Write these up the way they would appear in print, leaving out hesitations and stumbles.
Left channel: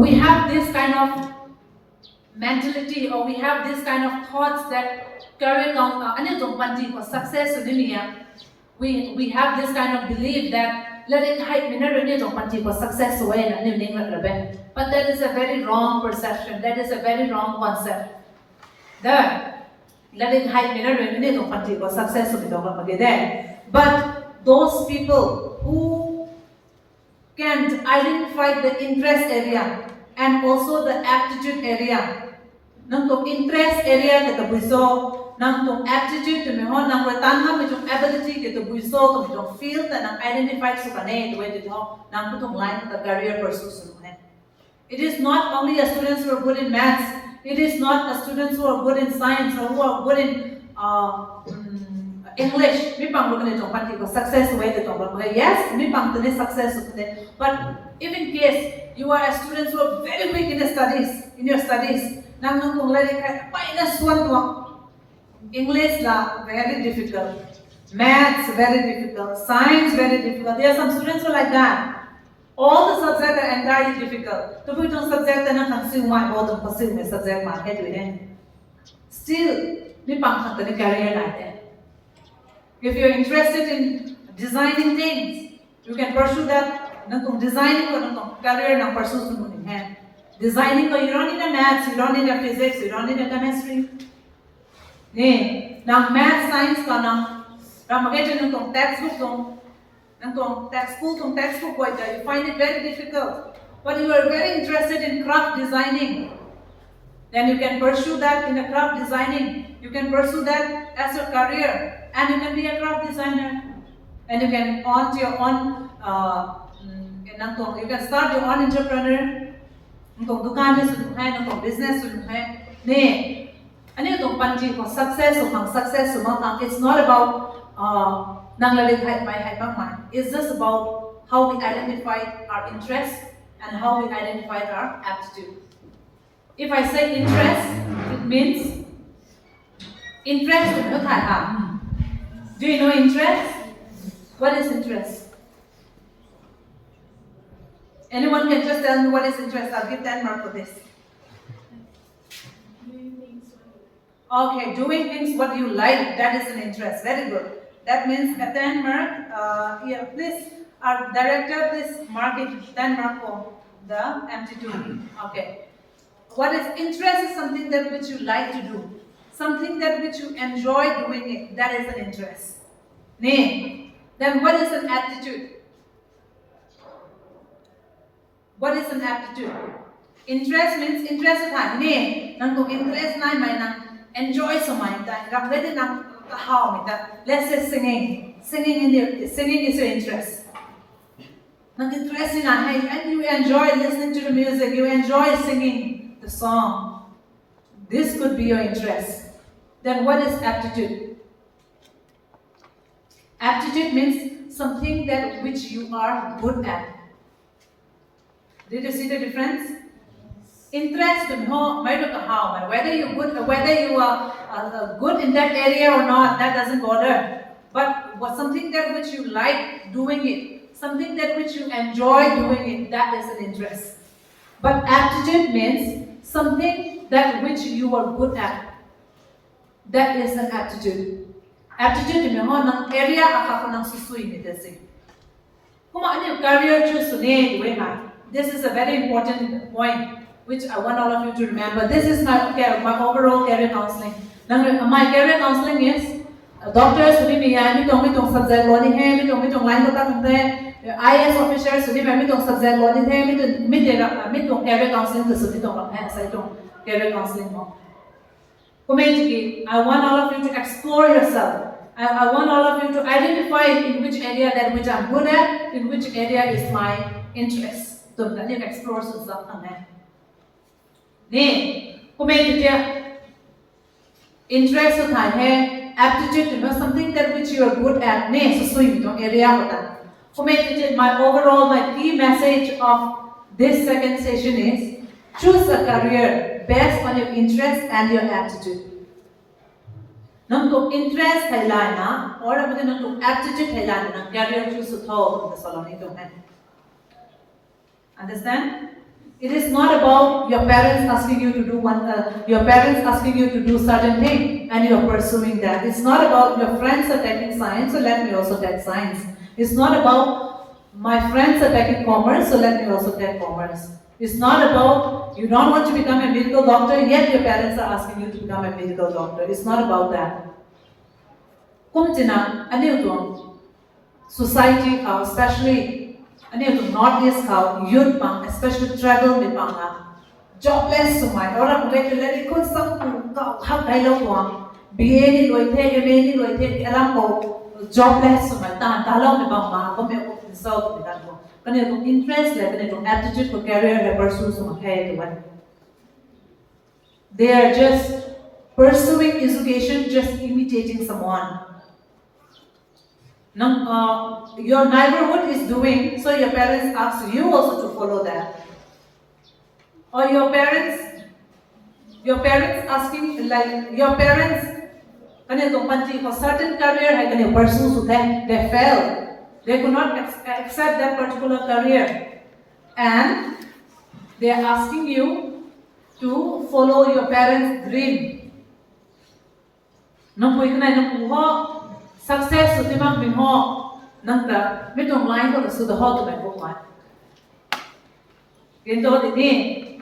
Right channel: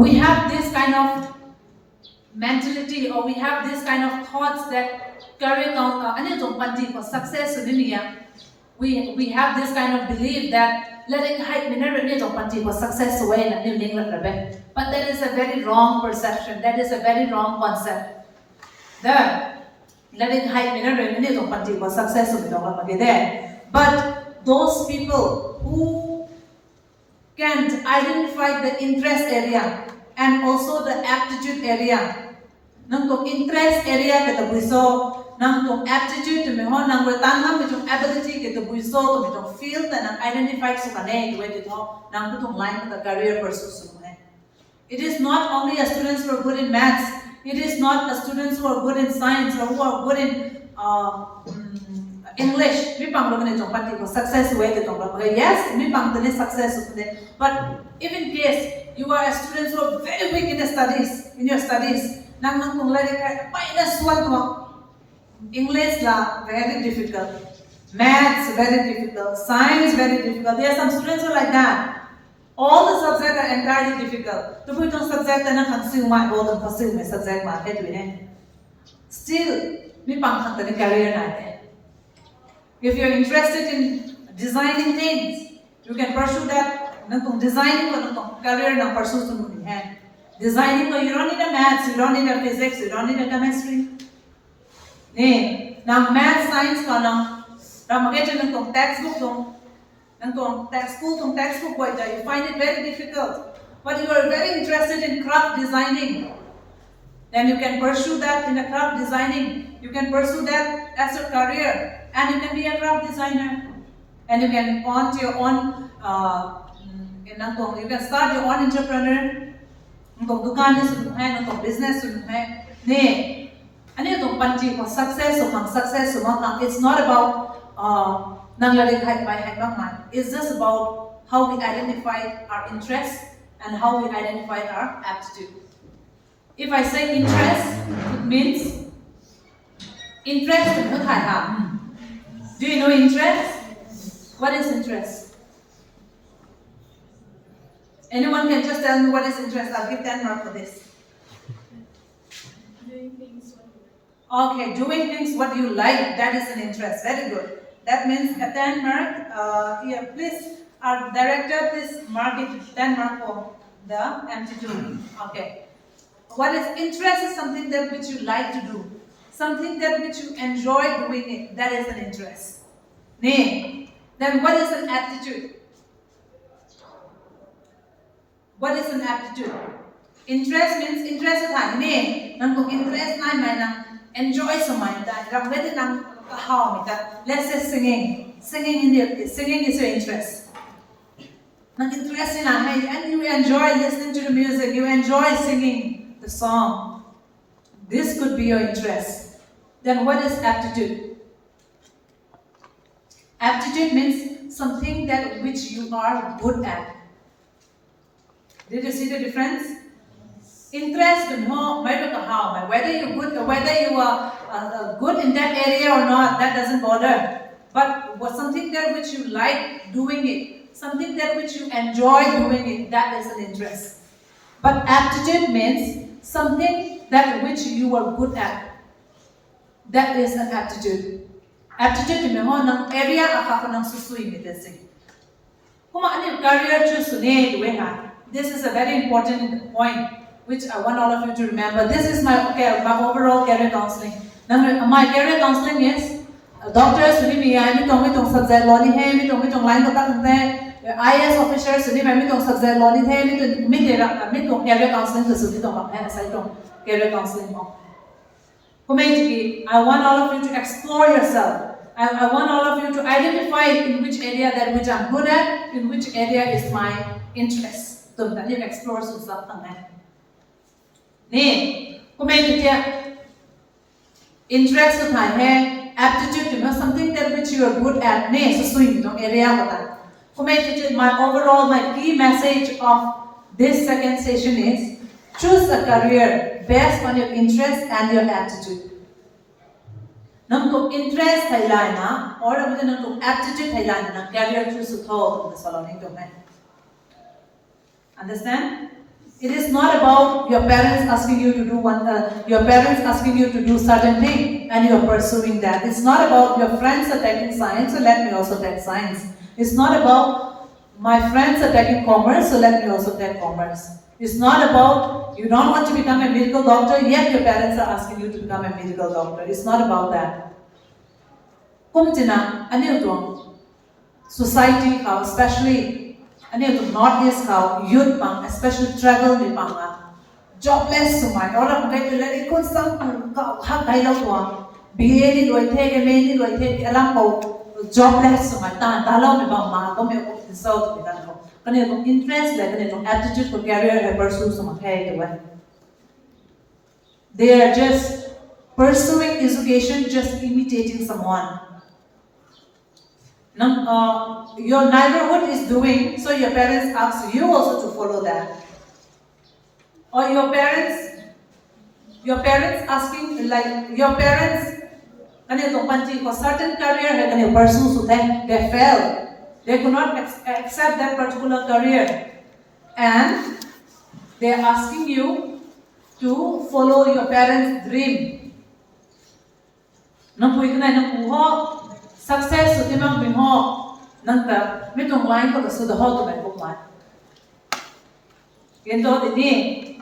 we have this kind of mentality, or we have this kind of thoughts that career for success we have this kind of belief that letting hype for success away, but that is a very wrong perception, that is a very wrong concept. The letting hype for success there. But those people who can identify the interest area and also the aptitude area. Nang tong interest area kita buiso, nang tong aptitude to meho, nang retanga mi tong ability kita buiso, to tong field and identify so kane to it nang tong line the career pursuit. It is not only a students who are good in maths. It is not a students who are good in science or who are good in English. Mi pang bukan itong panti ko success way to tong yes, mi pang tene success today. But if in case you are a student who are very weak in the studies, in your studies, nang kung lari ka minus 1 to English la very difficult, maths very difficult, science very difficult. There are some students who are like that. All the subjects are entirely difficult. To put on subject na consume my goal and pursue my subject market with it. Still, mi pang tene career natin. If you are interested in designing things, you can pursue that. Designing ko career na pursue mo din. Designing ko, you don't need a maths, you don't need a physics, you don't need a chemistry. Now math, science ka nang ramagay ng textbook textbook you find it very difficult. But you are very interested in craft designing. Then you can pursue that in a craft designing. You can pursue that as your career. And you can be a craft designer. And you can own your own, you can start your own entrepreneur. Business. Success it's not about it's just about how we identify our interests and how we identify our aptitude. If I say interest, it means interest in what I have. Do you know interest? What is interest? Anyone can just tell me what is interest? I'll give 10 marks for this. Doing things what you like. Okay, doing things what you like, that is an interest. Very good. That means a 10 mark. Here, please, our director, please mark it 10 mark for the aptitude. Okay. What is interest is something that which you like to do. Something that which you enjoy doing it. That is an interest. Then what is an aptitude? What is an aptitude? Interest means interest is high. Interest enjoy so much. Let's say singing. Singing is your interest. Interest in and you enjoy listening to the music. You enjoy singing the song. This could be your interest. Then what is aptitude? Aptitude means something that which you are good at. Did you see the difference? Interest, whether you are good in that area or not, that doesn't bother. But something that which you like doing it, something that which you enjoy doing it, that is an interest. But aptitude means something that which you are good at. That is an aptitude. Aptitude ng area akako ng susui ni desi. Kuma ani career choose ne duha. This is a very important point which I want all of you to remember. This is my overall career counseling. My career counseling is doctors suni mi ai mi tong subject lo ni hai mi tong line to ka IAS officers suni mi tong subject lo ni hai mi tong career counseling to suni tong hai sai tong career counseling mo. I want all of you to explore yourself. I want all of you to identify in which area that which I'm good at, in which area is my interest. So that you explore some stuff on that. Interest to hai, aptitude to know something that which you are good at. So swing tong area my key message of this second session is choose a career based on your interest and your aptitude. Nang interest thailana or nang aptitude thailana nang career choose to throw the salon. Understand? It is not about your parents asking you to do your parents asking you to do certain thing and you are pursuing that. It's not about your friends are taking science, so let me also take science. It's not about my friends are taking commerce, so let me also take commerce. It's not about you don't want to become a medical doctor, yet your parents are asking you to become a medical doctor. It's not about that. Kumtina, anil society, how especially Northeast how youth pang, especially travel ni pang jobless sumai. Orang mungkin lagi ikut sang kau hak kailau tuang. BA ni loy the, MA ni loy the, alam kau jobless sumai. Tahan talau ni bang mah, kau meh kau result ni kan kau. Kani kau interest le, kani kau aptitude kau career le pursue sumai hai tu kan. They are just pursuing education, just imitating someone. Your neighborhood is doing, so your parents ask you also to follow that. Or your parents asking, like your parents, for certain career, can pursue, so they fail. They could not accept that particular career. And they are asking you to follow your parents' dream. Success so timang bingho nangta mitong line ko so the how to go one. Gento ini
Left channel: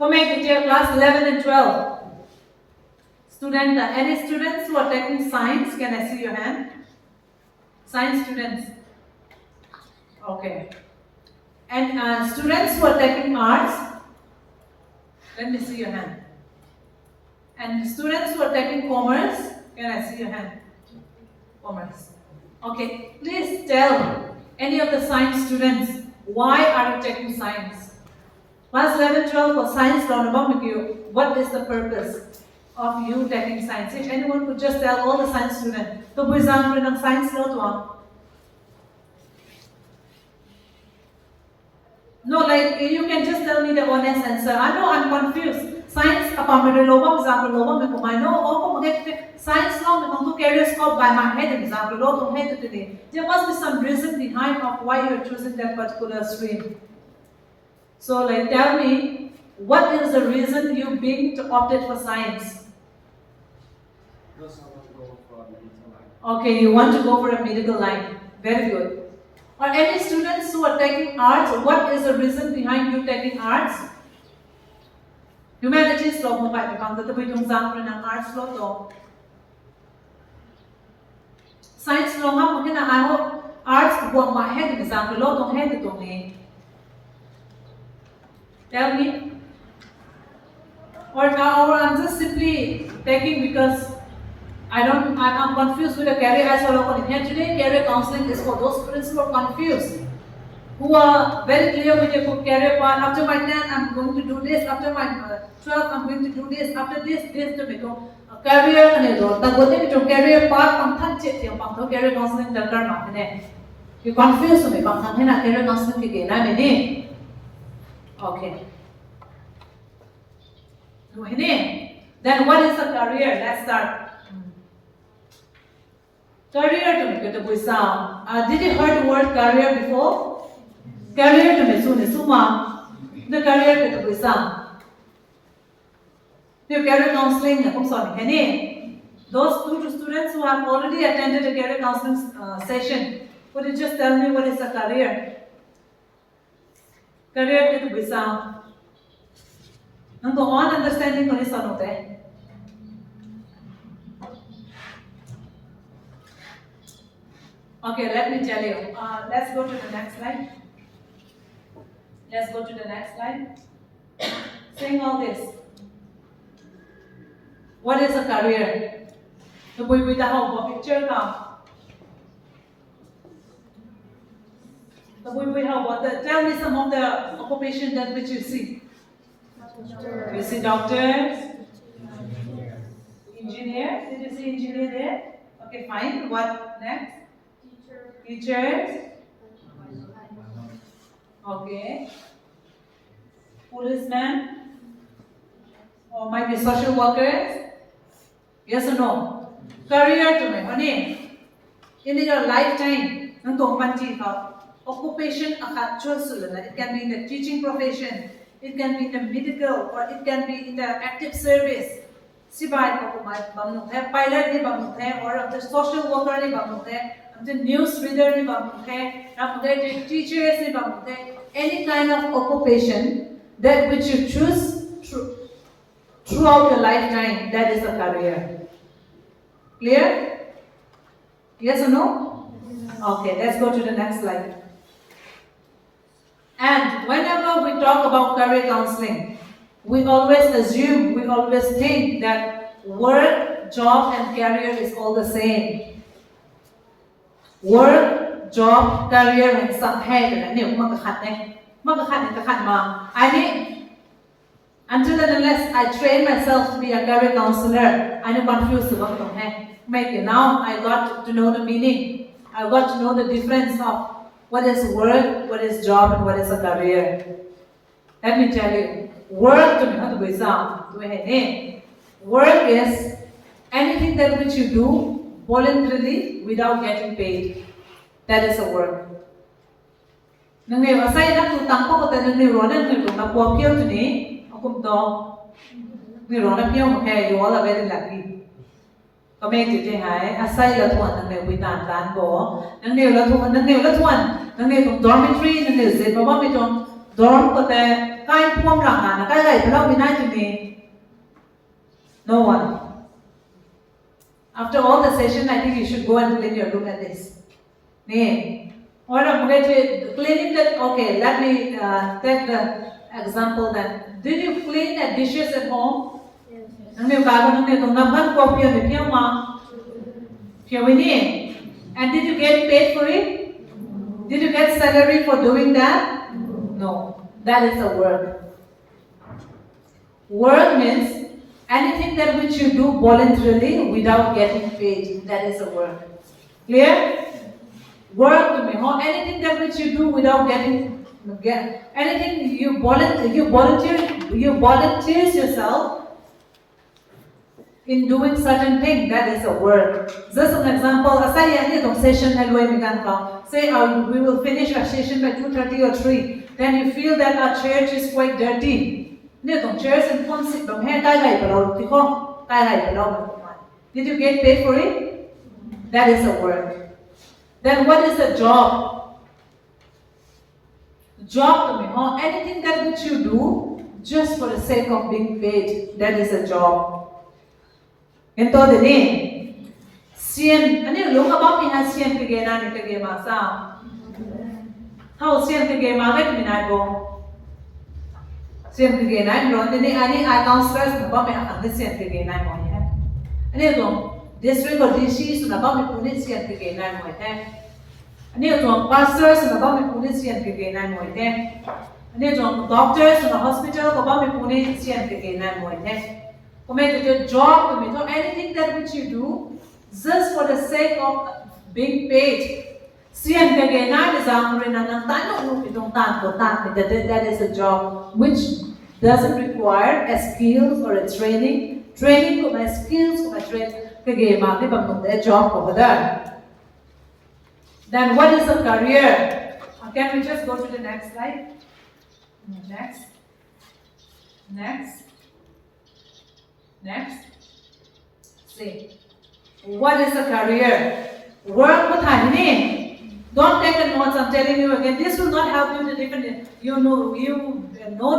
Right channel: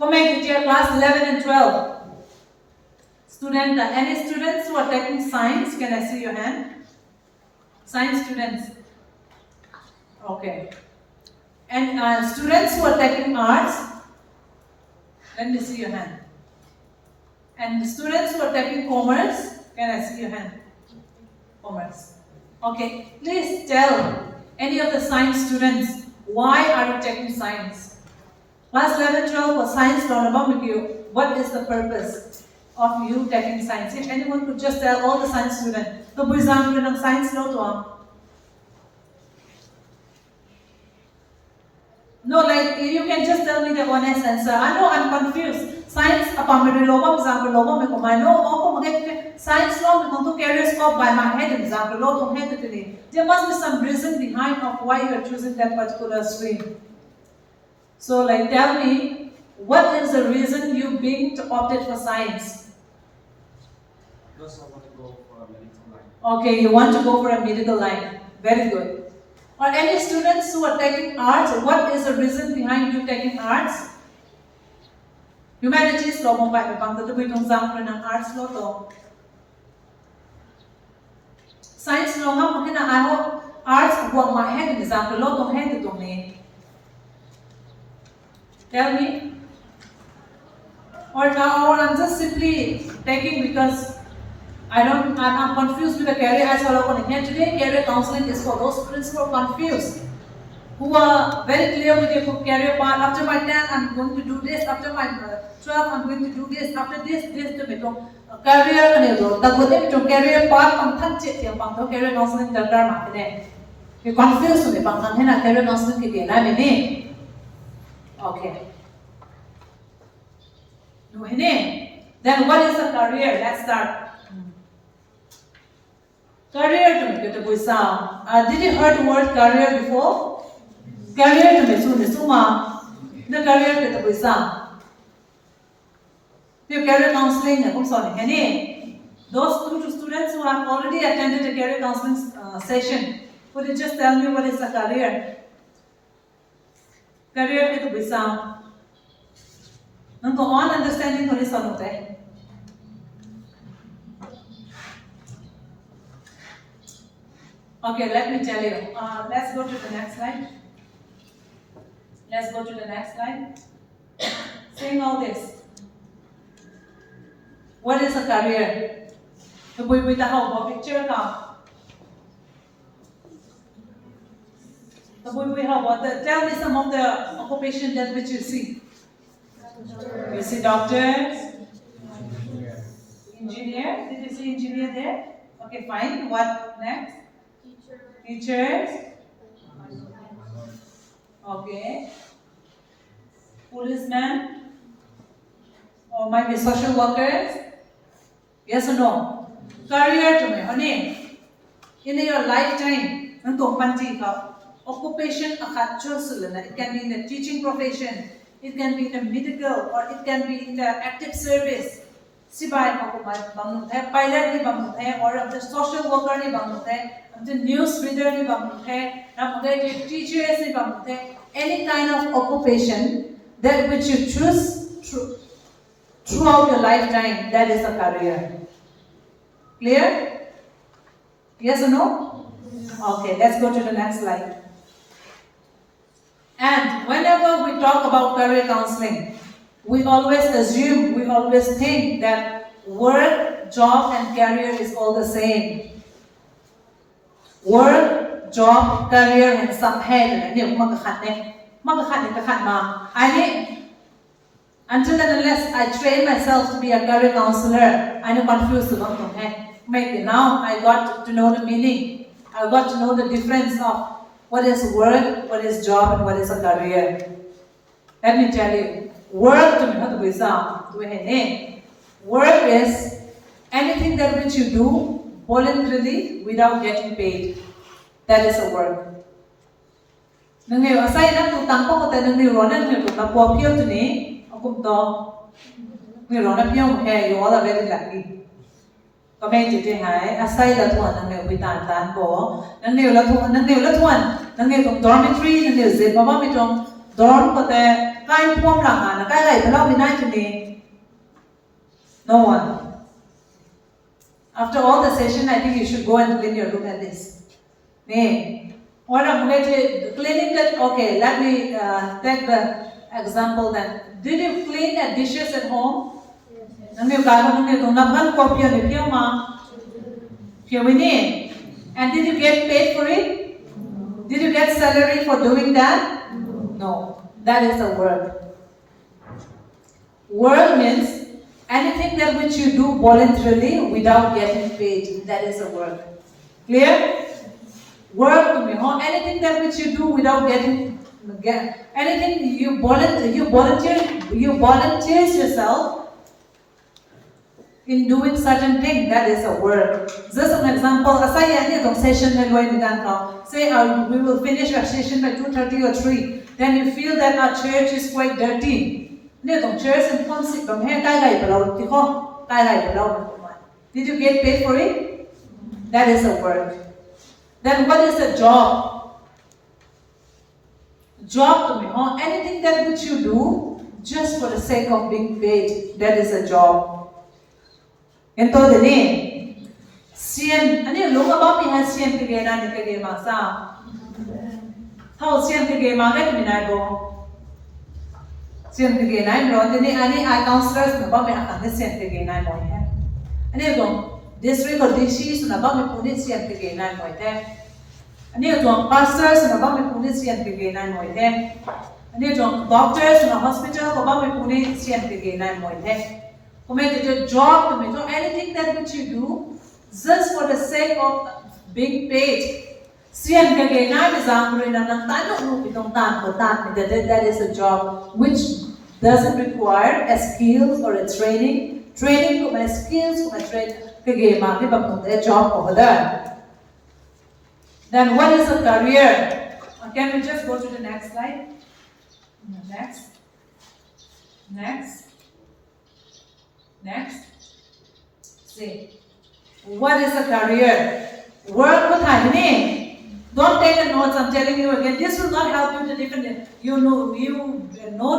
Kamei teacher class 11 and 12. Student, any students who are taking science, can I see your hand? Science students. Okay. And students who are taking arts, let me see your hand. And students who are taking commerce, can I see your hand? Commerce. Okay, please tell any of the science students why are you taking science? Class 11, 12 for science what is the purpose of you taking science? If anyone could just tell all the science students, so for example, in science no, like you can just tell me the honest answer. I know I'm confused. Science, example, I know, science law, career scope by my head, example, there must be some reason behind of why you are choosing that particular stream. So, like, tell me, what is the reason you being opted for science? Because I want to go for a medical line. Okay, you want to go for a medical line. Very good. Or any students who are taking arts, what is the reason behind you taking arts? Humanities law mo ba ibang tatubitong sample ng arts law to. Science law nga mungkin na arts buang mahed example law tong head itong ni. Tell me. Or I'm just simply taking because I'm confused with the career as well. Today, career counseling is for those students who are confused, who are very clear with their career path. After my 10, I'm going to do this. After my 12, I'm going to do this. After this, to me. Career, career path, I'm touching it. Career counseling, you're confused with me. Career counseling, okay. Then what is a career? Let's start. Career to me, did you heard the word career before? Career to me, suma. The career to me, the career counseling, those two students who have already attended a career counseling session, could you just tell me what is a career? Career to me, and go on understanding what is a Okay, let me tell you. Let's go to the next slide. Let's go to the next slide. Saying all this. What is a career? The boy with the whole picture now. The boy with how tell me some of the occupation that which you see. You see doctors, engineer. Did you see engineer there? Okay, fine. What next? Teachers. Okay. Policemen. Or might be social workers. Yes or no? Career to me, honey. In your lifetime, occupation it can be in the teaching profession, It can be in the medical or it can be in the active service. Sibai ko bang the pilot ni bang the or the social worker ni bang the news reader ni bang the teachers ni bang the any kind of occupation that which you choose throughout your lifetime, that is a career. Clear? Yes or no? Okay, let's go to the next slide. And whenever we talk about career counseling, we always assume, we always think that work, job, and career is all the same. Work, job, career, and some head, and until and unless I train myself to be a career counselor, I'm confused about it. Maybe now I got to know the meaning. I got to know the difference of what is work, what is job, and what is a career. Let me tell you, work to me, not to sound. Work is anything that which you do voluntarily without getting paid. That is a work. Nang niyo asay na tutang ko kata nang niyo na niyo na po pio to ni akum to niyo na pio mo kaya you all are very lucky. Kamei ti hai asay la tuan nang niyo bitan tan ko nang niyo la tuan nang niyo tong dormitory nang niyo zit baba mi tong dorm kata kai pom lang na kai kai palo binai to ni no one. After all the session, I think you should go and clean your room at this. Or I'm going to cleaning that. Okay, let me take the example that did you clean the dishes at home? And did you get paid for it? Did you get salary for doing that? No, that is a work. Work means anything that which you do voluntarily without getting paid. That is a work. Clear? Work to me, anything that which you do without anything you volunteer yourself in doing certain thing, that is a work. Just an example, session say we will finish our session by 2:30 or 3. Then you feel that our church is quite dirty. Did you get paid for it? That is a work. Then what is a job? Job to me, anything that which you do just for the sake of being paid, that is a job. And to the name, Sian, and you look about me as Sian Kagena Nikagema sound. How Sian Kagema let me not go. Sian Kagena, brought any counselors about me at the Sian Kagena. And you go. District or DCs na ba may punis yan kagainan mo ite. Ano yung pastors na ba may punis yan kagainan mo ite. Ano yung doctors na hospital na ba may punis yan kagainan mo ite. Kung may job, anything that which you do just for the sake of being paid. Siyan kagainan is ang rin ng tanong itong tanong that is a job which doesn't require a skills or a training. Training kung may skills, kung may training. A job over there. Then what is a career? Can we just go to the next slide? Next. See. What is a career? Work with name. Don't take the notes, I'm telling you again. This will not help you to define. You know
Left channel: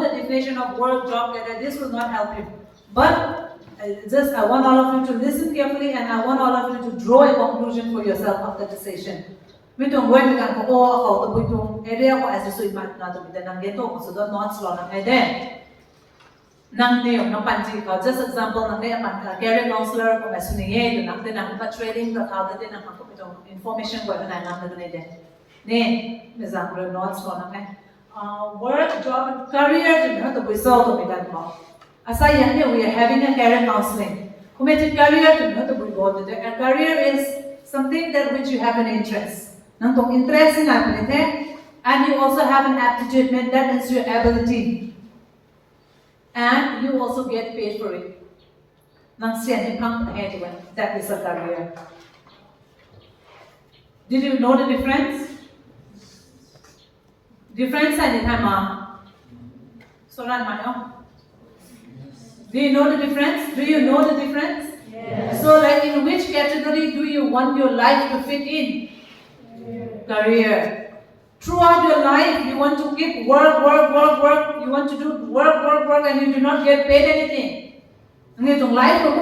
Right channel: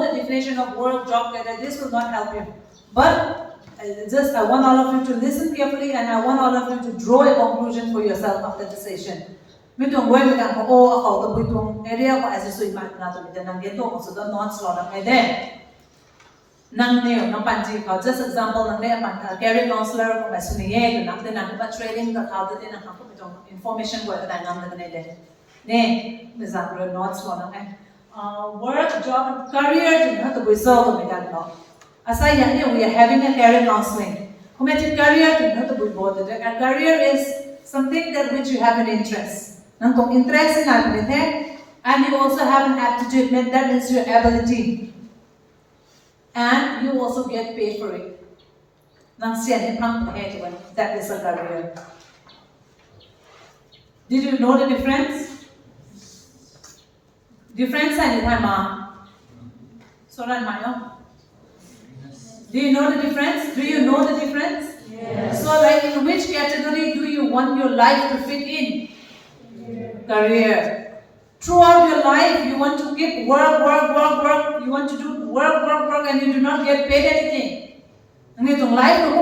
the definition of work, job, career. This will not help you. But I want all of you to listen carefully and I want all of you to draw a conclusion for yourself after the session. Mitong going to go to the area ko as a mat na to nang geto ko so don't not slow nang ede. Nang neo nang panji ko just example nang ne career counselor ko masuniye nang nang ba training ka how din nang ko itong information ko na nang na ede. Ne example not slow nang work, job, and career to the result of it. Aside we are having a career counseling. Career a career is something that which you have an interest. Interest in and you also have an aptitude, that is your ability. And you also get paid for it. That is a career. Did you know the difference? Difference Soran Mayo. Do you know the difference? Do you know the difference? Yes. So like in which category do you want your life to fit in? Career. Throughout your life, you want to keep work. You want to do work, and you do not get paid anything. And you don't like to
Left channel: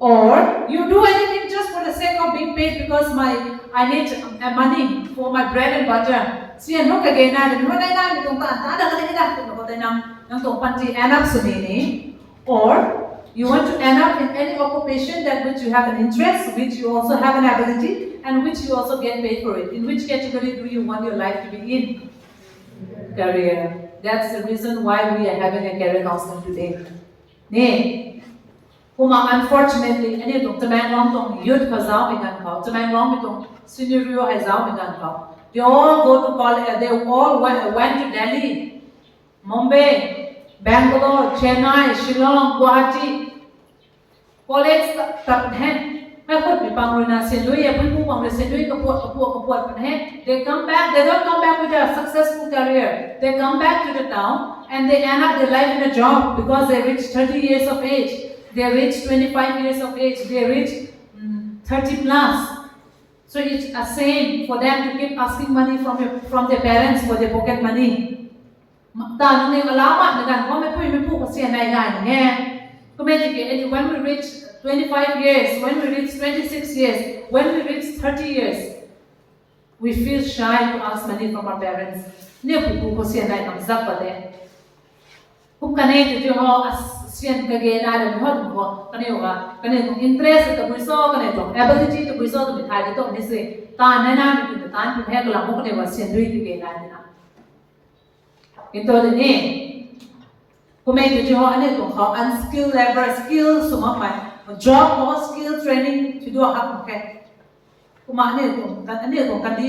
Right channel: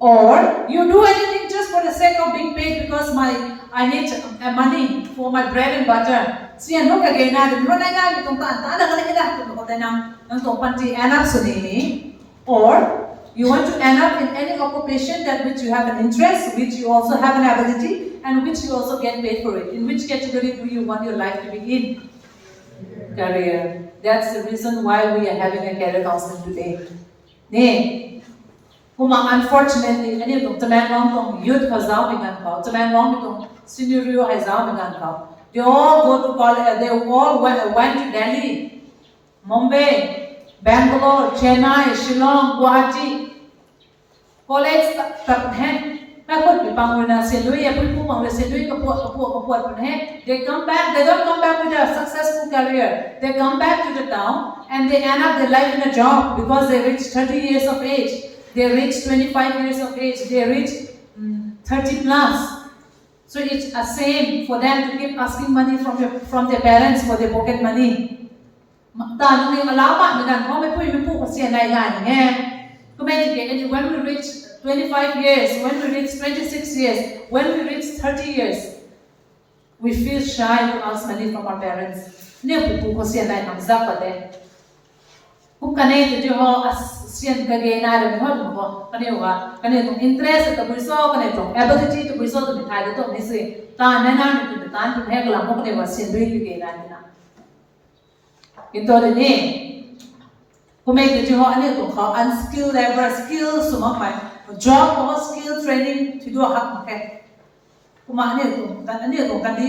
or you do anything just for the sake of being paid because I need money for my bread and butter. See, and look again, or you want to end up in any occupation that which you have an interest, which you also have an ability, and which you also get paid for it. In which category do you want your life to be in? Career. That's the reason why we are having a career counseling today. Unfortunately, any of the man long youth has now begun call. The man long scenario has now begun call. They all go to college, they all went to Delhi, Mumbai, Bangalore, Chennai, Shillong, Guwahati. College tập hen. They come back, they don't come back with a successful career. They come back to the town and they end up their life in a job because they reach 30 years of age. They reach 25 years of age. They reach 30 plus. So it's a same for them to keep asking money from their parents for their pocket money. When we reach 25 years, when we reach 26 years, when we reach 30 years, we feel shy to ask money from our parents. Sian kage na le mo ko kane interest to buiso kane to ability to buiso to mithai to ni se ta na na to ta to he kala mo kane wa sian dui ke na na into de ne ko me to ho ane to how unskilled level skill suma mai job or skill training to do hak ke kuma ane to kan di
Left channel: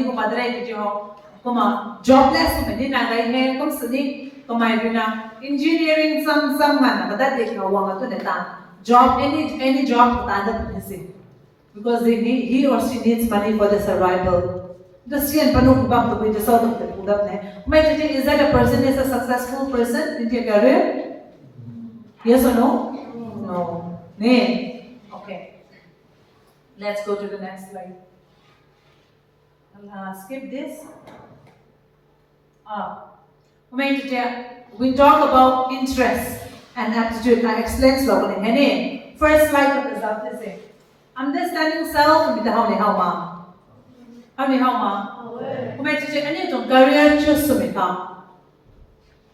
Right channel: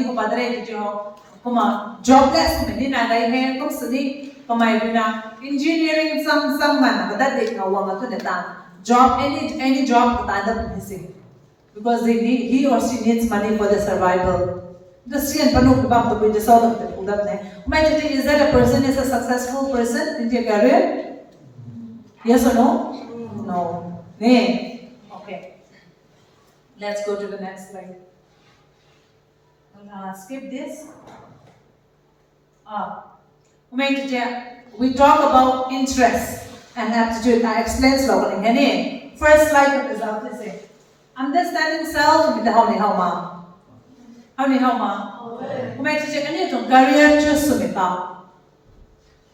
ko padre to ho kuma jobless me ni na dai he kom sini Kamei engineering some man but that they know what to the job any job that missing because he or she needs money for the survival. The Sian Panu Bab to be the sort of the Pudap. Is that a person is a successful person in their career? Yes or no? No. Nee. Okay. Let's go to the next slide. I'll skip this. We talk about interest and aptitude. I explain slowly. First slide of the result is understanding self with the how ma. Career choose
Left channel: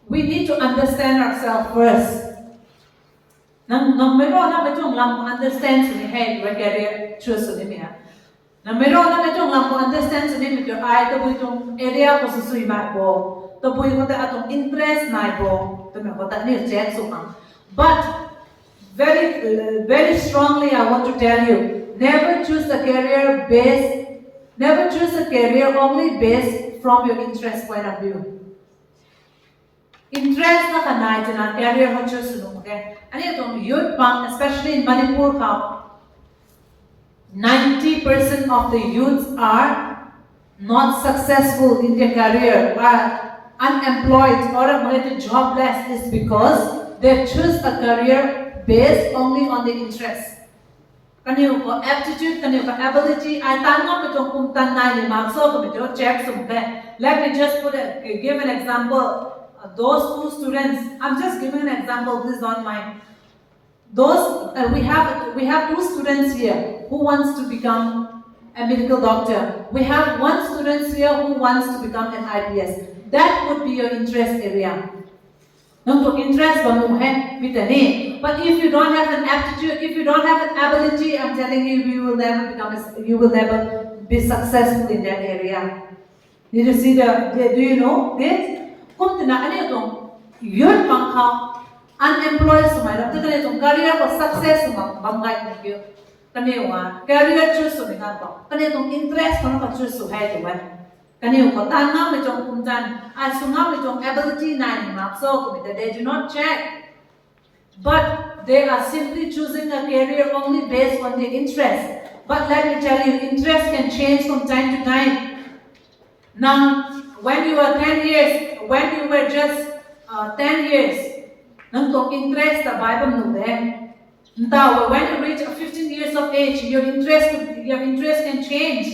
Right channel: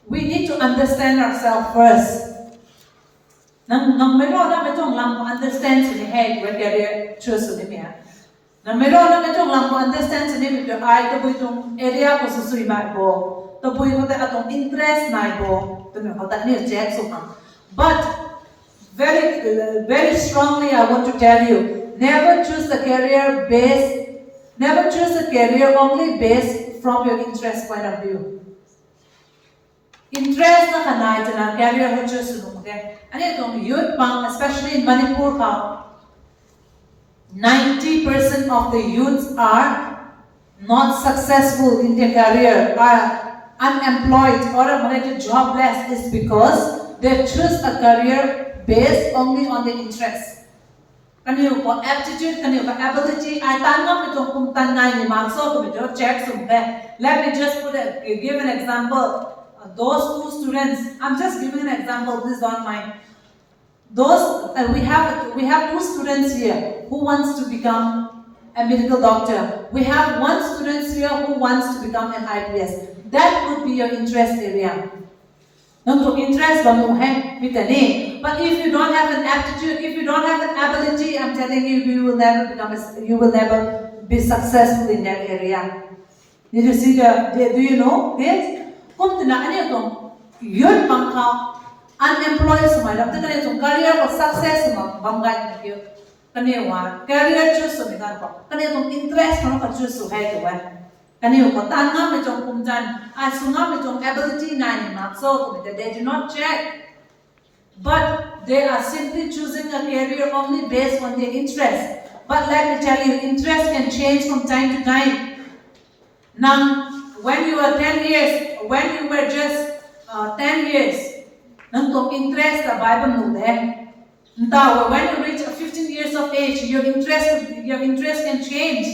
we need to understand ourselves first. Understand career choose understand area interest but very strongly I want to tell you, never choose a career only based from your interest point of view. Interest na kanay na career ho choose okay. Youth especially in Manipur 90% of the youths are not successful in their career, are unemployed or jobless is because they choose a career based only on the interest. Can you got aptitude, can you got ability? I let me just give an example. Those two students, I'm just giving an example, this is not mine. We have two students here who wants to become a medical doctor. We have one student here who wants to become an IPS. That would be your interest area. But if you don't have an aptitude, if you don't have an ability, I'm telling you, you will never be successful in that area. Did you see do you know this? You're unemployed career or success career choose interest choose ability they do not check, but they are simply choosing a career only based on their interest. But let me tell you, interest can change from time to time. Now, when you were 10 years, when you were just 10 years, nang tong interest the Bible no de. Now, when you reach 15 years of age, your interest can change.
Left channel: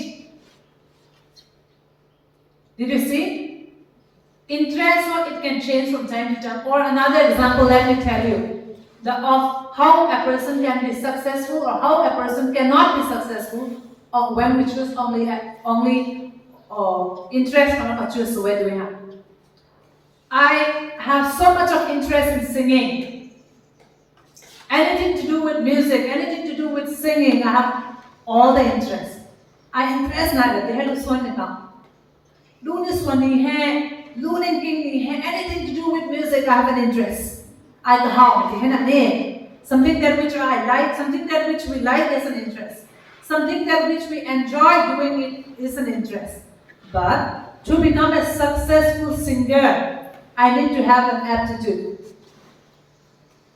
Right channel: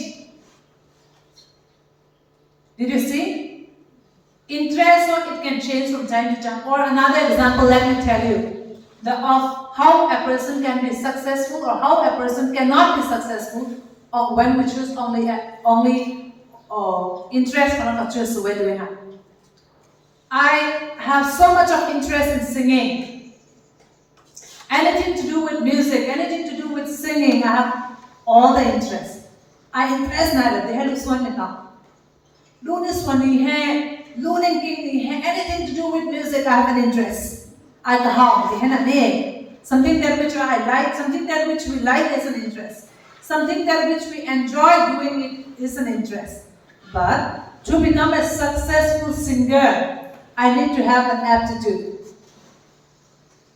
Did you see? Interest, it can change from time to time. Or another example, let me tell you, of how a person can be successful or how a person cannot be successful, or when we choose only interest or not choose. Where do we have? I have so much of interest in singing. Anything to do with music, anything to do with singing, I have all the interest. I interest neither. They have to swim it up. Do this one, learning king, anything to do with music, I have an interest. I have something that which I like, something that which we like is an interest. Something that which we enjoy doing it is an interest. But to become a successful singer, I need to have an aptitude.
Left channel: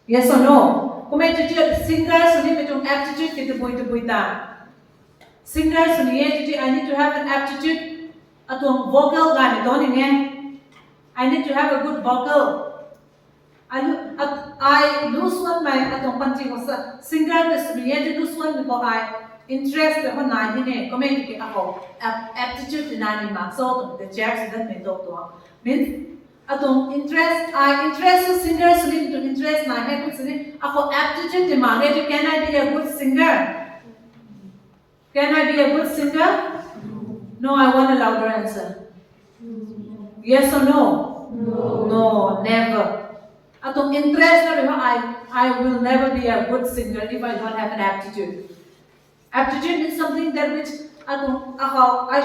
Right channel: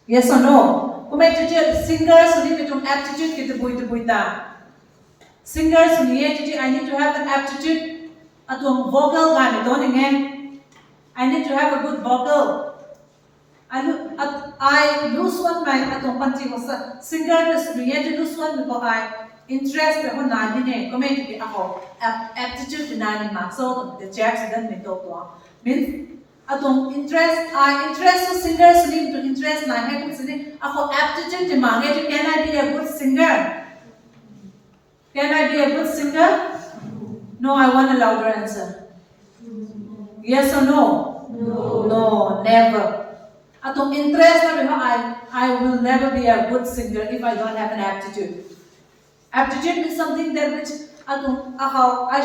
Yes or no? Singers who need an aptitude get the singers who need I need to have an aptitude at vocal I need to have a good vocal. I lose one my atong panti was singers create lose one because I interest the nine comment aptitude in nine marks so the checks that may means atong interest I interest singers need to interest na kung sini ako aptitude di mange can I be a good singer? Can I be a good singer? No, I want a louder answer. Yes or no? No. No, never. Atong interest na I will never be a good singer if I don't have an aptitude. Aptitude is something that which I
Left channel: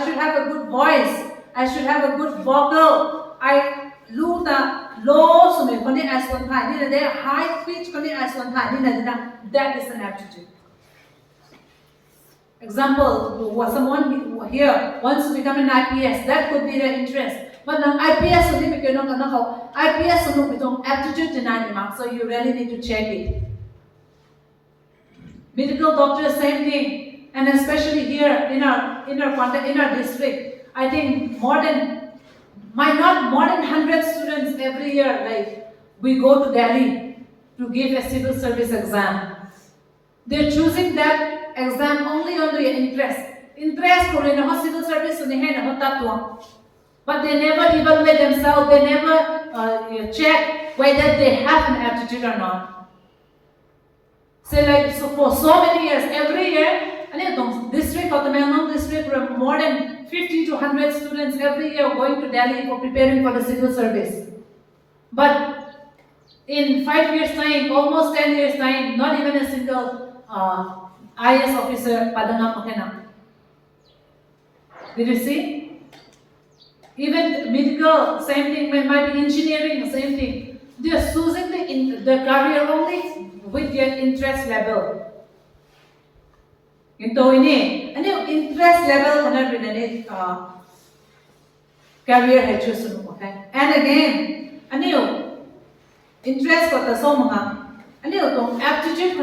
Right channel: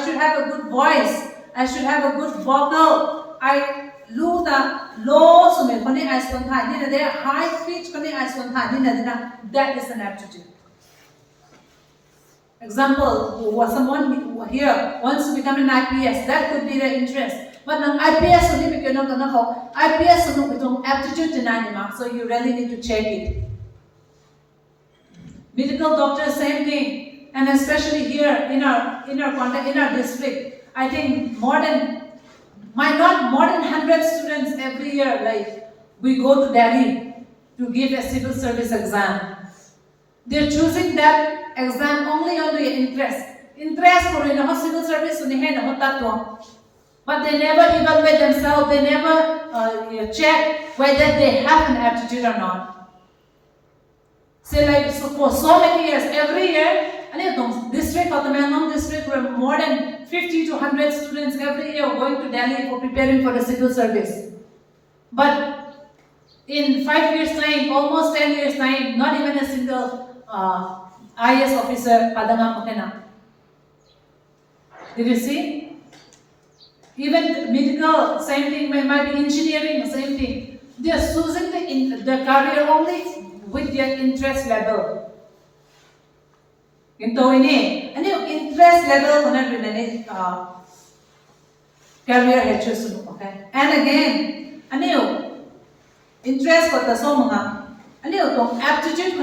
should have a good voice. I should have a good vocal. I luta low so me kani as one time ni na high pitch kani as one time ni na that is an aptitude. Example, was someone here wants to become an IPS, that could be their interest. But ang IPS so ni IPS so itong aptitude na so you really need to check it. Medical doctors, same thing, and especially here in our district, I think more than 100 students every year, like we go to Delhi to give a civil service exam. They're choosing that exam only on their interest. Interest for in a civil service, but they never evaluate themselves. They never check whether they have an aptitude or not. So for so many years, every year, district or the Melbourne district were more than 50 to 100 students every year going to Delhi for preparing for the civil service. But in 5 years' time, almost 10 years' time, not even a single IS officer padangam makena. Did you see? Even medical, same thing, might be engineering, same thing. They are choosing the career only with their interest level. Ito ini, interest level career hedges, okay? And again, interest ko so mga, aptitude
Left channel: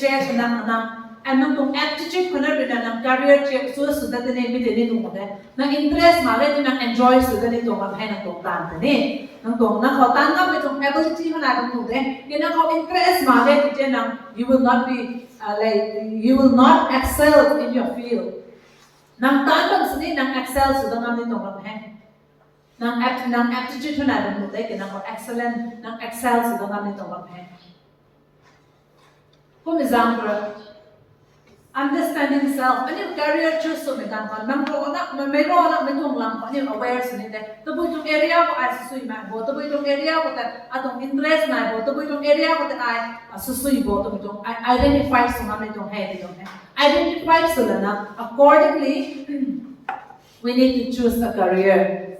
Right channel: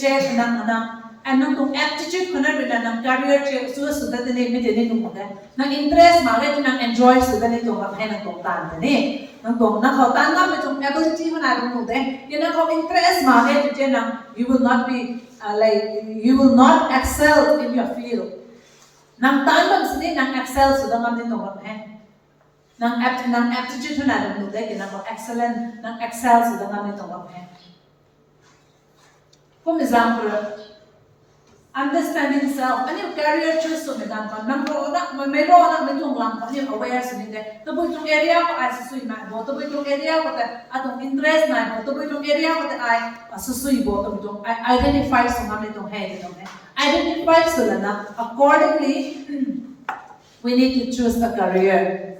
check and aptitude career check so that the name okay? Interest enjoy so that ability interest you will not be you will not excel in your field. Nang tanong sini nang excel so nang nang aptitude excellent nang excel so For example, understanding self. Career choice so nang may aware sini itong area ko ay susui itong area ko atong interest na itong area ko ay susui itong identify so itong head identify so na accordingly we need to choose a career.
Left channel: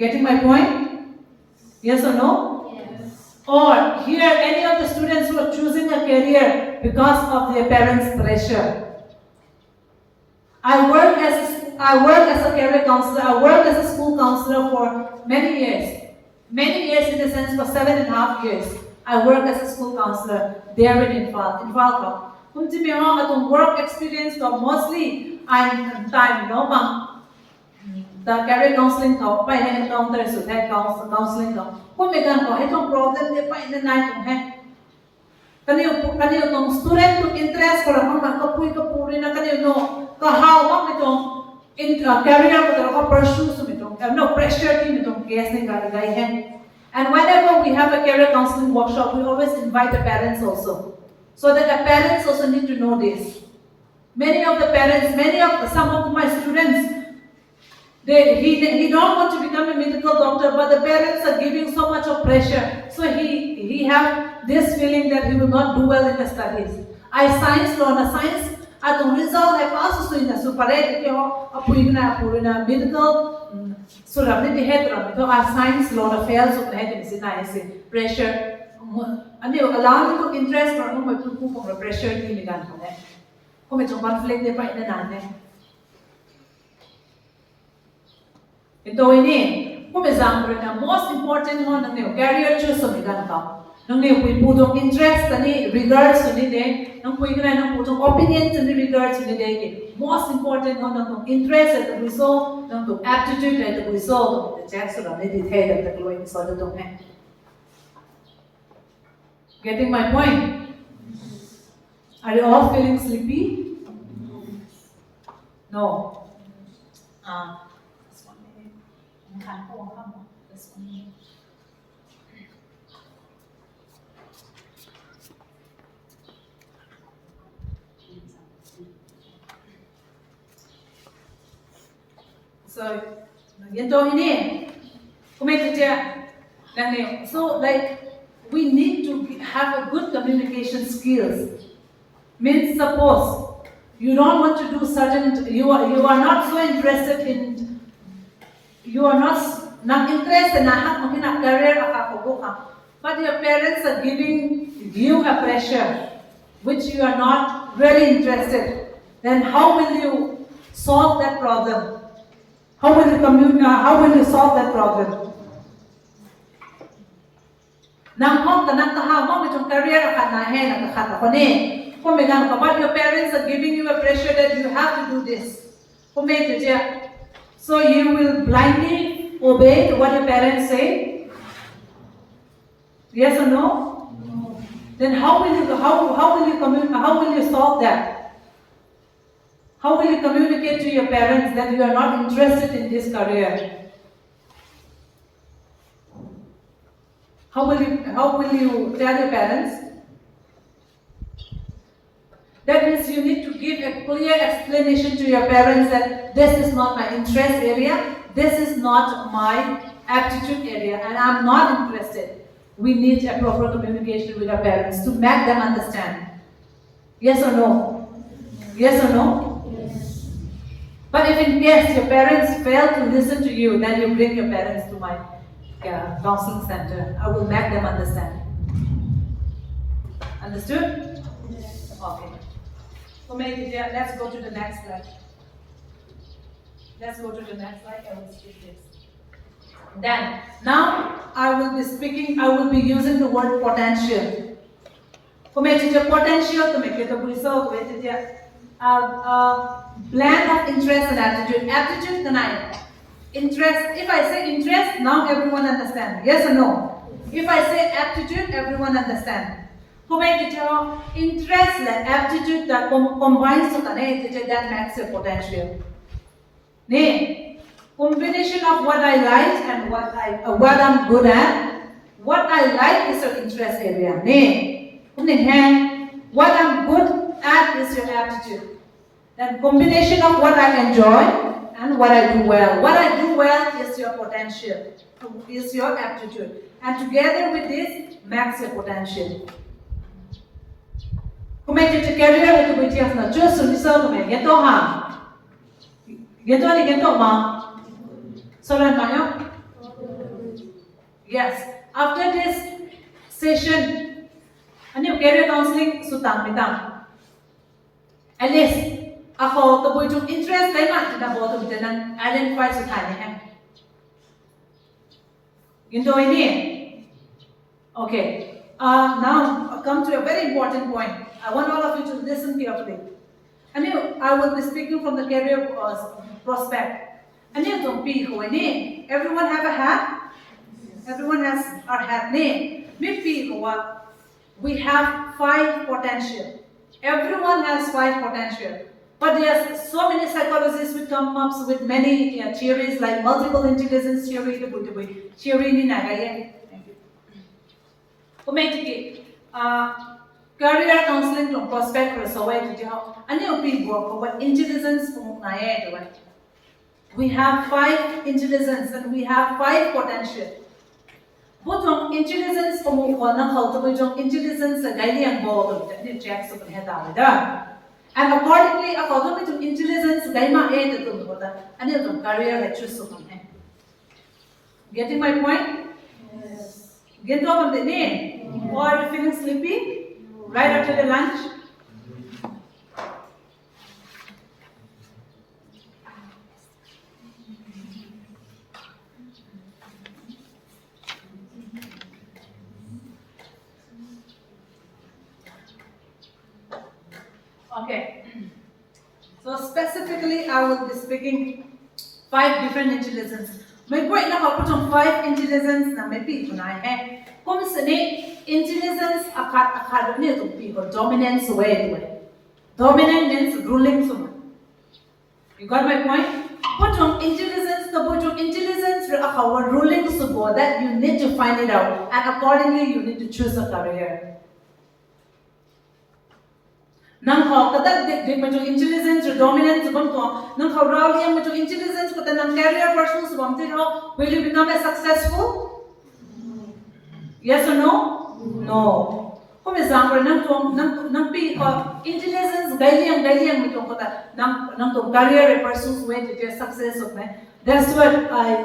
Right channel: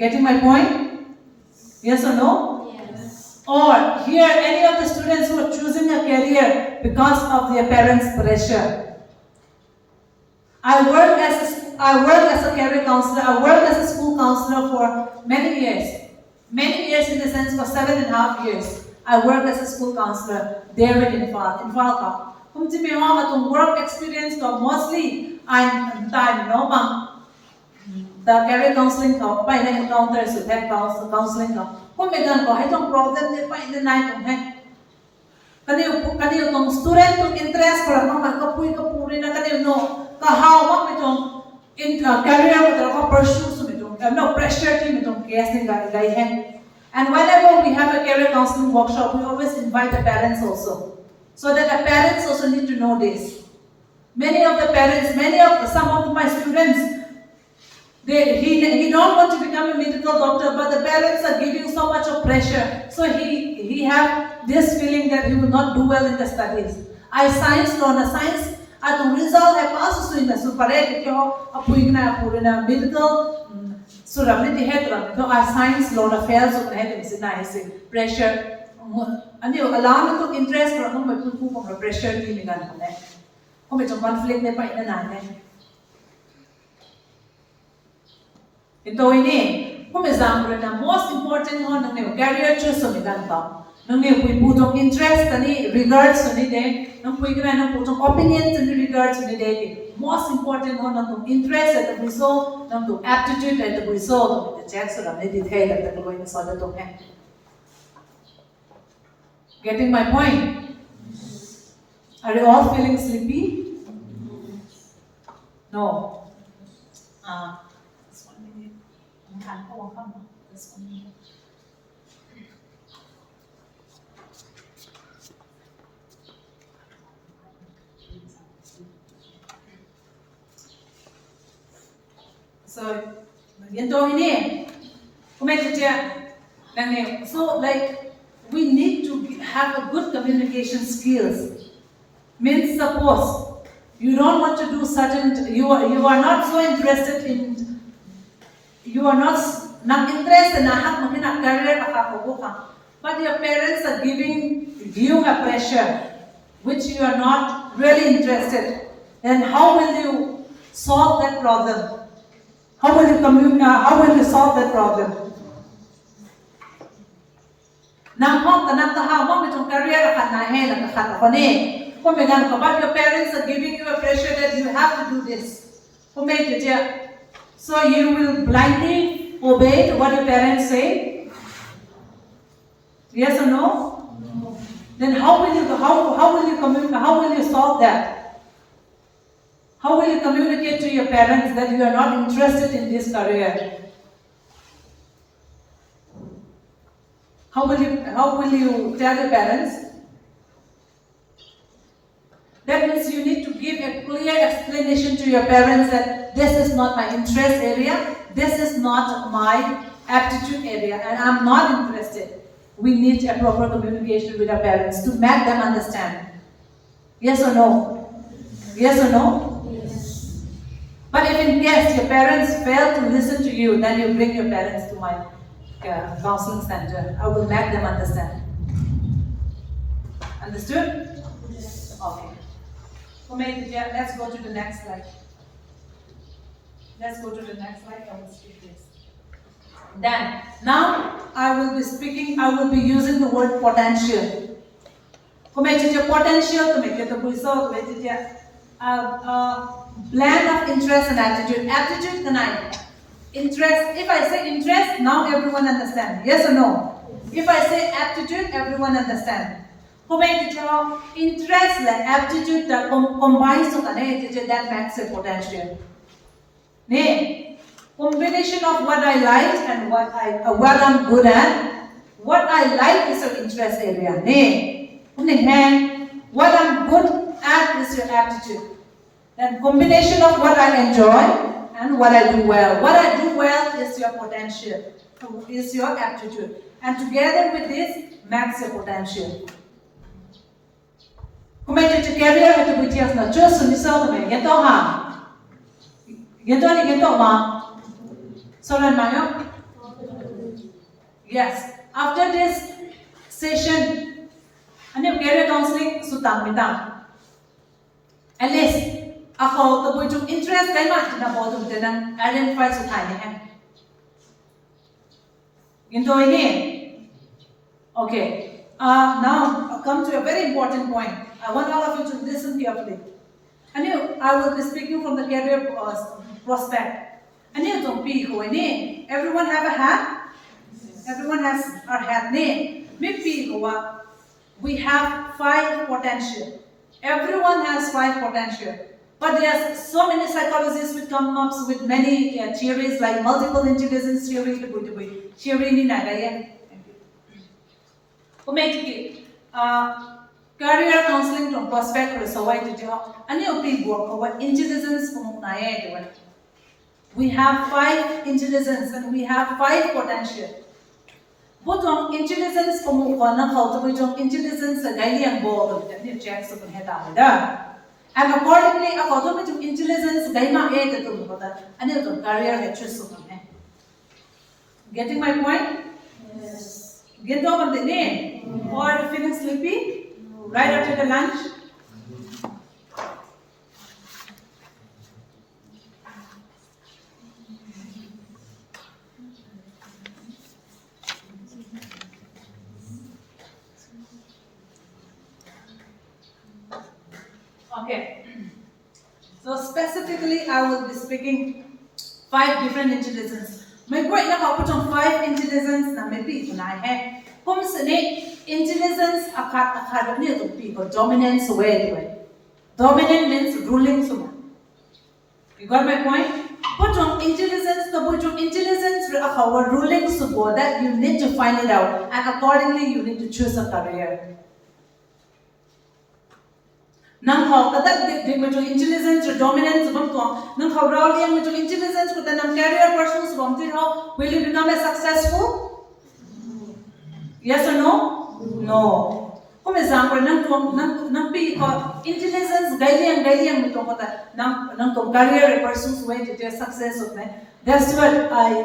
Getting my point? Yes or no? Yes. Or here any of the students who are choosing a career because of their parents' pressure. I work as a career counselor. I worked as a school counselor for many years. Many years in the sense for 7.5 years. I worked as a school counselor there in Infalco. Kung si atong work experience ko mostly I'm time no bang the career counseling ko pa ina encounter so that counseling ko ko megan ko hetong problem de pa ina nai tong he kaniyo tong student to interest ko lang ka puri na kaniyo no ka how ma metong in career ko ka pursue so metong no pressure ki metong case ne gai he. And whenever we have a career counseling workshop, we always invite the parents also, so that the parents also need to know this. Many of the parents, some of my students, he don't want to become a medical doctor, but the parents are giving so much of pressure. So he have this feeling that he will not do well in the studies. I science learn a science. At the result, I pass in the super medical. So ramne head ramne to our science law affairs of head is nice pressure and you allow to interest for home to cook of pressure ni gan ko ne ko me chong conflict de pa ina na ne ito ini ko me example na most important one ng career choice ni gan ka nang ne pui putong interest ani regards ni de nang pui gra nang putong opinions ni regards ni de most important one ng interest at the result ng aptitude at the result the jackson of the detail at the glowing so the dong hai getting my point? Are you all feeling sleepy? No. This 1 minute. This 1 minute. So, so like we need to have a good communication skills. Means suppose you don't want to do certain, you are not so interested in, you are not interested in a career, but your parents are giving you a pressure which you are not really interested. Then how will you solve that problem? How will you solve that problem? Now, career but your parents are giving you a pressure that you have to do this. So you will blindly obey what your parents say? Yes or no? No. Then how will you solve that? How will you communicate to your parents that you are not interested in this career? How will you tell your parents? That means you need to give a clear explanation to your parents that this is not my interest area, this is not my aptitude area, and I'm not interested. We need a proper communication with our parents to make them understand. Yes or no? Yes or no? Yes. But if in case your parents fail to listen to you, then you bring your parents to my counseling center. I will make them understand. Understood? Yes. Okay. Let's go to the next slide. Let's go to the next slide. I will skip this. Then, now I will be using the word potential. Potential to make it a result, blend of interest and attitude. Attitude tonight. Interest, if I say interest, now everyone understands. Yes or no? If I say aptitude, everyone understands. Interest and aptitude that combines to that makes a potential. Combination of what I like and what I'm good at. What I like is your interest area. What I'm good at is your aptitude. Then combination of what I enjoy and what I do well. What I do well is your potential, is your aptitude. And together with this, makes your potential. Committed to career with the BTS na just on the south of it. Get on ma. Get on ma. So then, Maya? Yes. After this session, and you career counseling, sutang mitang. At least, ako, the boy took interest, kaya ma, tinabotong din identify sa kanya. Ginto ini. Okay. Now, I come to a very important point. I want all of you to listen carefully. I will be speaking from the career prospect. And you don't be who any. Everyone have a hat? Everyone has our hat name. Maybe we have 5 potential. Everyone has 5 potential. But there are so many psychologists who come up with many theories like multiple intelligence theory, theory ni nagaya. Career counseling to prospect so way to tell. And you people what intelligence from we have 5 intelligence and we have 5 potential. But on intelligence from one how to be intelligence a daily and board that you check so can head. And accordingly, according to intelligence, Daima aid to that and you career lectures. Getting my point? Yes. Get up on the name. Or are you feeling sleepy? Right after the lunch? Okay. So specifically, I will be speaking 5 different intelligence. May great na put on 5 intelligence na may pi kunai hai. Kung sini intelligence akat ni to pi ko dominance way. Dominant means ruling someone. You got my point? Put on intelligence, the put on intelligence our ruling support that you need to find it out, and accordingly you need to choose a career. Nang hawk that dig intelligence or dominance nang how rowdy with intelligence with an career person will you become a successful? Yes or no? No. For example, nang pi intelligence gailing with nang career person's way to their success of me. That's what I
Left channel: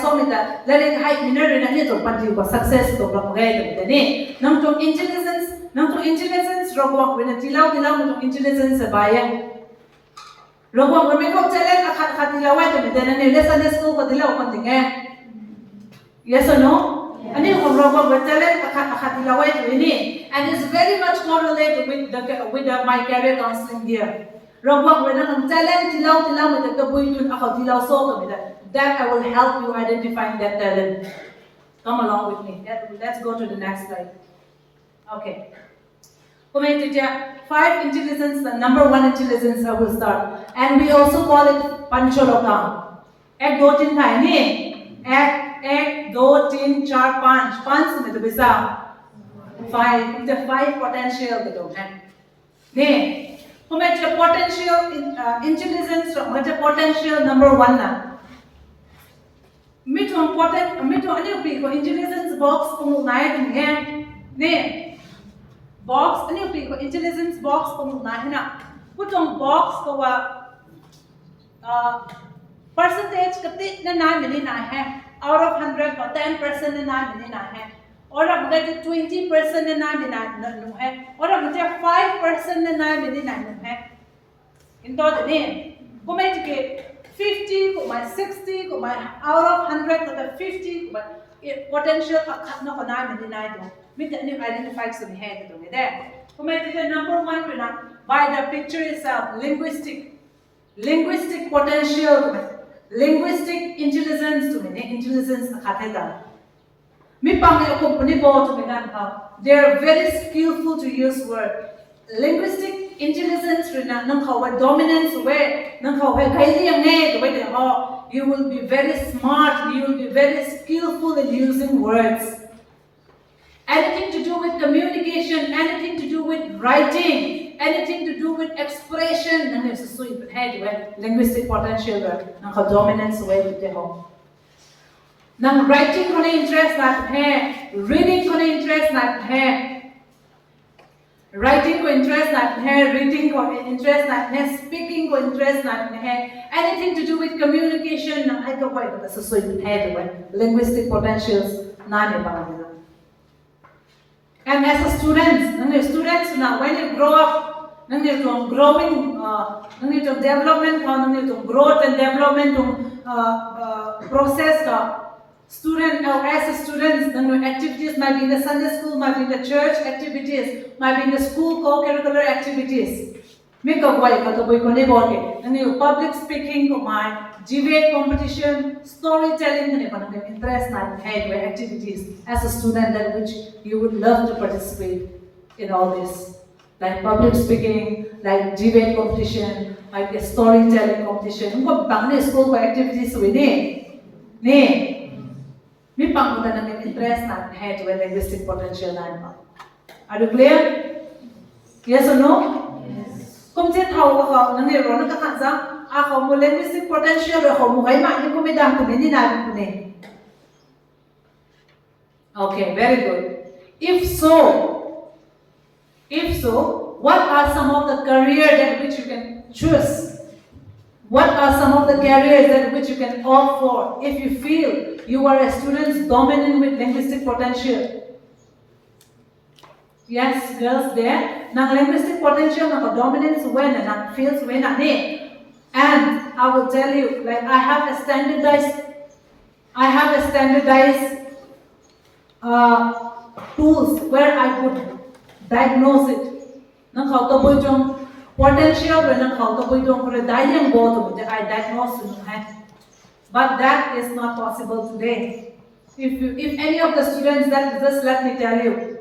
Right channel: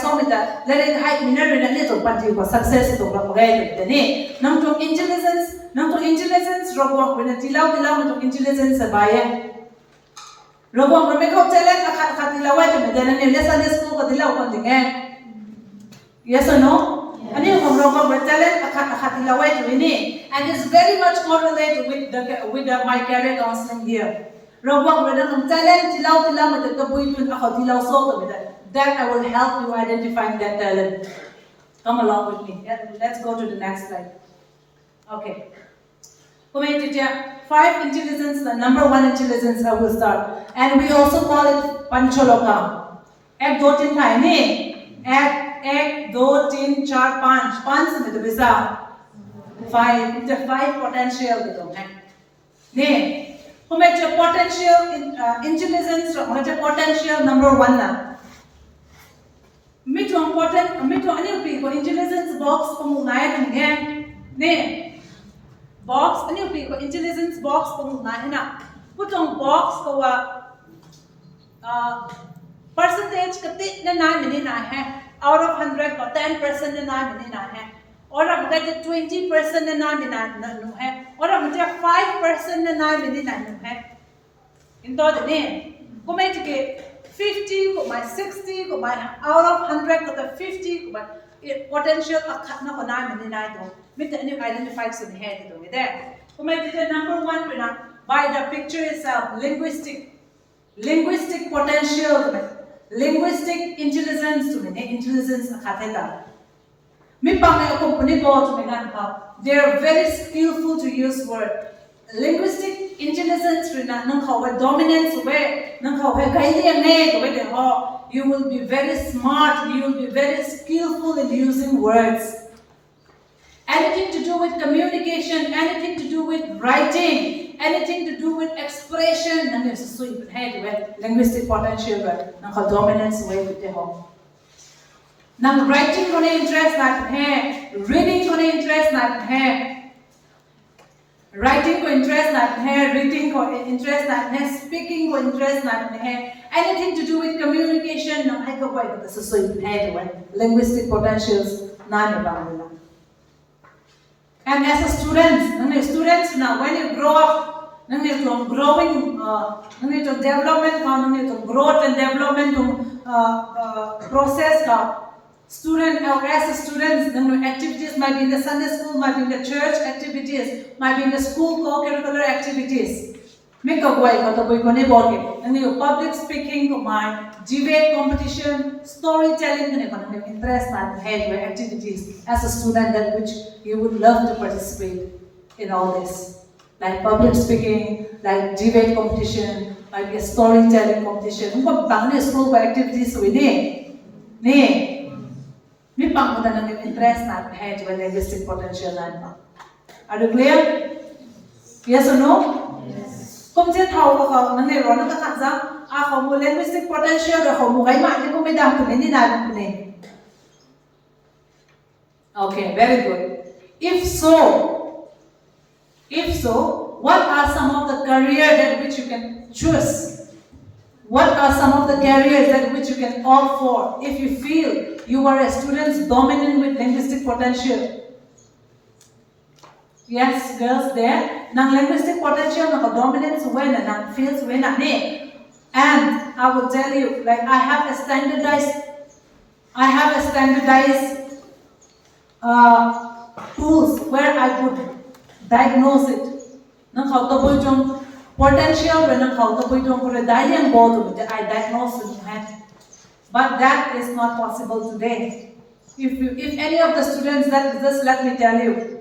saw me that letting high mineral and little but you success to nang intelligence robot when tilaw with intelligence bayan robot when make up talent akat tilaway to me then lesson school ko tilaw kon tingin. Yes or no? Yeah. And if robot with talent akat tilaway to ini, and it's very much correlated with my career counseling here. Robot when talent tilaw with the boy to akat tilaw so to that I will help you identifying that talent. Come along with me. Let's go to the next slide. Okay. 5 intelligence, the number 1 intelligence I will start. And we also call it Pancholokam. 1, 2, 3 thai ni. 1, 2, 3, 4, 5. 5 में तो bisa 5. The 5 potential gitu kan. Ni. Pumecha potential intelligence, pumecha potential number 1 na. Mitong ano pi ko intelligence box pumunaya kan ni. Box, ano yung intelligence box kung na putong box ko percentage katit na 9 mini na out of 100 ko 10% na 9 mini na or ang mga 20% na 9 mini na or ang mga 5% na 9 mini na into din kung may 50 kung may 60 kung may out of 100 ko 50 kung may potential akat na ko 9 mini na ito. Identify so head to me there. Number 1 by the picture itself, linguistic potential, linguistic intelligence to me, intelligence akateta. Me pang company board to me they're very skillful to use word. Linguistic intelligence nang how dominance way, nang how you will be very smart, you will be very skillful in using words. Anything to do with communication, anything to do with writing, anything to do with expression, and it's so linguistic potential, nang dominance way to ho. Nang writing ko na interest natin reading ko na interest natin writing ko interest natin reading ko interest natin speaking ko interest natin anything to do with communication, nang ay ko ba ito so linguistic potentials na ba. And as a students now, when you grow up, growing, development, growth and development process, student or as a student, activities might be in the Sunday school, might be in the church activities, might be in the school co-curricular activities. Make a way, public speaking, debate competition, storytelling, and interest and head activities as a student that which you would love to participate in all this. Like public speaking, like debate competition, like a storytelling competition. What bang school activities we need? We bang with interest and head with linguistic potential line. Are you clear? Yes or no? Yes. Come to how nang ero na kakasa, ako mo linguistic potential ako mo kay ma ni ko may dam ko ni na ni. Okay, very good. If so, what are some of the careers that which you can choose? What are some of the careers that which you can opt for if you feel you are a student dominant with linguistic potential? Yes, girls there. Nang linguistic potential, nang dominance when and feels when and I will tell you, like I have a standardized tools where I could diagnose it. Nang how to boy jong potential when nang how to boy jong for a dialing board I diagnose it. But that is not possible today. If any of the students that just let me tell you.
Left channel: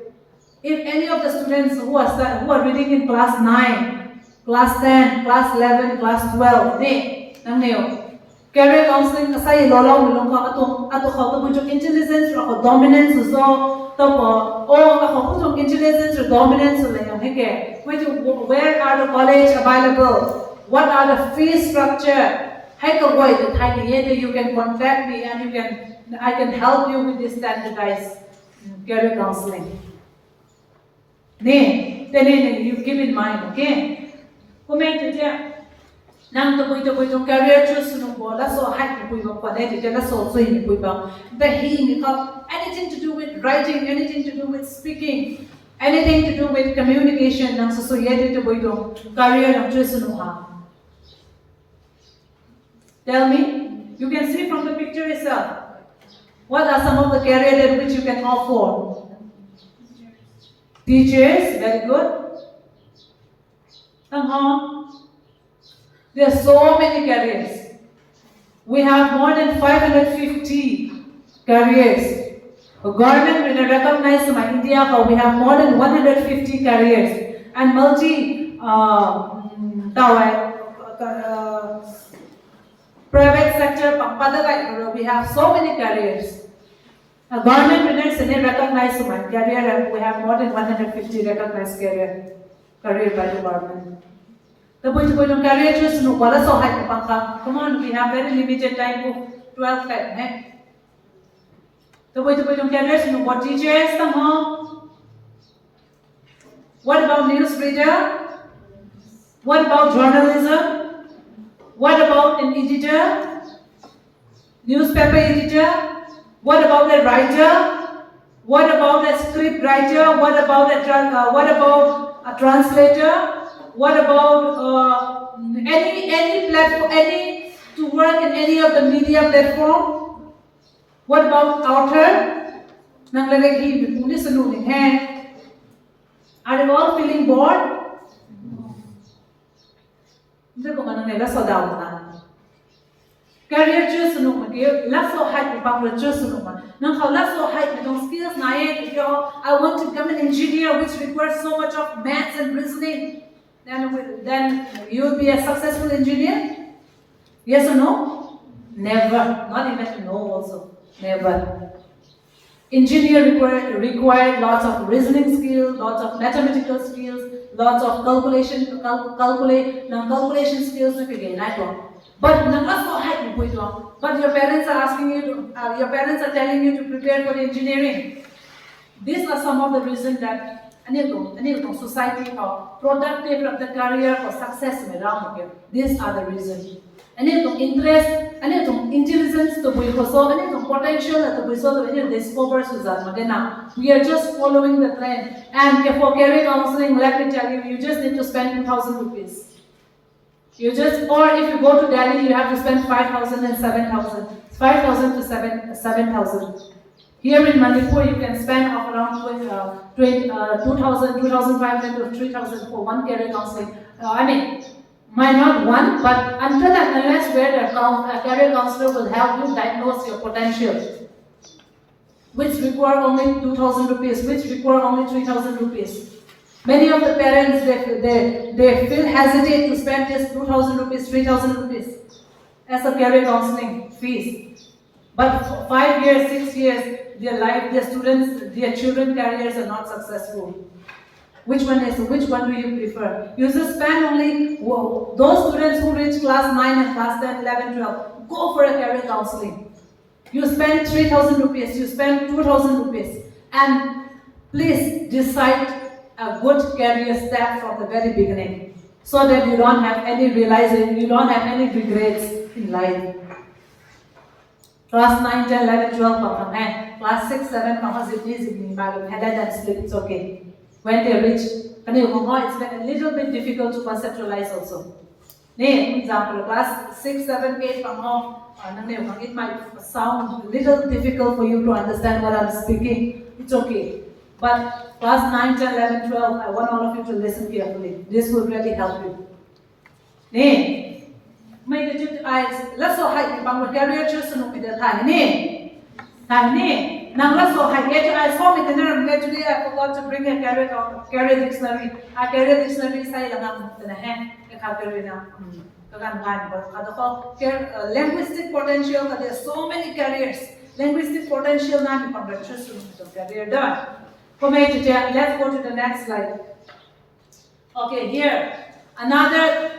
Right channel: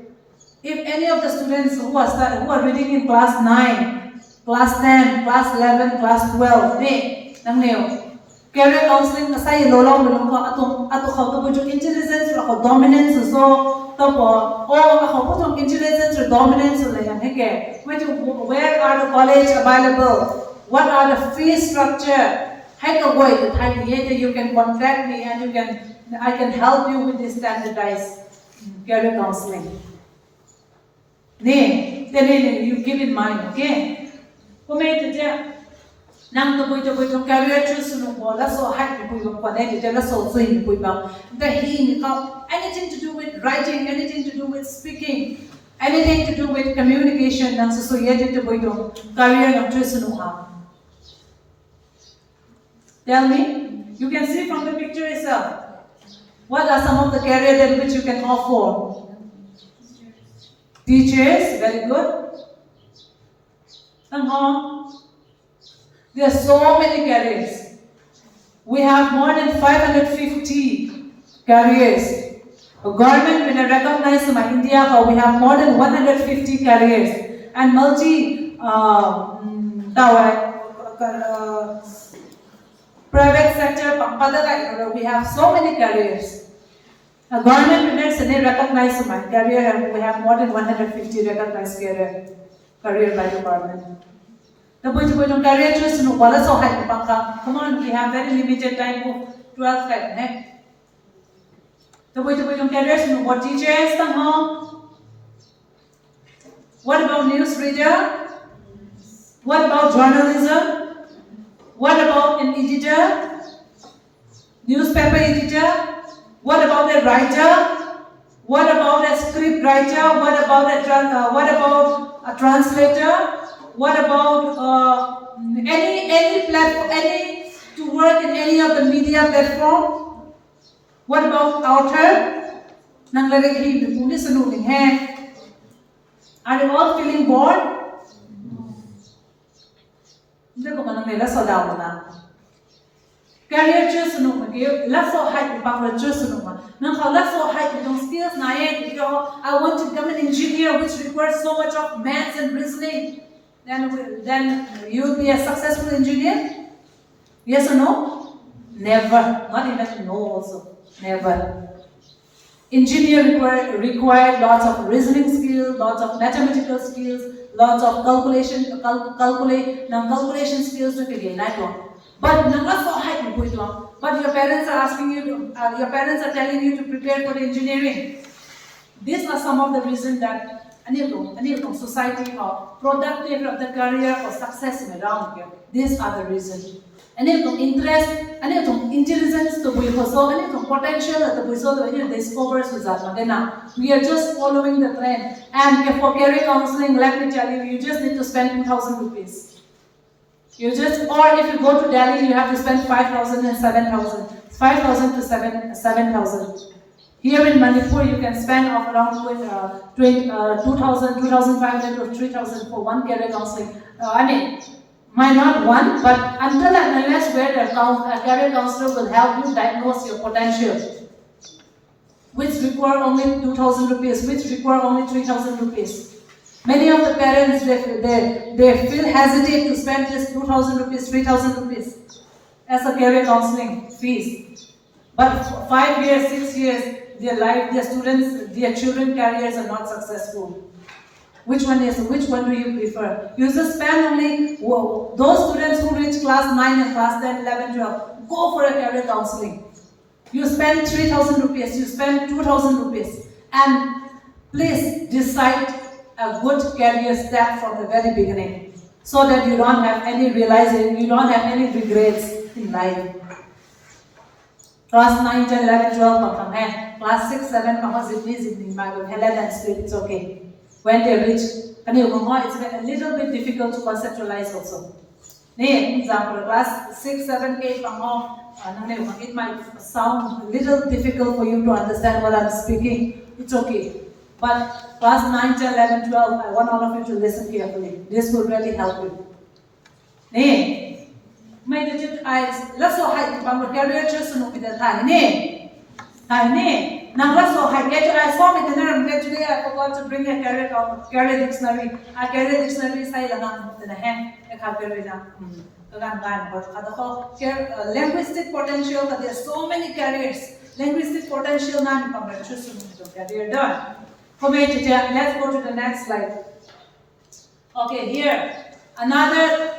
If any of the students who are reading in class 9, class 10, class 11, class 12, career counseling asay lolo ko ato how to intelligence or dominance so ako intelligence or dominance where are the college available? What are the fee structure? You can contact me and I can help you with this standardized career counseling. You keep in mind, okay? Nang to career choose so height so anything to do with writing, anything to do with speaking, anything to do with communication, nang so to career choose Tell me, you can see from the picture itself. What are some of the careers that which you can offer? Teachers, very good. There are so many careers. We have more than 550 careers. The government when I recognize in India how we have more than 150 careers and private sector we have so many careers. A government units and they recognize my career and we have more than 150 recognized career by the government. The career choose no wala so high come on, we have very limited time of 12 time. The careers no what teachers What about newsreader? What about journalism? What about an editor? Newspaper editor? What about a writer? What about a script writer? What about a translator? What about any platform? Any to work in any of the media platform? What about author? Are you all feeling bored? Career choose let's so height about choose let's so height skills I want to become an engineer which requires so much of maths and reasoning. Then you will be a successful engineer? Yes or no? Never. Not even no also. Never. Engineer require lots of reasoning skills, lots of mathematical skills, lots of calculation skills but your parents are asking you to, your parents are telling you to prepare for engineering. These are some of the reasons that society for productive of the career for success around here. These are the reasons. Interest, intelligence to be so, potential to be so discovers we are just following the trend. And for career counseling, let me tell you, you just need to spend 10,000 rupees. Or if you go to Delhi, you have to spend 5,000 and 7,000. 5,000 to 7,000. Here in Manipur, you can spend around 2,000, 2,500 or 3,000 for one career counseling. might not want, but until and unless where a career counselor will help you diagnose your potential, which require only 2,000 rupees, which require only 3,000 rupees. Many of the parents, they feel hesitate to spend this 2,000 rupees, 3,000 rupees as a career counseling fees. But for 5 years, 6 years, their students, their children careers are not successful. Which one do you prefer? You just spend only, those students who reach class 9 and class 10, 11, 12, go for a career counseling. You spend 3,000 rupees, you spend 2,000 rupees, and please decide a good career step from the very beginning, so that you don't have any realizing, you don't have any regrets in life. Class 9, 10, 11, 12, class 6, 7, Helen and split, it's okay. When they reach, it's a little bit difficult to conceptualize also. Example, class 6, 7, 8, it might sound a little difficult for you to understand what I'm speaking. It's okay. But class 9, 10, 11, 12, I want all of you to listen carefully. This will really help you. Let's go hide the career just to the time. Now let's go hide. I saw me today. I forgot to bring a career dictionary. A career dictionary is linguistic potential. There's so many careers. Linguistic potential. Career done. Let's go to the next slide. Okay, here another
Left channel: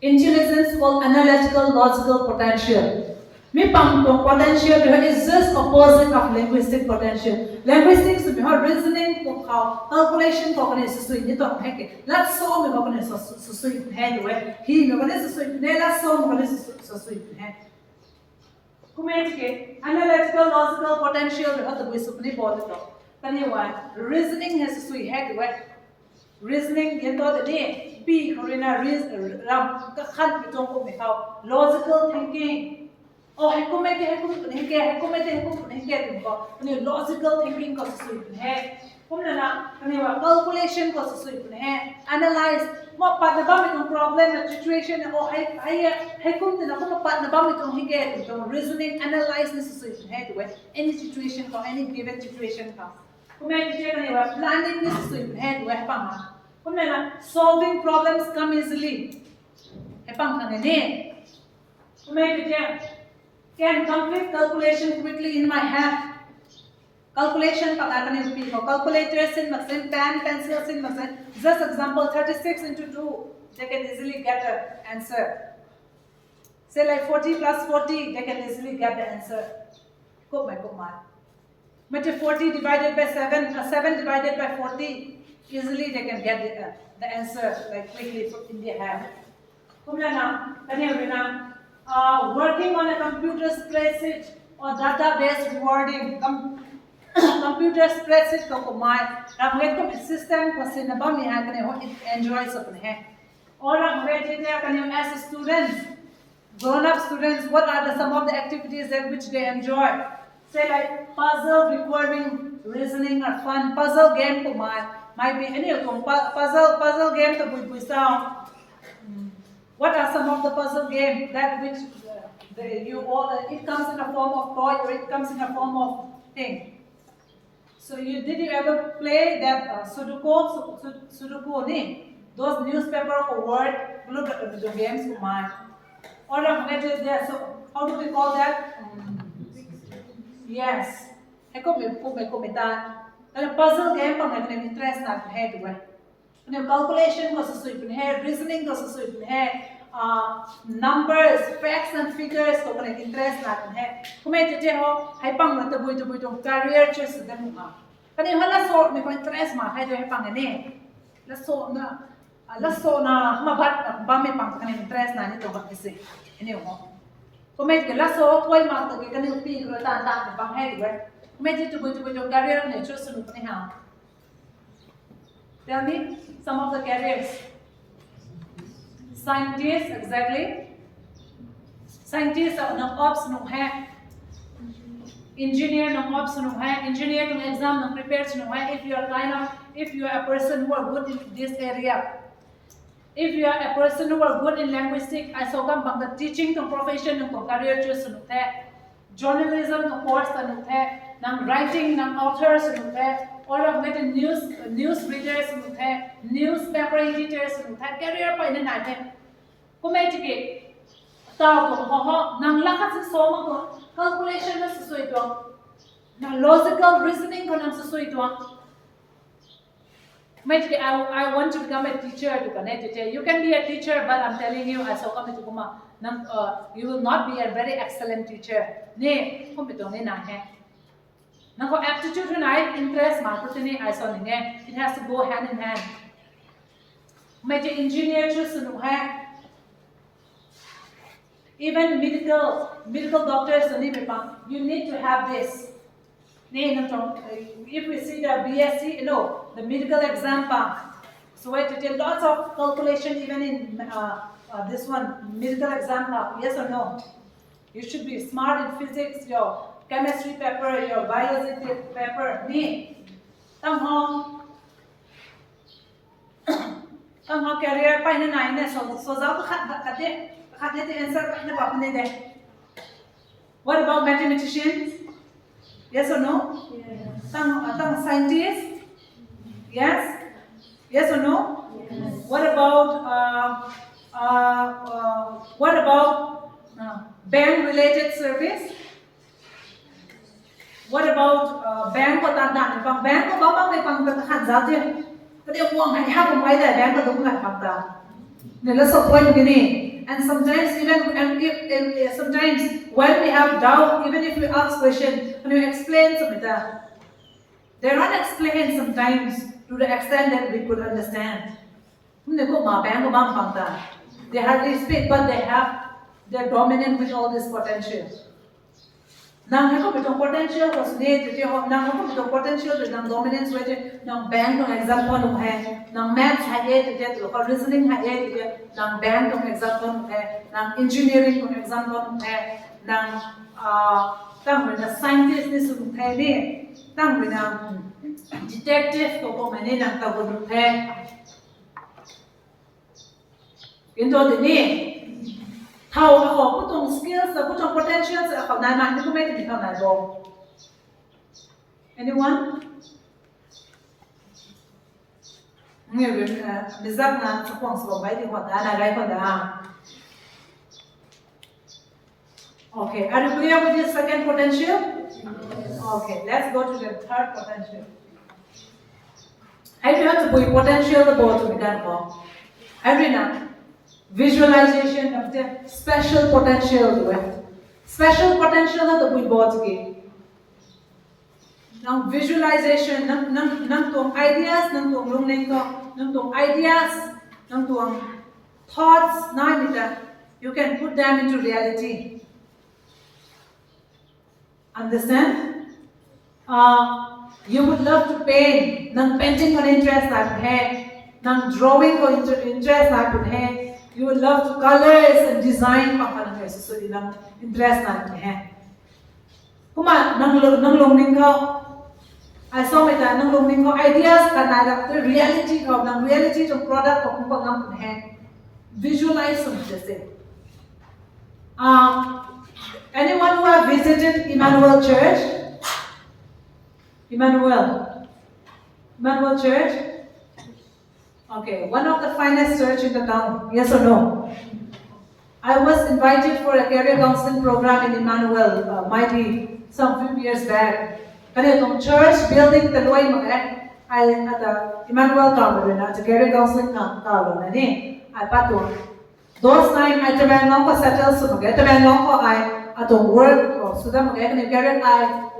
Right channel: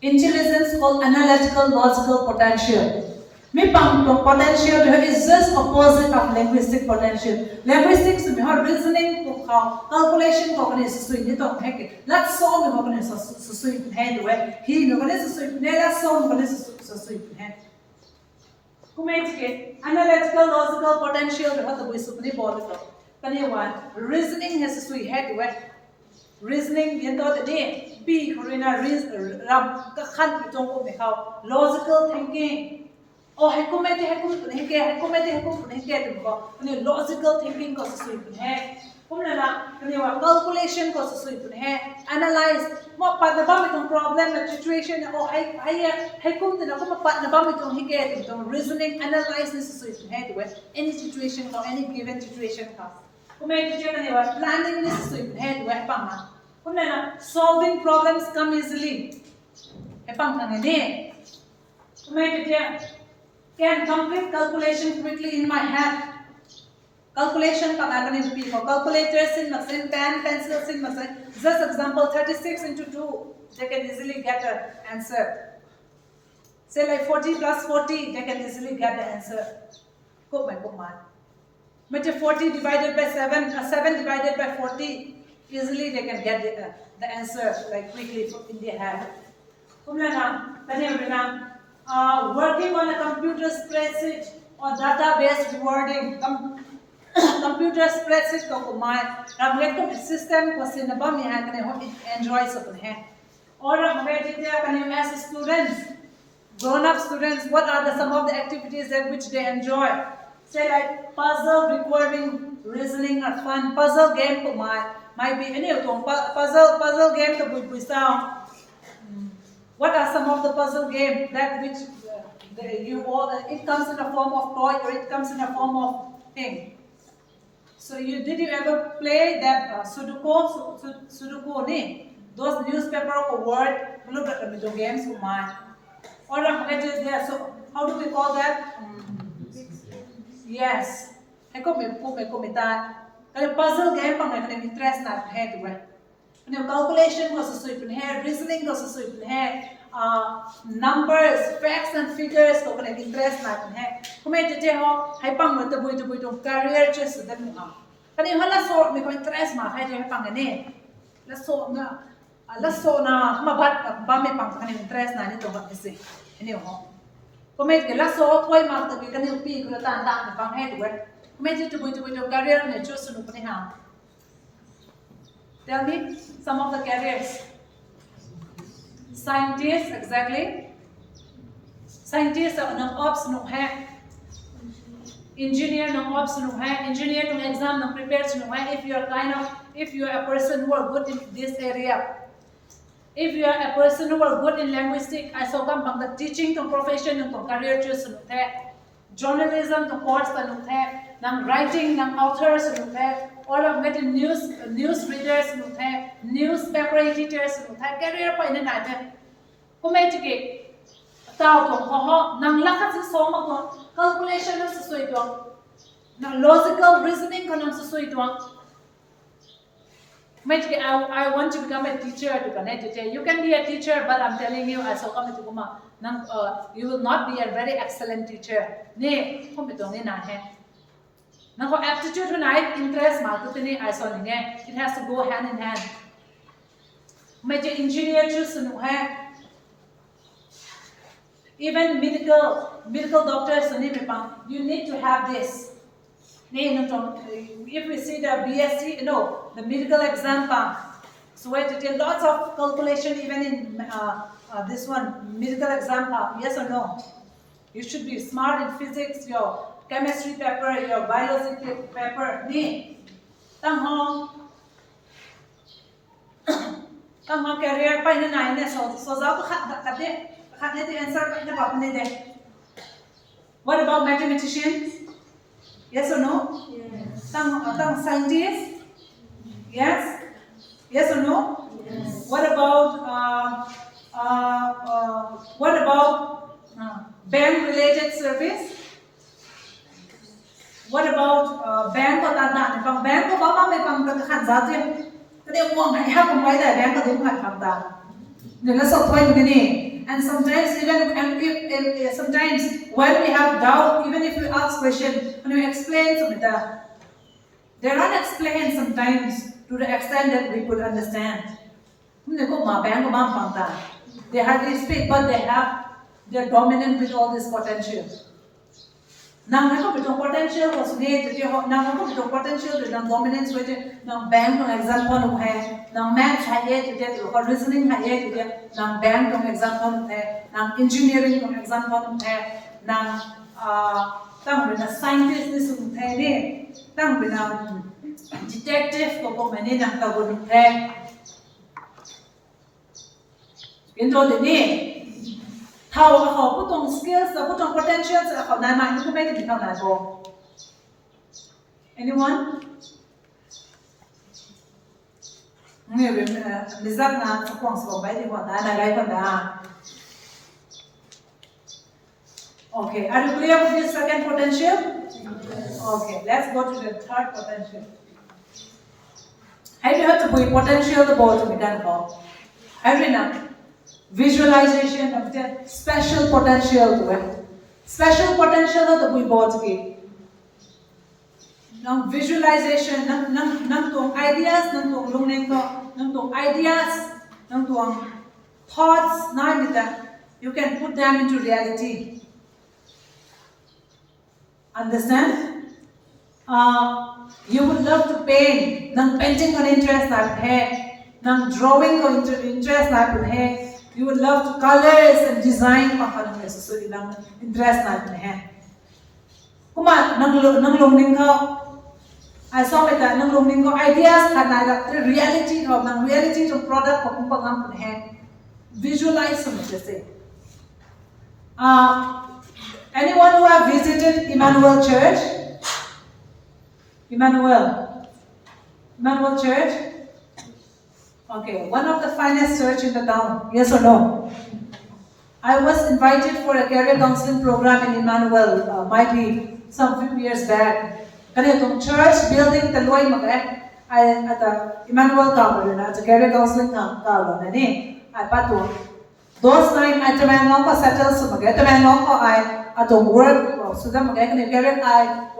intelligence called analytical logical potential. Potential is just opposite of linguistic potential. Linguistics is reasoning, calculation, let's solve the head way. Let's solve analytical logical potential. Reasoning has to head way. Reasoning, logical thinking. Oh, logical thinking calculation analyze problem situation reasoning analyze any situation or any given situation planning solving problems come easily can complete calculation quickly in my head. Calculation calculators in machine, pen, pencils in machine. Just example 36 into 2, they can easily get the answer. Say like 40 plus 40, they can easily get the answer. But 40 divided by 7, 7 divided by 40, easily they can get the answer like quickly in their head. Working on a computer spreadsheet or database rewarding computer spreadsheet system enjoys or as students, grown-up students, what are some of the activities that which they enjoy? Say like puzzle requiring reasoning or fun. Puzzle game might be any of them. Puzzle game to sound. What are some of the puzzle games that which it comes in a form of toy or it comes in a form of thing? So did you ever play that Sudoku ne? Those newspaper or word games or so how do we call that? Yes. Puzzle game interest not head calculation reasoning numbers, facts and figures interest career just interest Tell me some of the careers. Scientists, exactly. Scientists are no ops no hai. Engineer no ops no hai. Engineer no exam no prepares no hai. If you are a person who are good in this area, If you are a person who are good in linguistic, I saw come the teaching to profession and career choose journalism to course nang writing nang authors all of get news readers newspaper editors career pa ina naite kumai tike tao to ho nang lakas so ma to calculation na susui to nang logical reasoning ko nang susui to I want to become a teacher to connect it. You can be a teacher, but I'm telling you, as you will not be a very excellent teacher. Ne, aptitude tonight, interest, it has to go hand in hand. Major engineer choose even medical doctors, you need to have this. If we see the BSc, the medical exam, so we have to take lots of calculation even in this one, medical exam, yes or no? You should be smart in physics, your chemistry paper, your biology paper, career, what about mathematicians? Yes or no? Yes. Scientists? Yes? Yes or no? Yes. What about bank-related service? What about bank or tanda? Bank or mama may pang takhan zati. Kaya uang hay hapon may da bank or dungan pagda. Nila sa point gini. And sometimes sometimes when we have doubt, even if we ask question, when we explain something, they're not explained sometimes to the extent that we could understand. They hardly speak, but they're dominant with all this potential. Nang ako bitong potential was need nang ako bitong potential is nang dominance with nang bank ng example ng nang math haye to reasoning haye to nang bank ng example ng nang engineering ng example ng nang tang na scientist ni sung ni tang na detective ko mani nang tagun into the ni how ako putong skills, putong potentials, ako na hindi ko may tingin na ko. Anyone? Mizak na sa kuwang sa bay di ko na nagay ko na. Okay, are you clear with this second potential? Yes. Okay, let's go to the third potential. Have you heard the potential the ball to be done for? Have you now? Visualization of the special potential to it. Special potential of the we bought again. Now visualization, nang tuang ideas, nang tuang lungning ko, nang tuang ideas, nang tuang thoughts, you can put them into reality. Understand? You would love to paint, nang painting ko interest na hai, nang drawing ko interest na hai. You would love to colors and design so ilang interest natin Kuma nang lungning ko I saw it nang lungning ko ideas kanala the reality of nang reality of product ko kung pangam visualize some say. Anyone who have visited Emmanuel Church? Emmanuel Church? Okay, one of the finest church in the town, yes or no? I was invited for a career counseling program in Emmanuel, might be some few years back. Kanitong church building taloy mag I at the Emmanuel Tower at the career counseling tower nani I patong. Those time I travel ko settle so mag travel ko I atong work so that mag career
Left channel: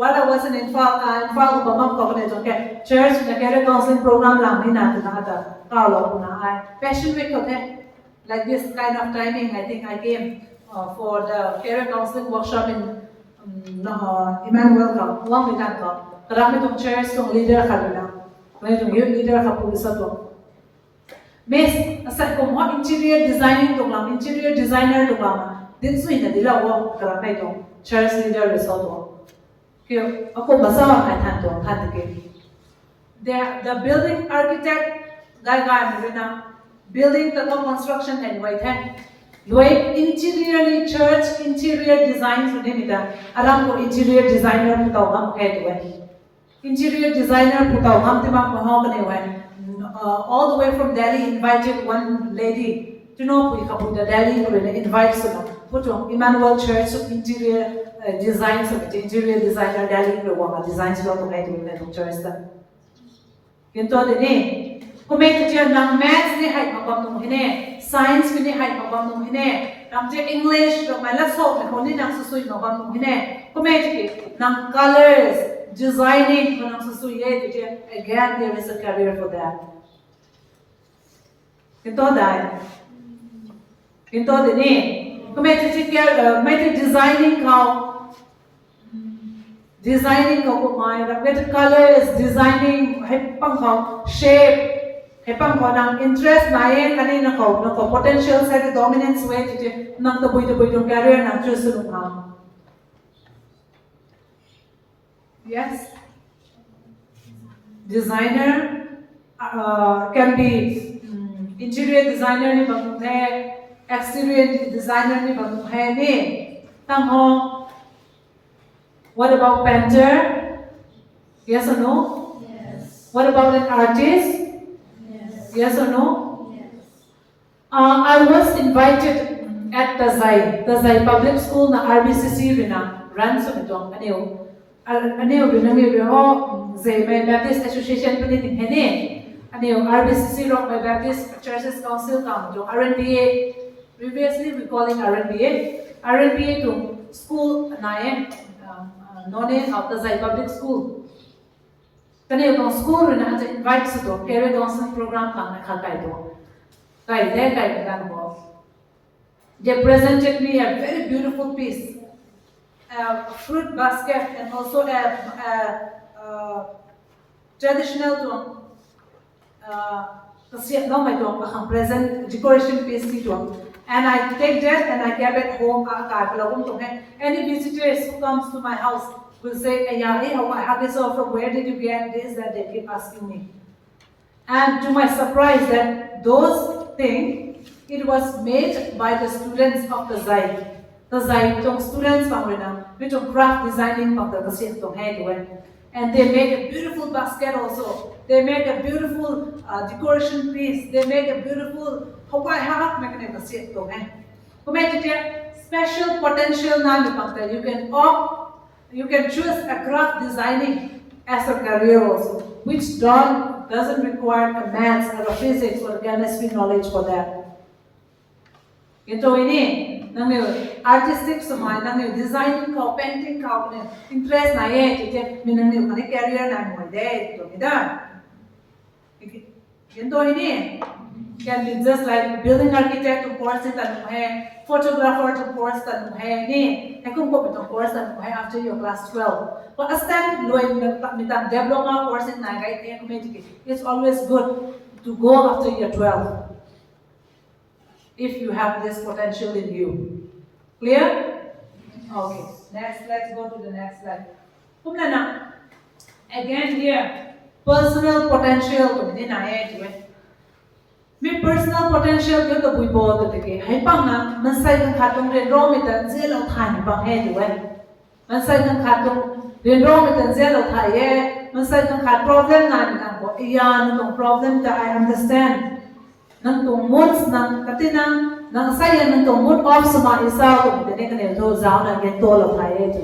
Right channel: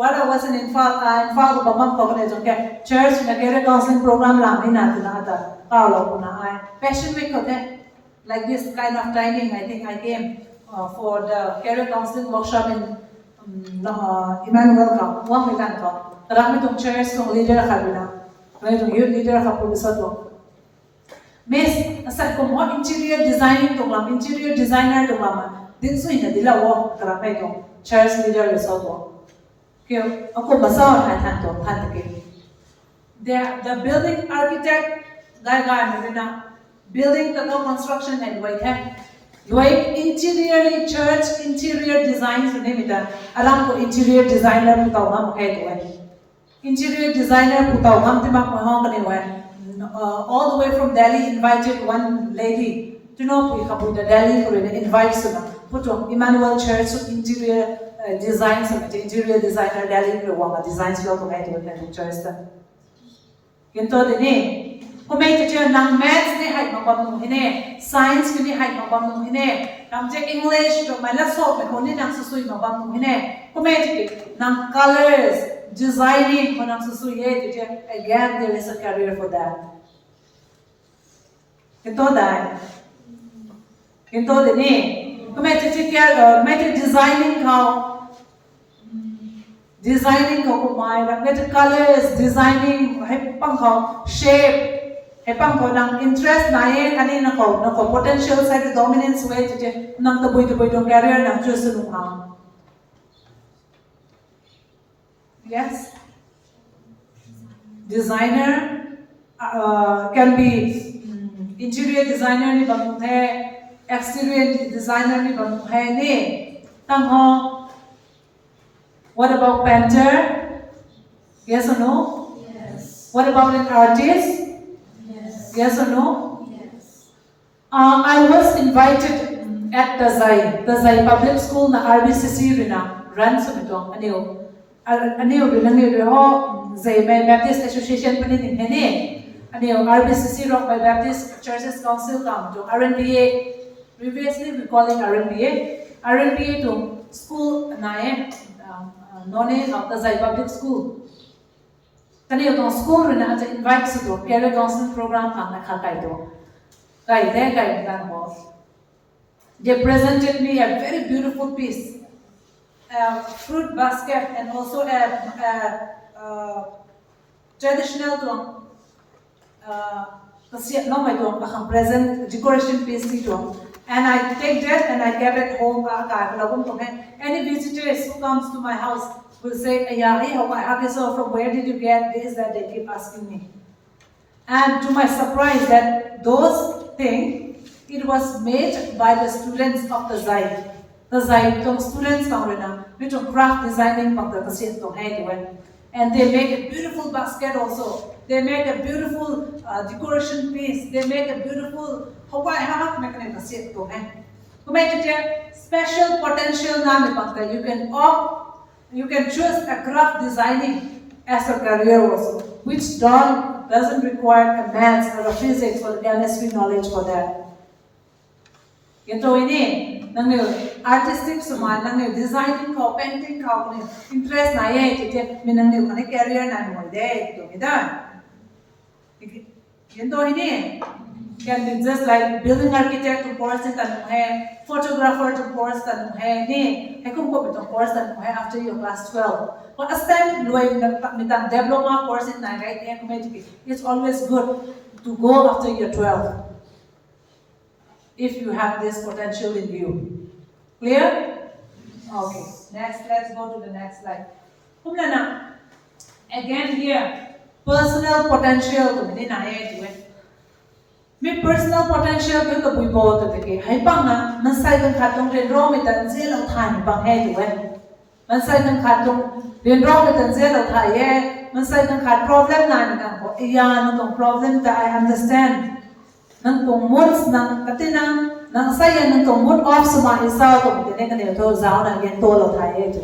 while I was in Infal ko bamam ko kanitong church na career counseling program lang natin na ata. Passion week like this kind of timing, I think I came for the career counseling workshop in Emmanuel ka. Huwag may ko. Karami tong chairs tong leader ka bila. May tong youth leader ka po isa to. Miss, asal ko mo interior designing tong lang, interior designer tong lang. Din so ina dila wo karami tong chairs leader result wo. Kaya ako basa ang tan tong tan ke. The building architect building the construction and way the way interiorly church interior designs name it aram ko interior designer pu taw ngam he to interior designer pu taw ngam tima ko ha kane wa all the way from Delhi invited one lady to know we come to Delhi to invite some put on Emmanuel Church interior design some interior designer Delhi ko wa designs lo to he to church ta kinto de ni Kamei teacher nang maths ni hai mabam nung hine, science ni hai mabam nung hine, nang je English to my last hope ko ni nang susui mabam nung hine. Kamei teacher nang colors, designing ko nang susui ye teacher again there is a career for that. Ito dai. Ito de ni. Kamei teacher may designing designing ko mai get colors, designing hepang ko shape hepang ko nang interest na ye kanina ko no ko potential side dominance way tite nang taboy dong career nang choose nung ha. Yes, designer can be interior designer ni bang the exterior designer ni bang the ni tang ho. What about painter? Yes or no? Yes. What about an artist? Yes or no? Yes. I was invited at Tazai Public School na RBCC rina run sa ito aniyo rina ho Zayme Baptist Association pa rin hini aniyo RBCC Rock by Baptist Churches Council kam jo RNBA previously we calling RNBA to school na none of Tazai Public School. Kani yung school rin na invite sa to, career counseling program pang nakakay to. Kay mo. They presented me a very beautiful piece, a fruit basket and also a traditional to kasi no may to ang present decoration piece dito. And I take that and I get it home. Any visitors who comes to my house will say, hey, I have this, from where did you get this? That they keep asking me. And to my surprise, that those things, it was made by the students of the Zai. The Zai, the students from which craft designing from the Kasit to head. And they make a beautiful basket also. They make a beautiful decoration piece. They make a beautiful Hawaii hat mechanism to hang. Special potential nami pakta. You can choose a craft designing as a career also, which doesn't require a maths or a physics or a chemistry knowledge for that. Ito ini nang artistic suman nang designing ko painting ko interest na ye tite minang ni kani career na mo de to ida. Ito ini can be just like building architect to course it and photographer to course and ni kung ko bitong course and after your class 12. But as time loy mitang diploma course in na kahit it's always good to go after your 12. If you have this potential in you. Clear? Okay. Next, let's go to the next slide. Again here, personal potential. Me personal potential ko to buibo to take. Hay pang na mansay kang katong renro mitan zelo thani pang he to mansay kang katong renro mitan zelo thaye mansay kang kat problem na ni ko iya no tong problem that I understand. Nang tong moods nang katinang nang saya nang tong mood off sa mga isaw to bitene kanil to zaw na gen to lo thaye to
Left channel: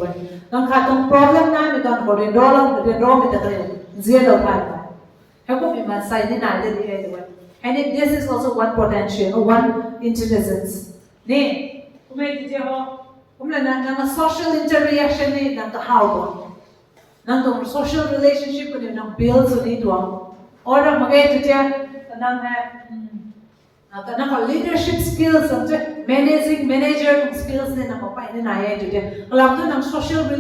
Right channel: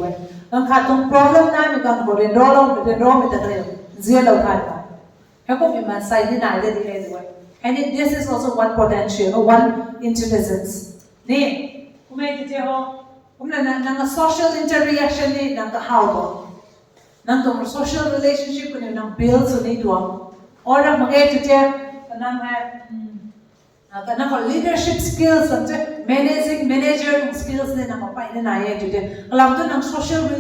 nang katong problem na mi kan ko renro mitan zelo thani. Hako mi mansay ni na de di to and this is also one potential, or one intelligence. Ne, kumay dito ho, kumay na social interaction ni nang kahawon, nang social relationship ko ni nang build so ni doon, or nang magay dito nang leadership skills, manager skills ni nang mapay ni naye dito. Alam to nang social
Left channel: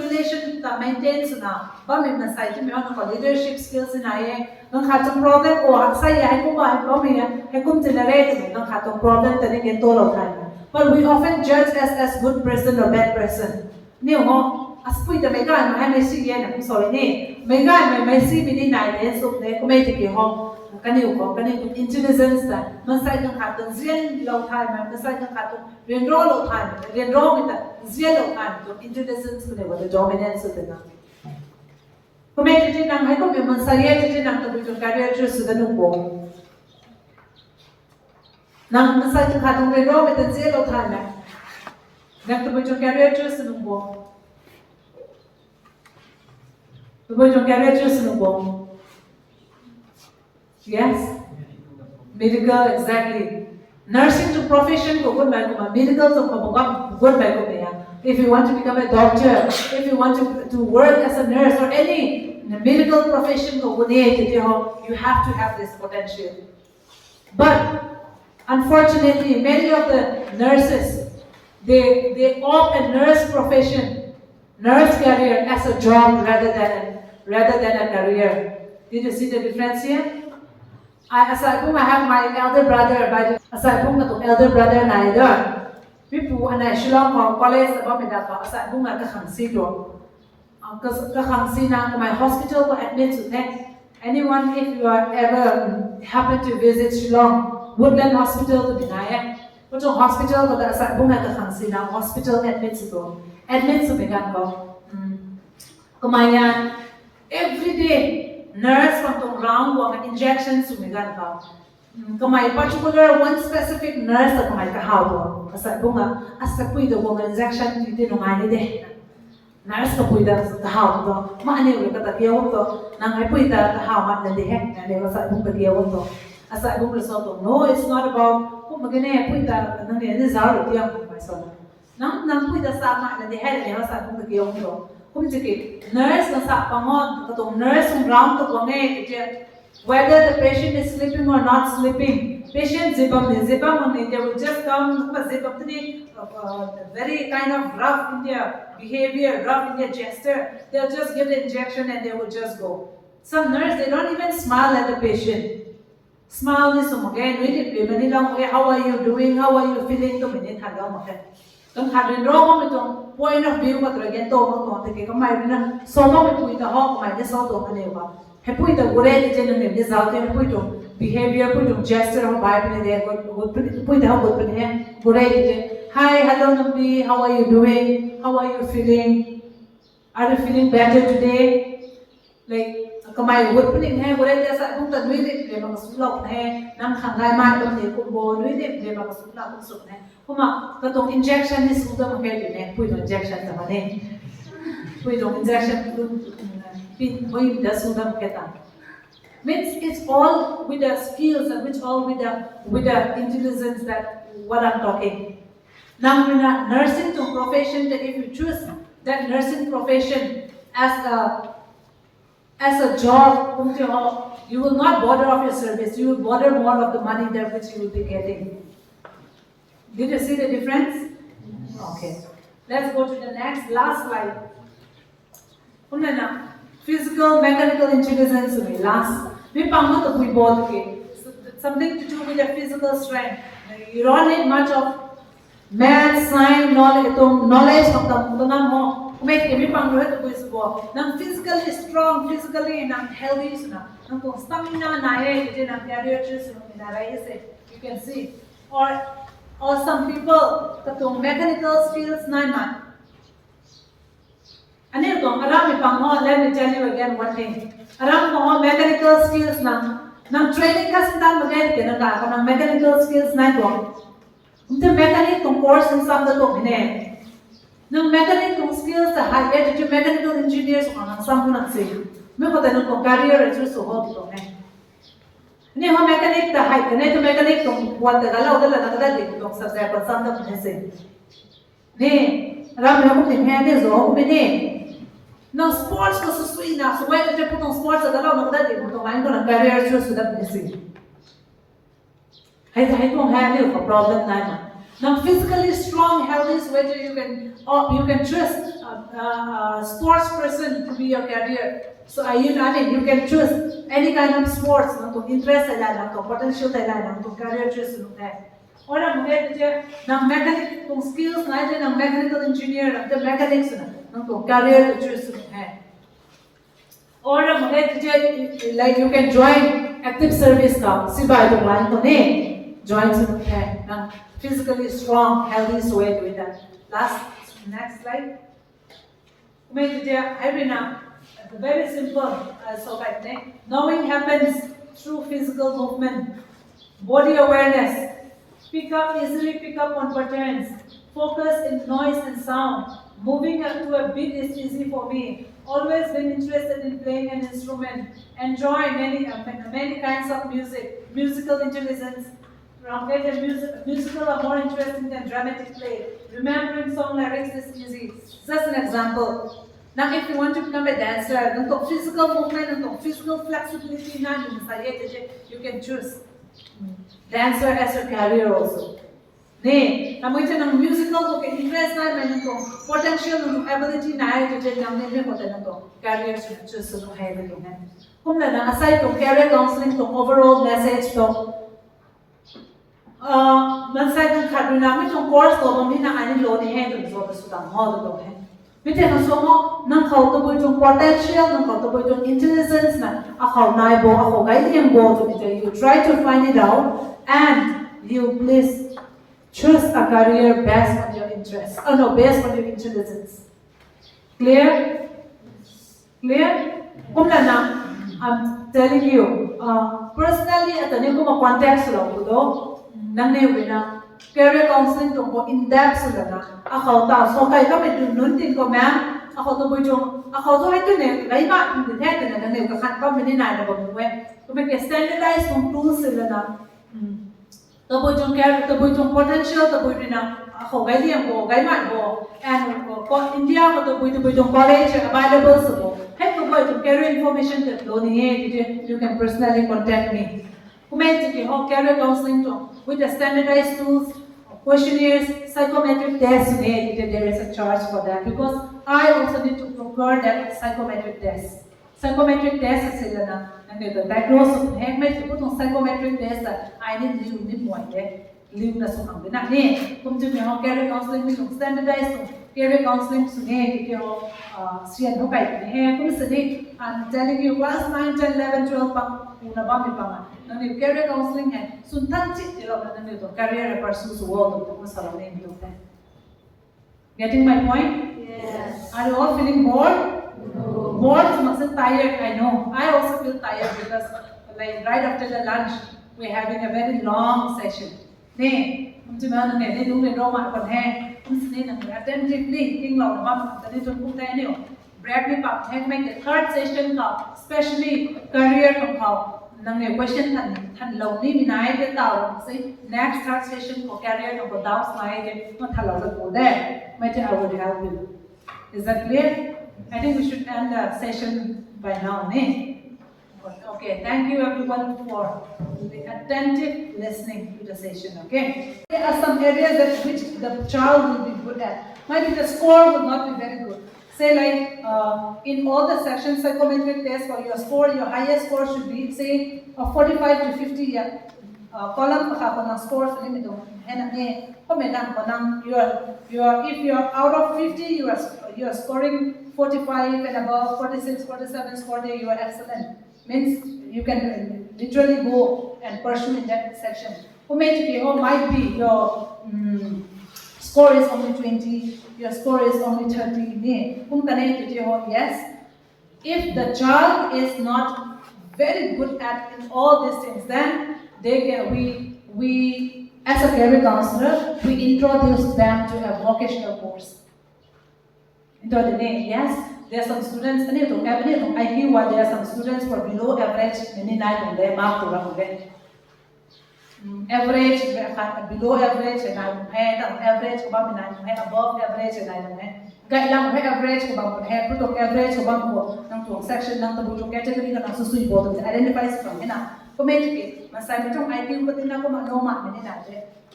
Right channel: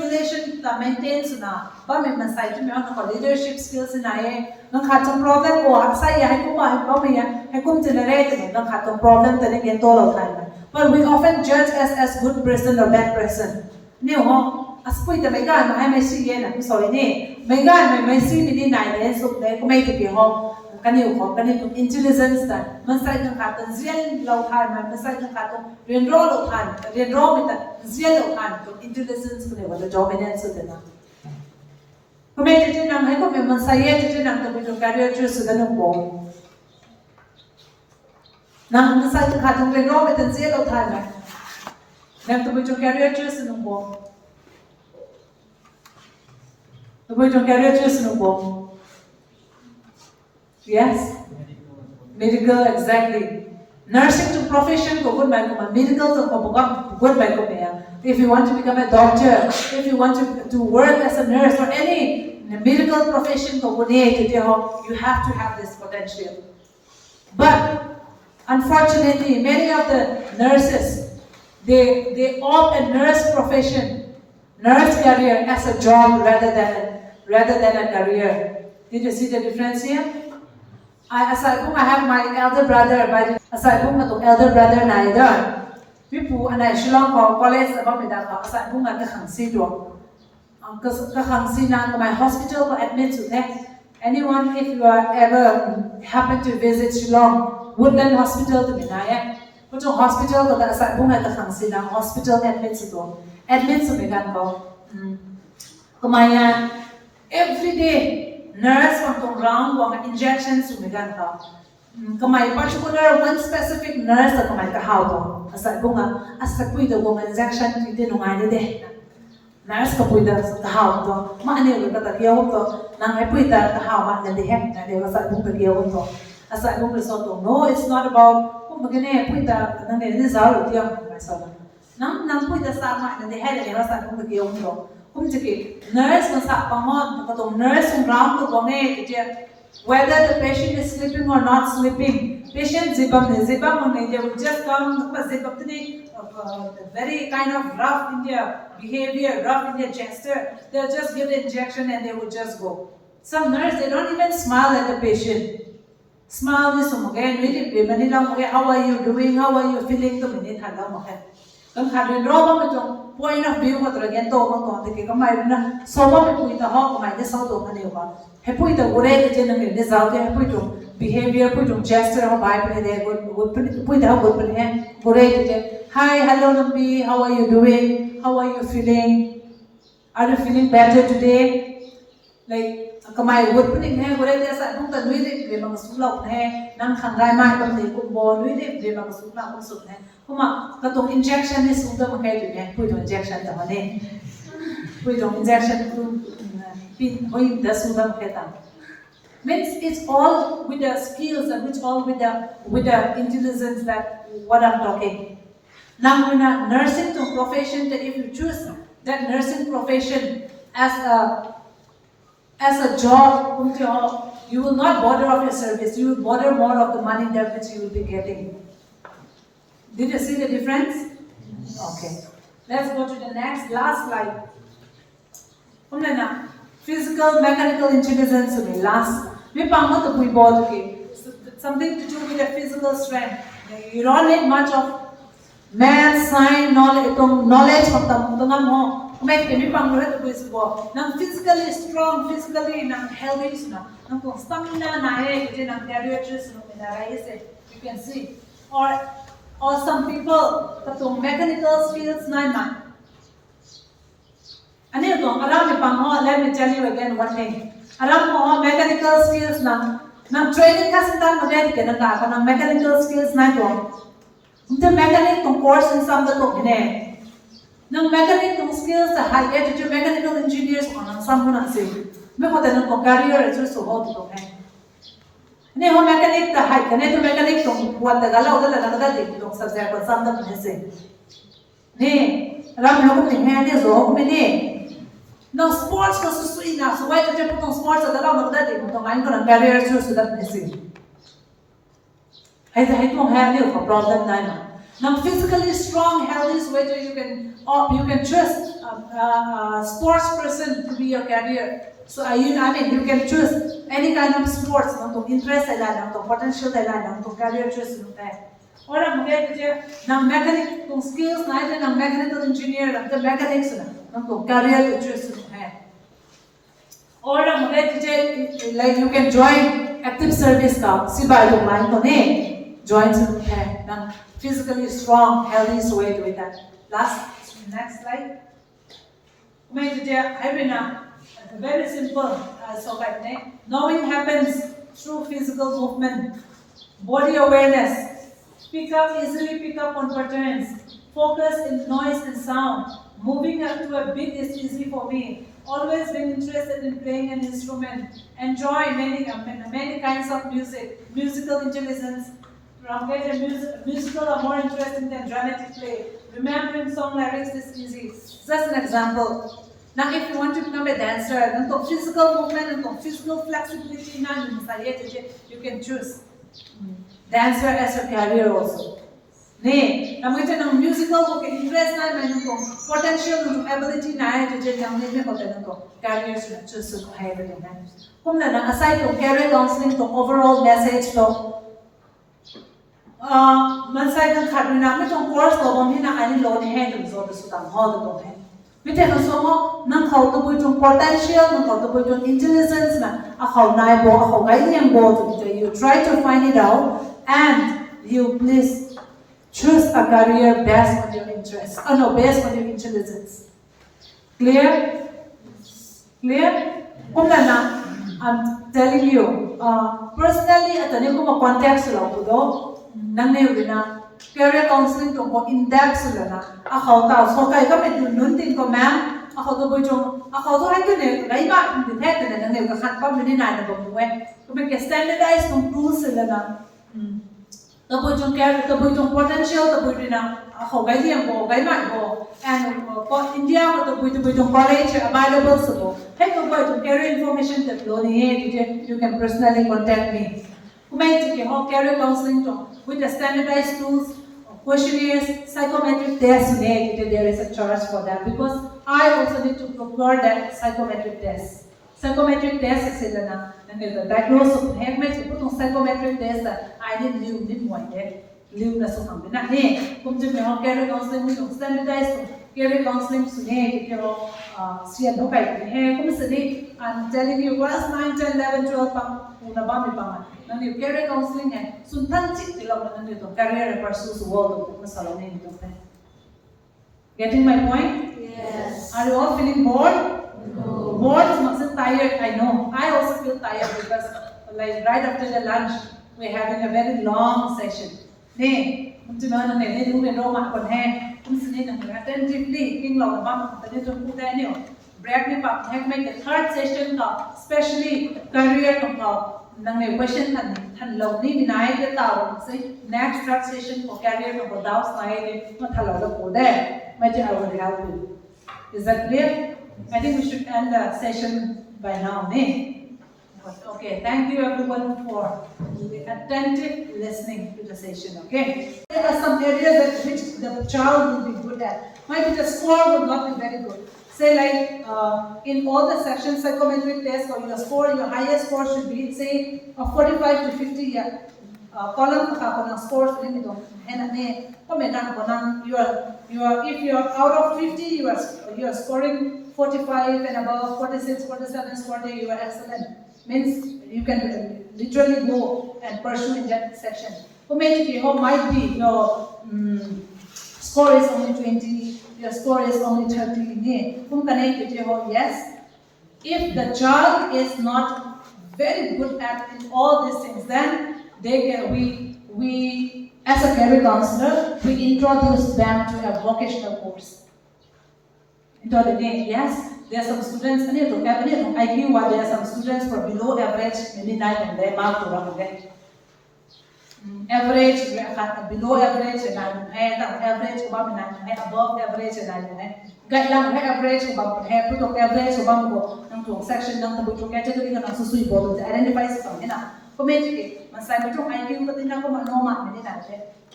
relation ta maintain na, ba may masay to may nang leadership skills ni naye. Nang katong problem ko saya hay kumain pa miya hay kum generate nang katong problem tani gen tolo time. But we often judge as good person or bad person. Niyo ho aspui da mega mai Messi yena sorry ni mega mai Messi mini nai le so le ko mai ti ho kani intelligence da man sai kan kha tan zian lo thai man sai kan kha to ren ro lo thai ren ro mi ta zian lo thai to intelligence ko ne wa dominance da na ko mai ti nang hai ko me man sai ye ti nang to bi to career chu su da no ko nang man sai kan kha to ren ro mi ta zian lo thai man nang to bi to career chu su no ko to bi to career chu su no ko yes, medical exactly. Nursing to profession go good by medical to become good by good. If you want to become a doctor, if you want to work as a nurse or any medical profession go good, you have to have this potential. But unfortunately, many of the nurses they opt a nurse profession, nurse career as a job rather than a career. Did you see the difference here? Aside from I have my elder brother, but aside from my elder brother neither. People and I Shillong college about me that aside from I can't see door. Because can't see now my hospital will admit to that. Anyone if you are ever happen to visit Shillong, Woodland Hospital to be there. But hospitalก็aside from I can't see now hospital admit to go. Admit to beกันก็ก็มาevery day nurse from the ground wang injections to megan ka kamay particular one specific nurse ta kamay ka how to asa bunga asa pui the wang injection ti no ngai de nurse ka pui da ta how to ma ane we ta kiyaw to nang ai pui ta how ma na de hek na de asa bunga kiyaw to asa bunga so to no it's not about ko magane pui ta nang ne ni zaw ti ang mai so nang pui ta sa ma na de hek de asa bunga kiyaw to nurse nurse whether the patient is sleeping or not sleeping. Patient zibam they will just come very kind of rough in their behavior, rough in their gesture. They'll just give the injection and they will just go. Some nurse they don't even smile at the patient. Smile this again, how are you doing? How are you feeling? Kan hadin roba mo tong point of view ko talaga to mo to ke kamay na so mo pui ta ho kamay de so to ane ba he pui ta gure de chen ne de zaute he pui to behavior pui to gesture ho bai pne de go pui ta go pne he gure de hi hello nambi how are you doing, how are you feeling, are you feeling better today, like kamay go pne he gure de sa kung ta nui de ma sulok he nang khangai mai ko de ko bo nui de ma sulok ko su he kuma katong injection is uda mo kay din pui do injection ta hane pui do injection pin hoy da suda mo keta means it's all with the skills and which all with the intelligence that what I'm talking now nursing to profession that if you choose that nursing profession as a job you will not bother of your service, you will bother more of the money that which you will be getting. Did you see the difference? Okay. Let's go to the last slide. Physical, mechanical intelligence last. Something to do with the physical strength. You don't need much of math, science, knowledge from them. Physically strong, physically healthy, stamina, you can see. Or some people, mechanical skills, let me tell you again one thing. Mechanical skills, training mechanical skills, mechanic course in some mechanical skills, high mechanical engineers, some career is also ni ho mechanic ta hai kane to mechanic tong wat da gala udala na kada de tong subject pa sam da phese ni ram no ko tin hai ne zo me ne no sports ko su ina so wai ta putong sports da gala na kada de tong ai ko na career chu su da phese hai tong hai ne ko problem nai ma now physically strong healthy is whether you can trust a sports person to be your career. So you can choose any kind of sports, interest potential career choice. Or mechanical skills, mechanical engineer, the mechanics, nang ko career choose hai. Or like you can join active service ka sibai to line to ne join to hai nang physically strong healthy way with that. Next slide. Very simple. So like knowing happens through physical movement, body awareness, easily pick up on patterns, focus in noise and sound. Moving to a beat is easy for me. Always been interested in playing an instrument. Enjoy many kinds of music. Musical intelligence. Musical are more interesting than dramatic play. Remembering song lyrics is easy. Just an example. Now, if you want to become a dancer, physical movement and physical flexibility, you can choose dancer as a career also. Musical interest potential ability career choose aside to career counseling to overall message to mansai kan khaduna mi tong course ko bom hina ani lo ni he dum so su tam ho do he mi te no so mo nang khau to bu tong potential nang khau to bu tong intelligence na a khau nai bo a khau gai liang bo to mi you try to find it out and you please choose a career based on your interest based on your intelligence. Clear I'm telling you personally at the name of context lo nang ne wina career counseling to go in depth sula na akhaw ta so kai ka me nun tin ko ma'am akhaw to bujong akhaw to ai ne gai ma din the ne nang ne ka khan pa me ni na na bo we to me standardize tong tools sula na to bujong career to bujong potential to bujina akhaw gai liang bo gai ma bo and for India ko to bujong college available so hey to bujong career information that lo ni you can personally contact me career counseling with the standardized tools, questionnaires, psychometric tests. There is a charge for that because I also need to procure that psychometric test. Psychometric test is and the diagnosis of put psychometric test that I need more live na so ang bina ni kung jud mo career counseling ni standardized career counseling sune pero siya no kai he kung sa di I'm telling you class 9 10 11 12 pa una ba mi pa nang ni career counseling hai suntan chi ti lo na ni to career pursue su world to masala ni to getting my point? Yes. Are you all feeling bored? No. Bored is not tired. I know. I also feel tired because like right after the lunch we're having a very long session. Nè, chúng ta này đúng là đâu mà còn he, chúng ta nên là attentively, kinh lòng là mắm, ta nên chúng ta này, break me up, and make the third session ka, especially career ka, nang này question thành lâu ní mình ai cái tàu, say next third session của career ka doubts này cái nó thành lâu là của đấy, mấy chuyện I will help you. Is that clear? I think we should end the session by now, nè. Okay, thank you everyone for the attentive listening to the session, okay? There are some areas that which the child will be good at. Maybe the score will not be very good. Say like in all the sections, psychometric tests for your score, your highest score should be say 45 to 50 column scores if you're out of 50 you are scoring 45 and above 46 47 score you are excellent. Means you can literally go and pursue in that section. Might be your score is only 20, your score is only 30. Yes, if the child is not very good at in all these things, then we as a career counselor, we introduce them to a vocational course. Yes. There are some students, IQ, there are some students who are below average, many night on their mark to run average, below average, and average, above average, and average, average, section, category, identify something.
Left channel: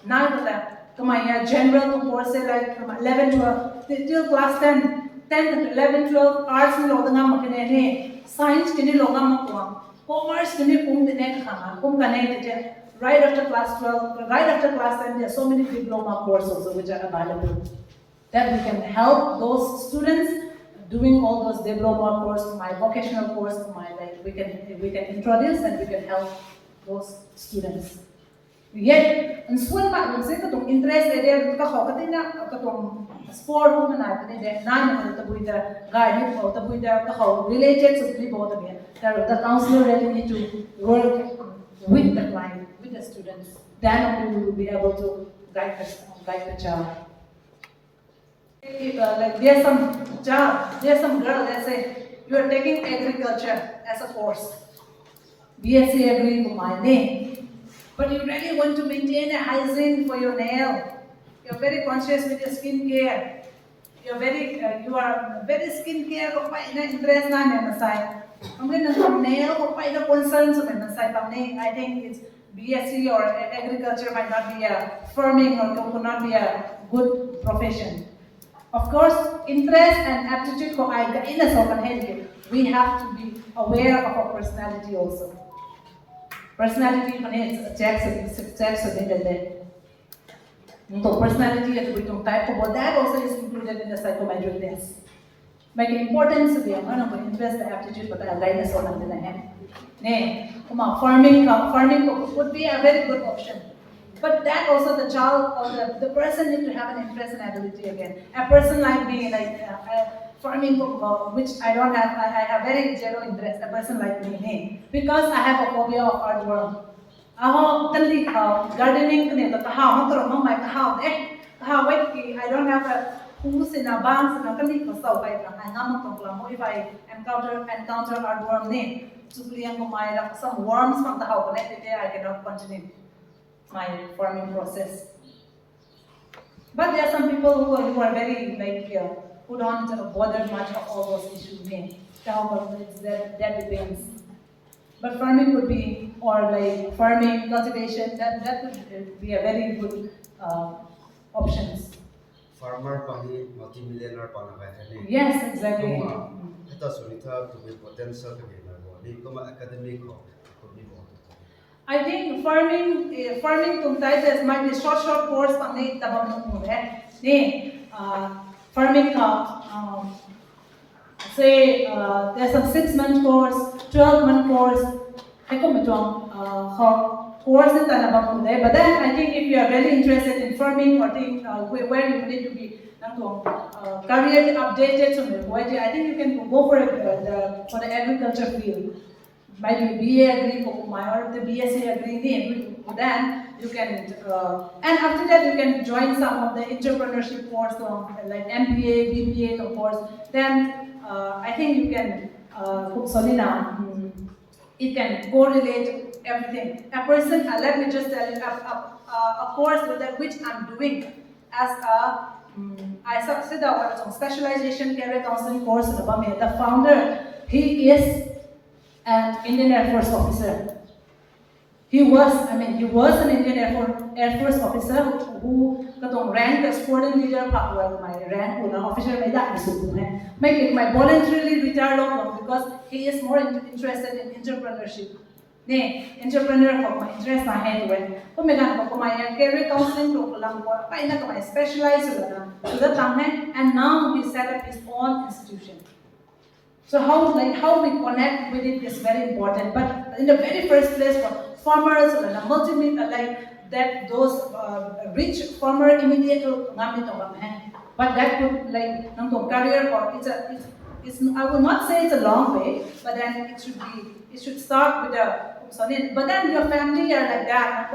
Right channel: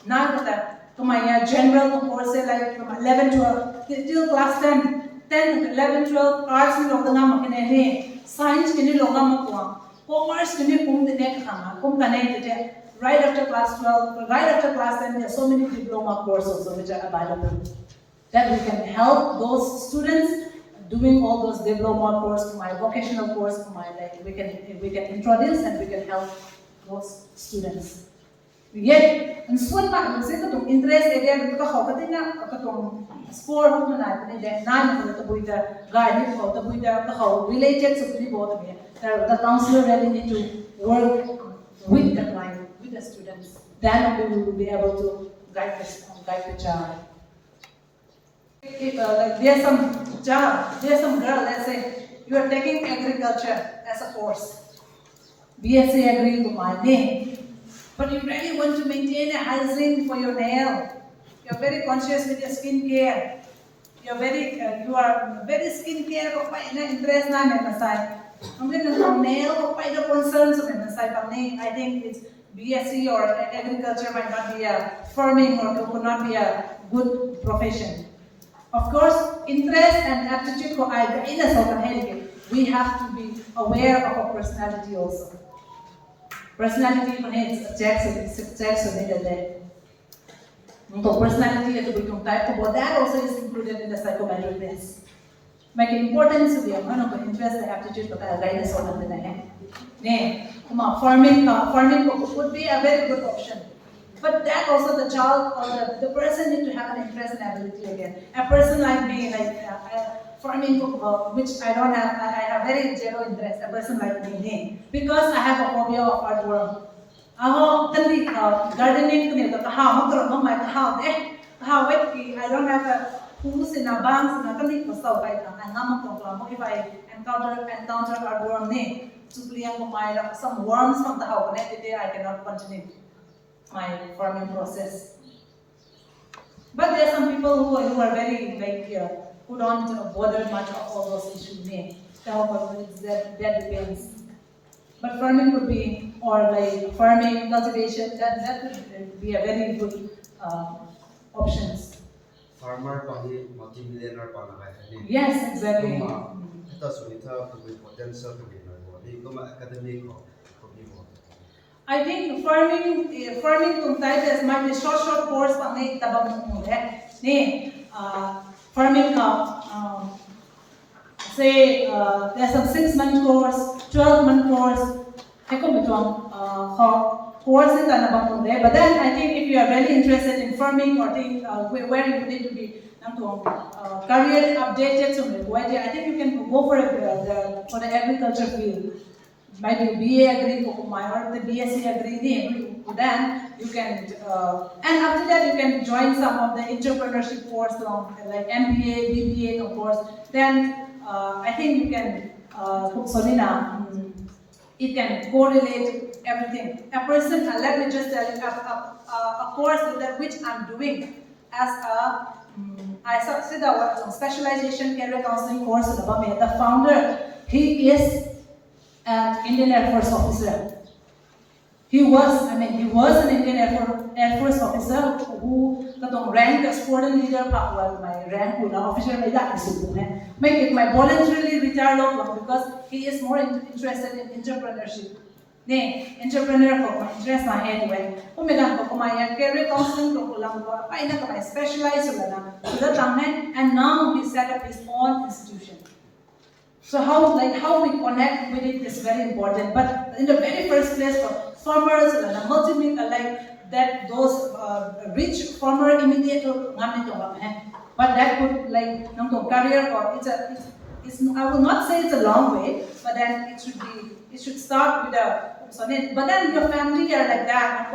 Now, general course like 11 to till class 10. 10 to 11, 12, arts ni loga ngam makene science kini loga makwa, commerce kini kum dine khana, kum kane tete. Right after class 12, right after class 10, there are so many diploma courses which are available that we can help those students doing all those diploma course, my vocational course, my like we can introduce and we can help those students. Yet, and soon back, say to interest area, because how can they sport women at the nine of the guide or the how related to the both again. The counselor really need to work with the client, with the students. Then only we will be able to guide the child. Like there's some job, there's some girl, let's say you are taking agriculture as a course. BSc Agri for my name. But you really want to maintain a hygiene for your nail. You're very conscious with your skin care. You are very skin care for interest na memasai. I'm going to nail for the concerns of memasai. I think it's BSc or agriculture might not be a farming or would not be a good profession. Of course, interest and aptitude for we have to be aware of our personality also. Personality is personality is type, but that also is included in the psychometric test. Make importance of the amount of interest and aptitude, but I'll write this on the name. Farming would be a very good option. But that also the child or the person need to have an interest and ability again. A person like me, like farming, which I don't have, I have very zero interest. A person like me, because I have a phobia of earthworm. Gardening, I don't have a who's in a banks and a if I encounter earthworm name, some worms from the house, I cannot continue my farming process. But there are some people who are very who don't bother much of all those issues. That depends. But farming could be, or like farming, cultivation, that could be a very good options. Farmer pani multi-millionaire pana Yes, exactly. Academic I think farming type might be short course pang farming say there's some 6-month course, 12-month course, course in but then I think if you are very interested in farming or where you need to be career updated, I think you can go for the agriculture field. Maybe BA Agri or the BSc Agri, then you can, and after that you can join some of the entrepreneurship course like MBA, BBA of course. Then I think you can, it can correlate everything. A person, let me just tell you, a course which I'm doing as a, I said that specialization career counseling course, the founder, he is an Indian Air Force officer. He was an Indian Air Force officer who ranked as foreign leader, my rank officer my voluntarily retired because he is more interested in entrepreneurship. Entrepreneur my interest na head when my career counseling my specialized and now he set up his own institution. So how we connect with it is very important. But in the very first place, for farmers and that those rich farmer immediate but that could career or it's I will not say it's a long way, but then it should start with a but then your family are like that,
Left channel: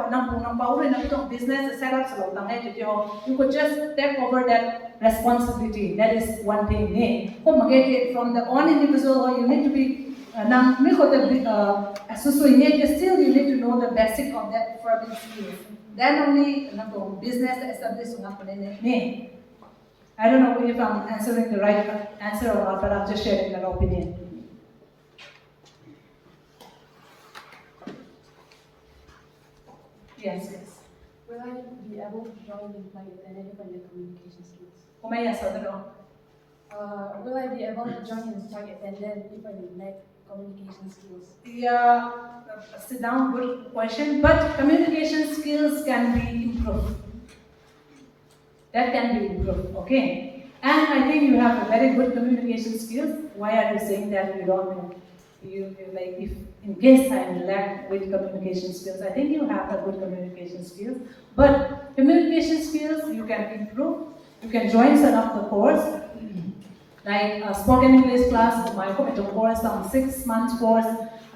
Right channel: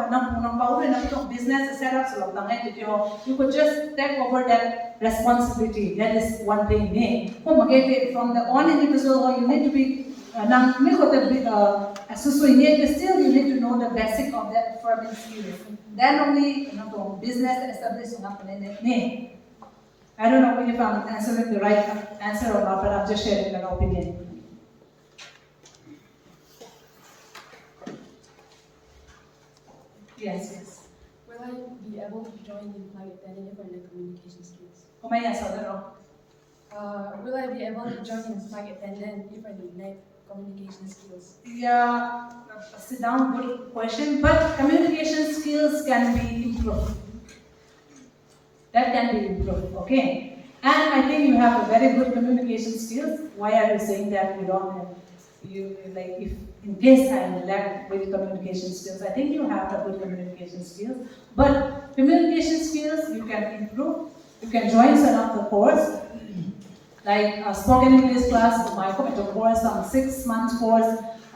business set up you could just take over that responsibility. That is one thing. From the one individual, you need to be still you need to know the basic of that farming skills. Then only business established. I don't know if I'm answering the right answer or not, but I'm just sharing an opinion. Yes. Will I be able to join in flight attendant if I lack communication skills? Will I be able to join in flight attendant if I lack communication skills? Yeah, sit down, good question. But communication skills can be improved. That can be improved, okay? And I think you have a very good communication skills. Why are you saying that you don't have? Like if in case I lack with communication skills, I think you have a good communication skills. But communication skills you can improve. You can join some of the course, like a spoken English class, my course, some 6 months course,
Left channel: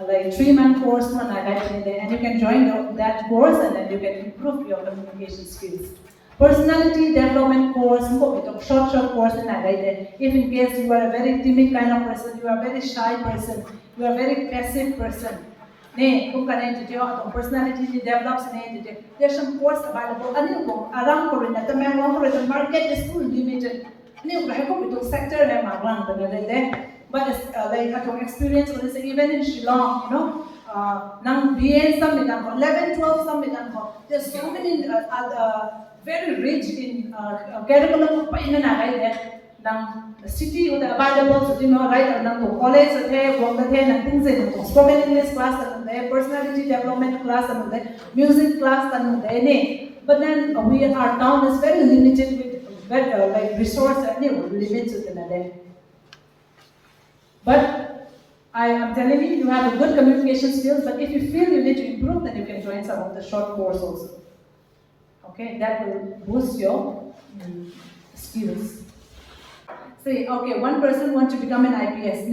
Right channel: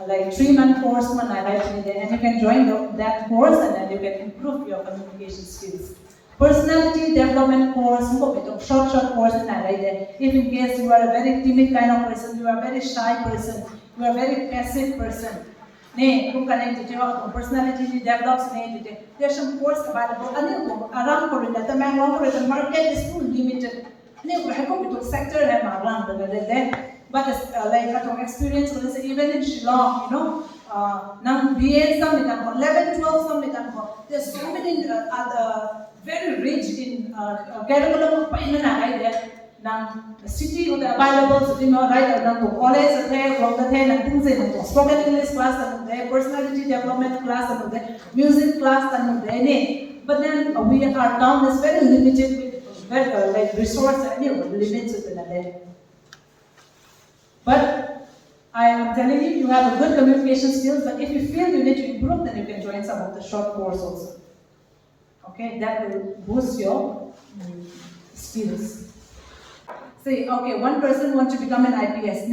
like 3-month course, and you can join that course and then you can improve your communication skills. Personality development course, short course, if in case you are a very timid kind of person, you are a very shy person, you are a very passive person. Personality develops. There's some course available. Around Korea, the market is too limited. Sector but like experience, even in Shillong, now BA some 11, 12 some there's so many very rich in curriculum the city with the available, right now to college, spoken English class, personality development class, music class, but then we are town is very limited with like resource limited. But I am telling you, you have a good communication skills, but if you feel you need to improve, then you can join some of the short course also. Okay, that will boost your skills. Say, okay, one person wants to become an IPS.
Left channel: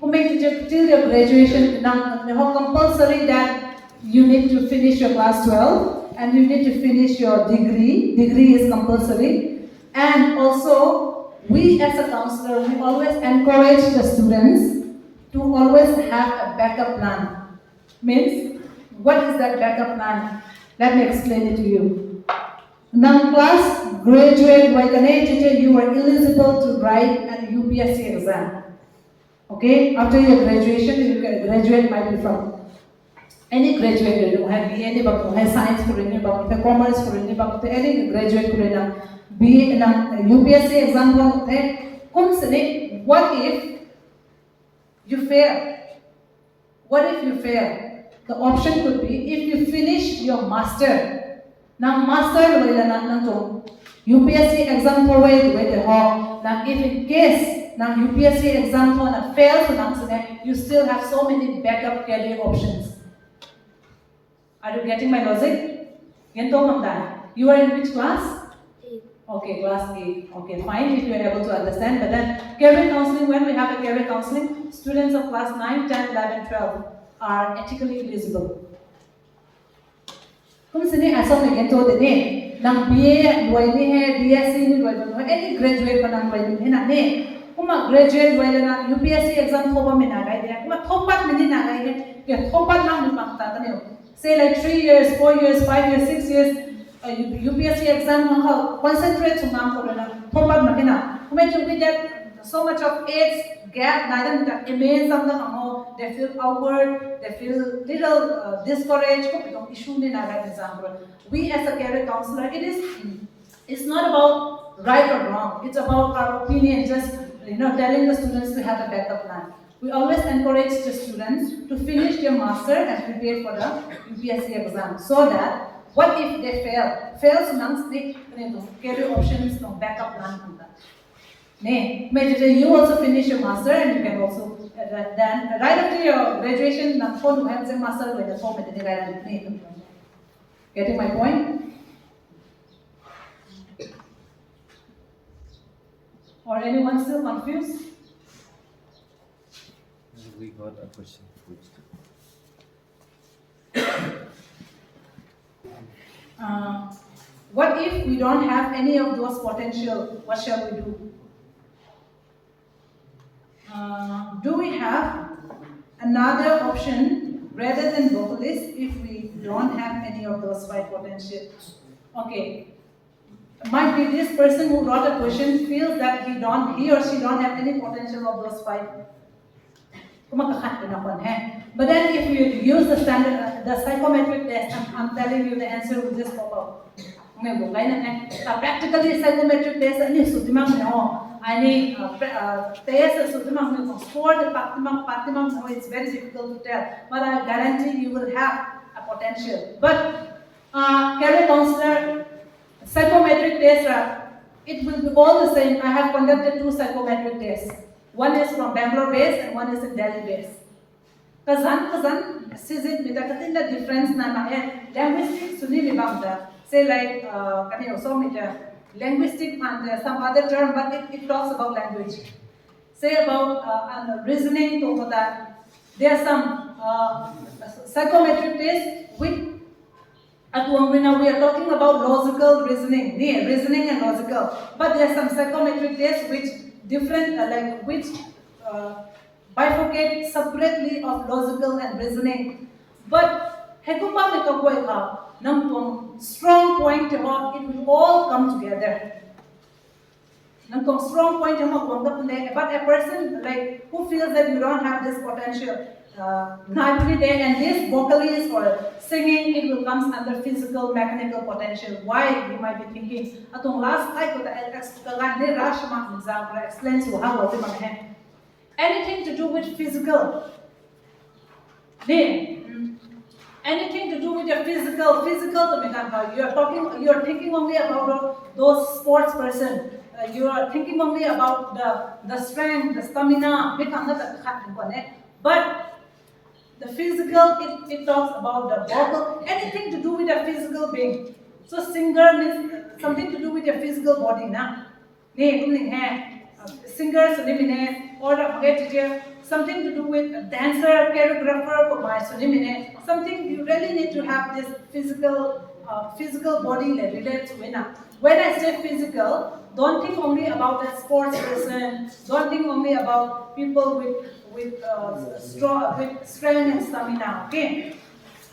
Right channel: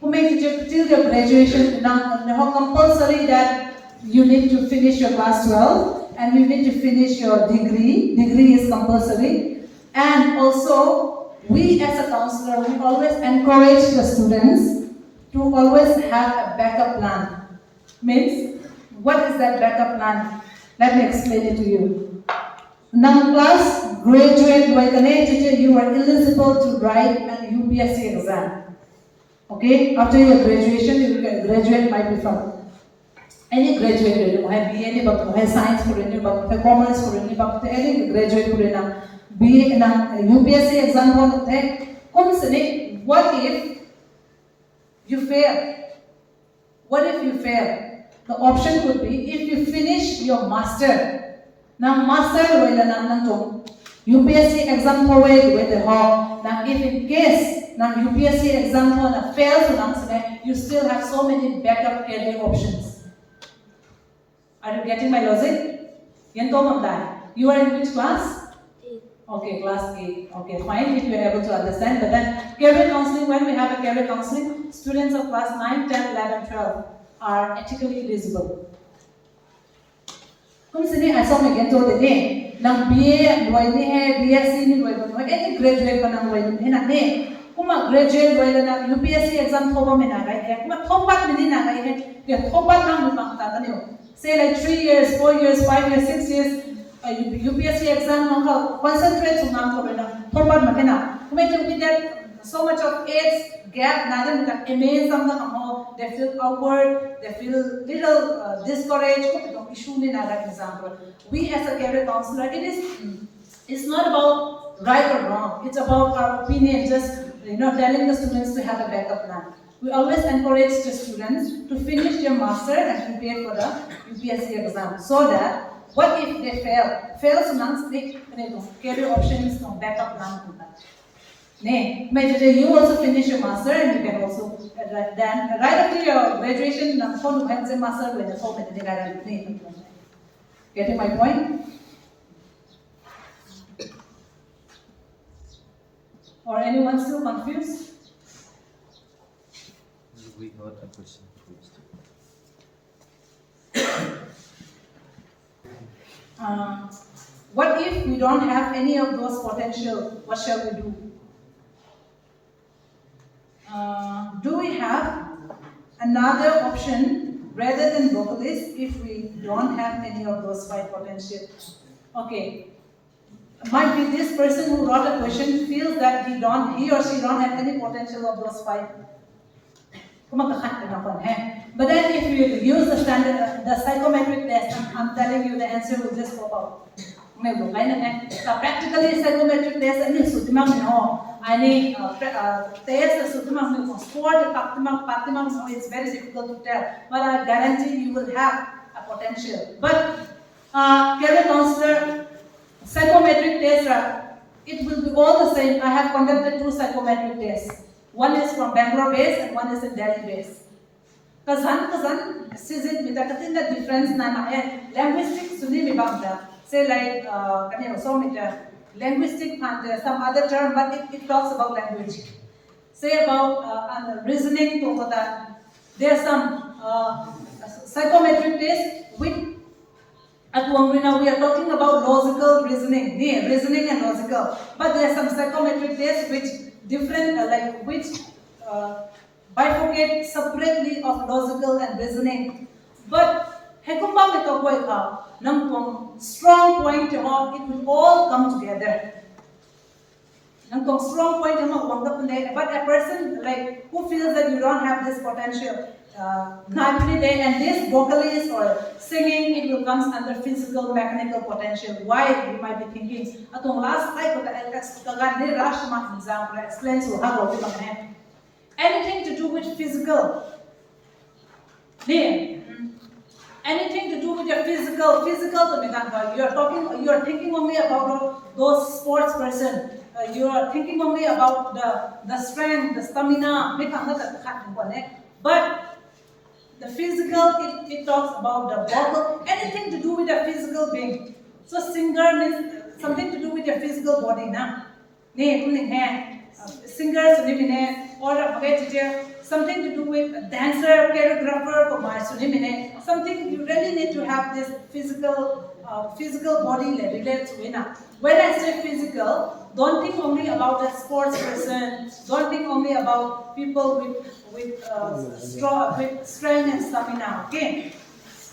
Who made you till your graduation, now compulsory that you need to finish your class 12 and you need to finish your degree. Degree is compulsory. And also, we as a counselor, we always encourage the students to always have a backup plan. Means, what is that backup plan? Let me explain it to you. Now, class graduate, you are eligible to write an UPSC exam. Okay, after your graduation, you can graduate might be from any graduate, you have BA, you have science, you have commerce, you have any graduate, you have UPSC exam. What if you fail? What if you fail? The option could be if you finish your master. Now, master UPSC exam now if in case now UPSC exam fails, you still have so many backup career options. Are you getting my logic? You are in which class? 8. Okay, class 8. Okay, fine if you are able to understand. But then career counseling, when we have a career counseling, students of class 9, 10, 11, 12 are ethically eligible. I saw me get told the name. Now BA, BSc, any graduate graduate UPSC exam say like 3 years, 4 years, 5 years, 6 years, UPSC exam concentrate with that so much of age gap, they feel awkward, they feel little discouraged. We as a career counselor, it's not about right or wrong. It's about our opinion, just telling the students to have a backup plan. We always encourage the students to finish their master and prepare for the UPSC exam, so that what if they fail? Fails amongst the career options, no backup plan. You also finish your master and you can also then right after your graduation, master getting my point? Or anyone still confused? We got a question first. What if we don't have any of those potential? What shall we do? Do we have another option rather than vocalist if we don't have any of those 5 potential? Okay, might be this person who wrote a question feels that he or she don't have any potential of those 5. But then if you use the standard, the psychometric test, I'm telling you the answer will just pop out. Practically psychometric test it's very difficult to tell, but I guarantee you will have a potential. But career counselor psychometric test it will be all the same. I have conducted 2 psychometric tests. One is from Bangalore base and one is in Delhi base. Kazan, sizit with the difference na linguistic suni mi bangda. Say like linguistic and some other term, but it talks about language. Say about reasoning to that. There are some psychometric tests with we are talking about logical reasoning, reasoning and logical. But there are some psychometric tests which different, which bifurcate separately of logical and reasoning. But hekumpa mekakoi ka, nang strong point it will all come together. Nang strong point but a person like who feels that you don't have this potential. And this vocalist or singing, it will come under physical, mechanical potential. Why? You might be thinking, atong last night ko explains to how anything to do with physical. Anything to do with your physical you are thinking only about those sports person. You are thinking only about the strength, the stamina. But the physical, it talks about the vocal, anything to do with a physical being. So singer means something to do with your physical body, na? Singer, or something to do with a dancer, choreographer, something you really need to have this physical body that relates to it. When I say physical, don't think only about that sports person. Don't think only about people with strength and stamina. Okay.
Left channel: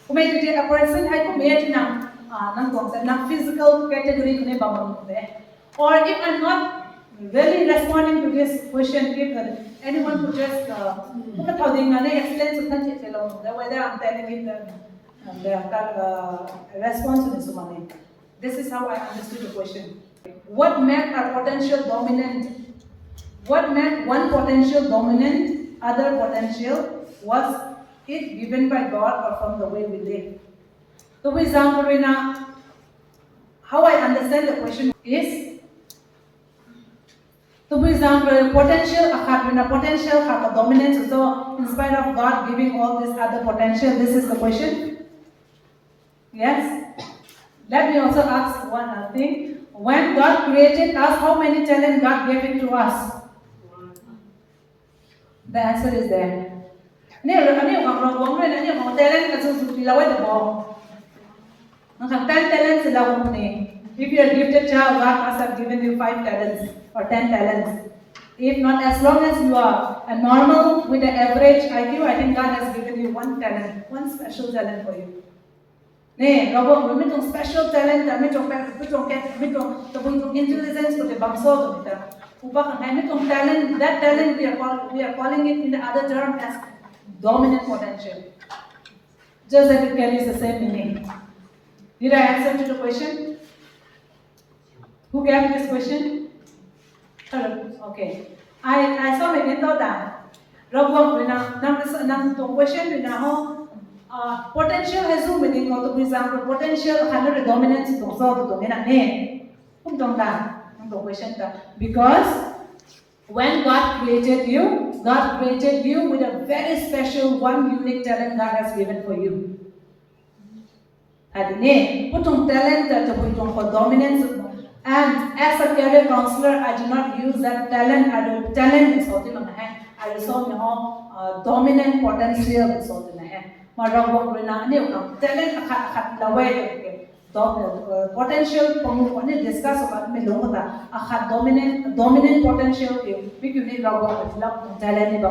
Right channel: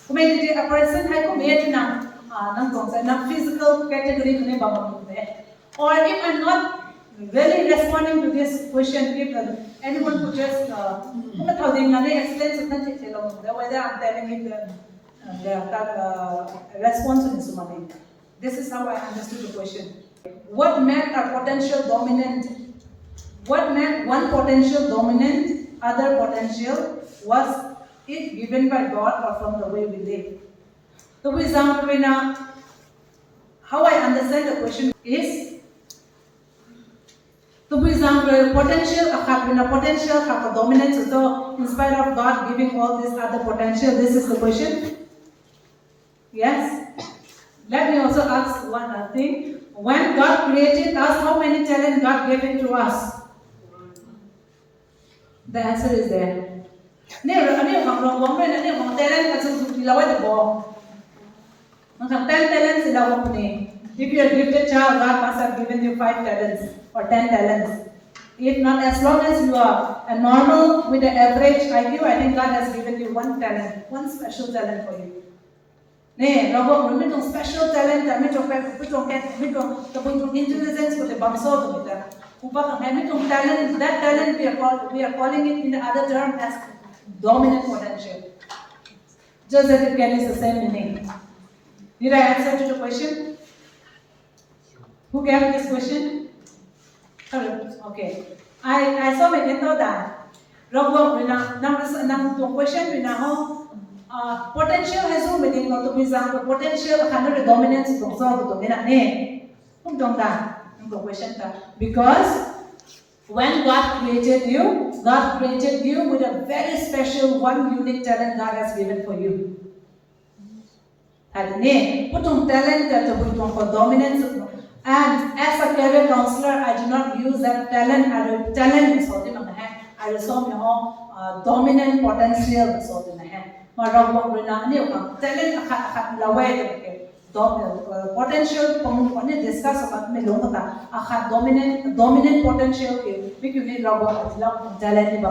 A person has physical category. Or if I'm not really responding to this question, if anyone could just explain whether I'm telling it the response to this one. This is how I understood the question. What meant a potential dominant? What meant one potential dominant, other potential? Was it given by God or from the way we live? So, for example, how I understand the question is, so for example, potential have a dominance. So, in spite of God giving all this other potential, this is the question. Yes. Let me also ask one other thing. When God created us, how many talents God gave it to us? The answer is there. If you are a gifted child, God must have given you 5 talents or 10 talents. If not, as long as you are a normal with an average IQ, I think God has given you 1 talent, 1 special talent for you. Special talent, intelligence talent, that talent we are calling it in the other term as dominant potential. Just that it carries the same meaning. Did I answer to the question? Who gave this question? Okay. I saw my window that. Question potential has no meaning. For example, potential has no dominance to solve because when God created you with a very special, one unique talent God has given for you. Talent for dominance. And as a career counselor, I do not use that talent. Talent is holding on the hand. I resolve dominant potential in the hand. Talent potential discuss about dominant potential talent.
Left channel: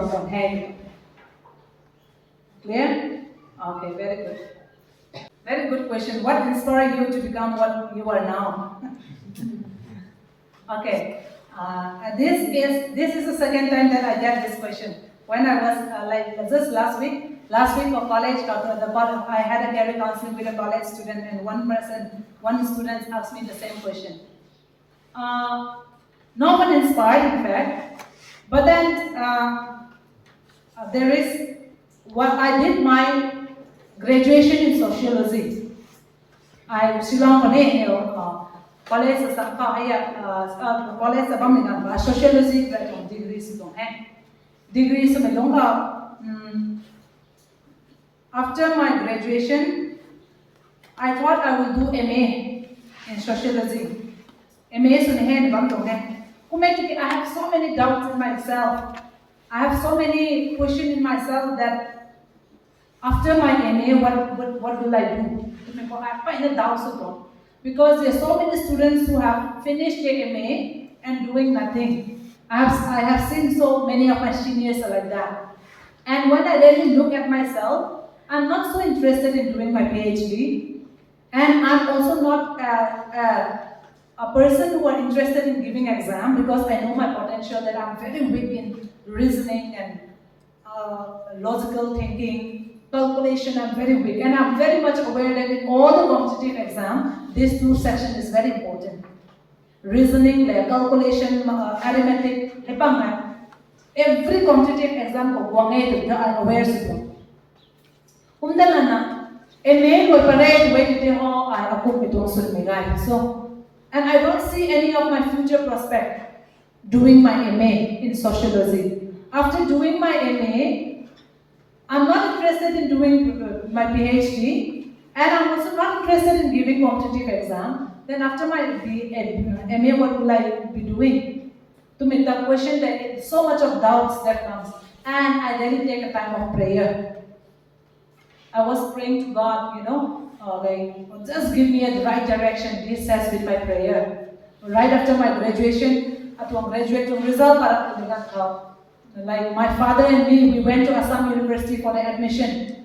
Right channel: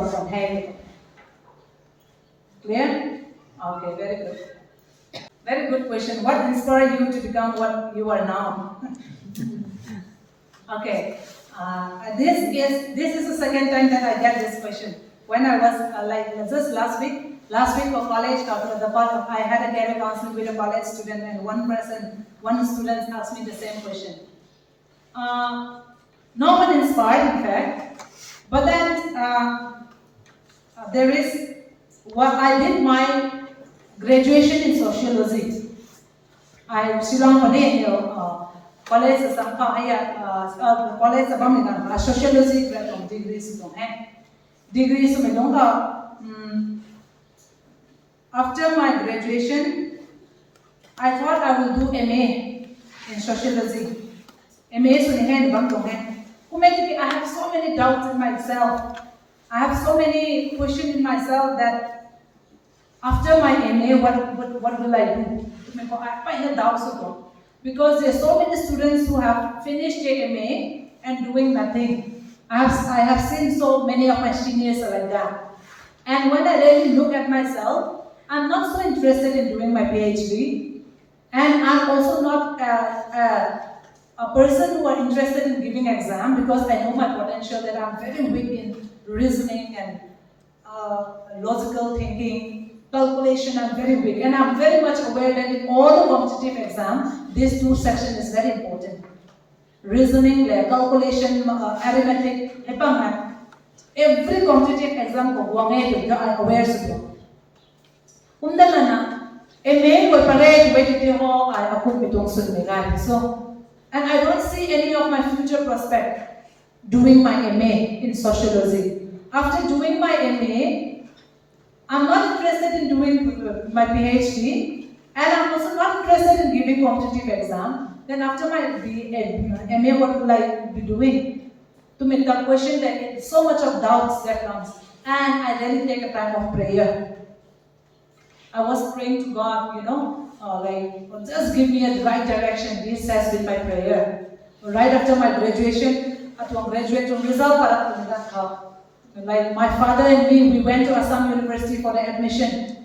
Clear? Okay, very good. Very good question. What inspired you to become what you are now? Okay. This is the second time that I get this question. When I was just last week of college, I had a career counseling with a college student, and one student asked me the same question. No one inspired, in fact, but then there is what I did my graduation in sociology. I Shillong college sa ka aya college sa bam na sociology graduate degree sa degree sa melonga after my graduation I thought I will do MA in sociology MA so ne bam to I have so many doubts in myself I have so many questions in myself that after my MA, what will I do? I find the doubts again. Because there are so many students who have finished their MA and doing nothing. I have seen so many of my seniors are like that. And when I really look at myself, I'm not so interested in doing my PhD. And I'm also not a person who are interested in giving exam because I know my potential that I'm very weak in reasoning and logical thinking, calculation, I'm very weak. And I'm very much aware that in all the competitive exams, this two section is very important. Reasoning, calculation, arithmetic, every competitive exam I'm aware of it. So, and I don't see any of my future prospect doing my MA in sociology. After doing my MA, I'm not interested in doing my PhD, and I'm also not interested in giving competitive exam. Then after my MA, what will I be doing? To make the question that so much of doubts that comes, and I really take a time of prayer. I was praying to God, just give me the right direction. This has been my prayer. Right after my graduation, at one graduate result, like my father and me, we went to Assam University for the admission.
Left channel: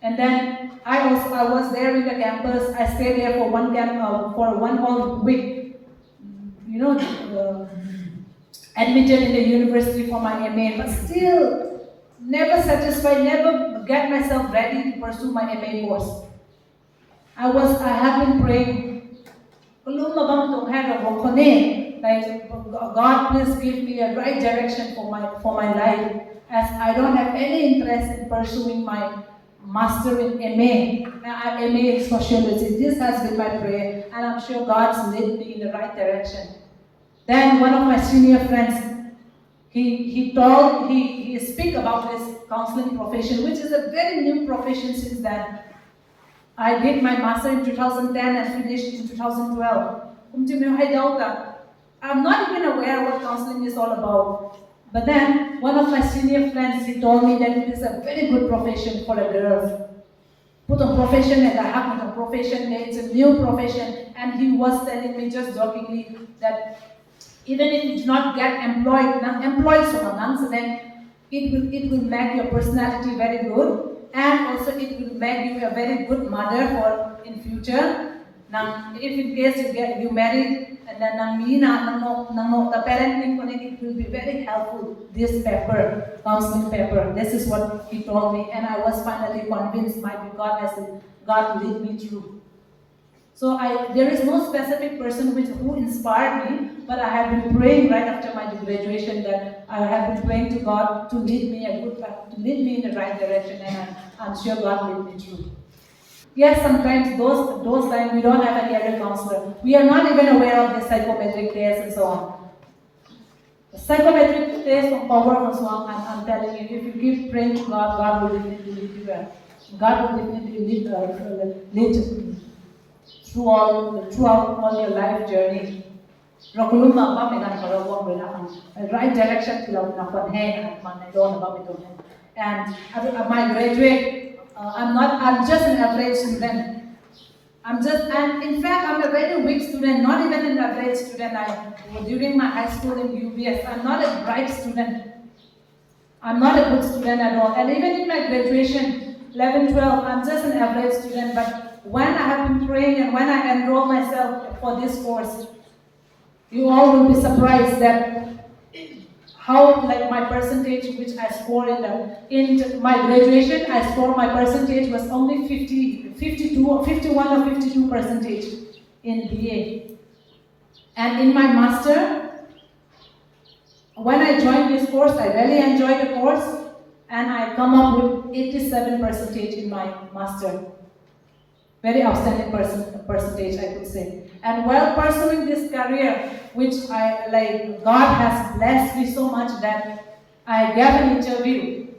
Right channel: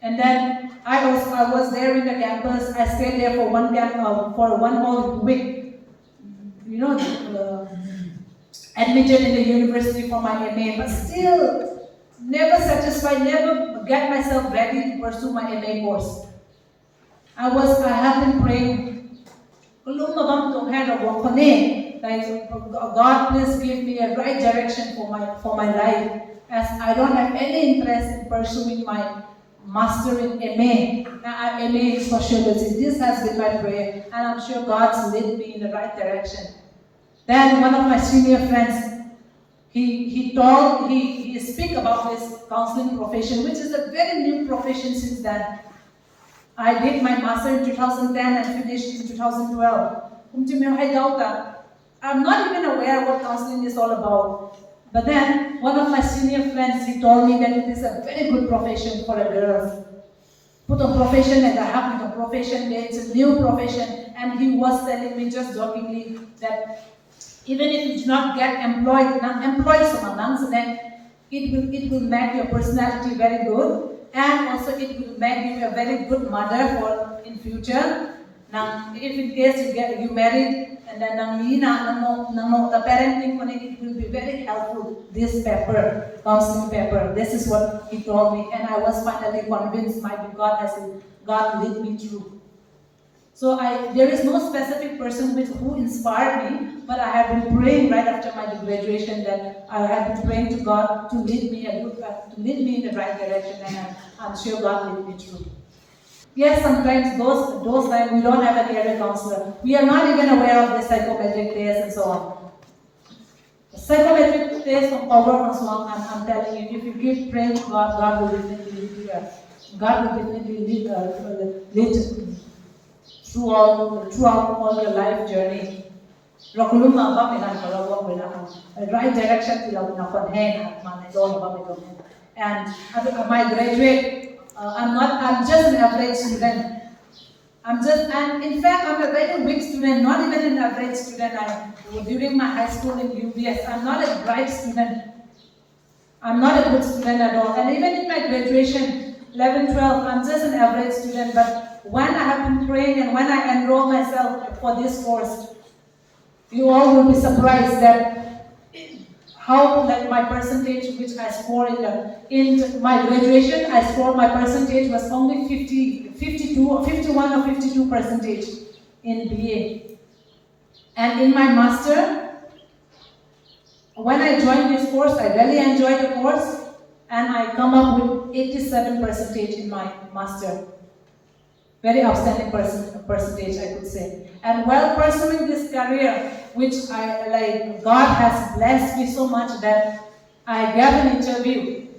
And then I was there in the campus. I stayed there for for one whole week. Admitted in the university for my MA, but still never satisfied, never get myself ready to pursue my MA course. I have been praying, like, God, please give me a right direction for my life, as I don't have any interest in pursuing my master in MA in sociology. This has been my prayer, and I'm sure God's led me in the right direction. Then one of my senior friends, he speak about this counseling profession, which is a very new profession since then. I did my master in 2010 and finished in 2012. I'm not even aware what counseling is all about. But then one of my senior friends, he told me that it is a very good profession for a girl. Put a profession and I have a profession, it's a new profession, and he was telling me just jokingly that even if you do not get employed so then it will make your personality very good, and also it will make you a very good mother for in future. Now, if in case you married and then the parenting it will be very helpful. This paper, counseling paper, this is what he told me, and I was finally convinced God lead me through. So there is no specific person who inspired me, but I have been praying right after my graduation that I have been praying to God to lead me to lead me in the right direction, and I'm sure God lead me through. Yes, sometimes those times we don't have a career counselor. We are not even aware of the psychometric tests and so on. The psychometric test of power and so on, I'm telling you, if you keep praying to God, God will definitely lead you well. God will definitely lead throughout all your life journey. Right direction and my graduate, I'm just an average student. And in fact, I'm a very weak student, not even an average student. During my high school in UBS, I'm not a bright student. I'm not a good student at all. And even in my graduation, 11, 12, I'm just an average student. But when I have been praying and when I enroll myself for this course, you all will be surprised that how my percentage which I scored in my graduation, I scored my percentage was only 52 or 51 or 52 percentage in BA. And in my master, when I joined this course, I really enjoyed the course, and I come up with 87 percentage in my master. very outstanding percentage, I could say. And while pursuing this career, which I like, God has blessed me so much that I gave an interview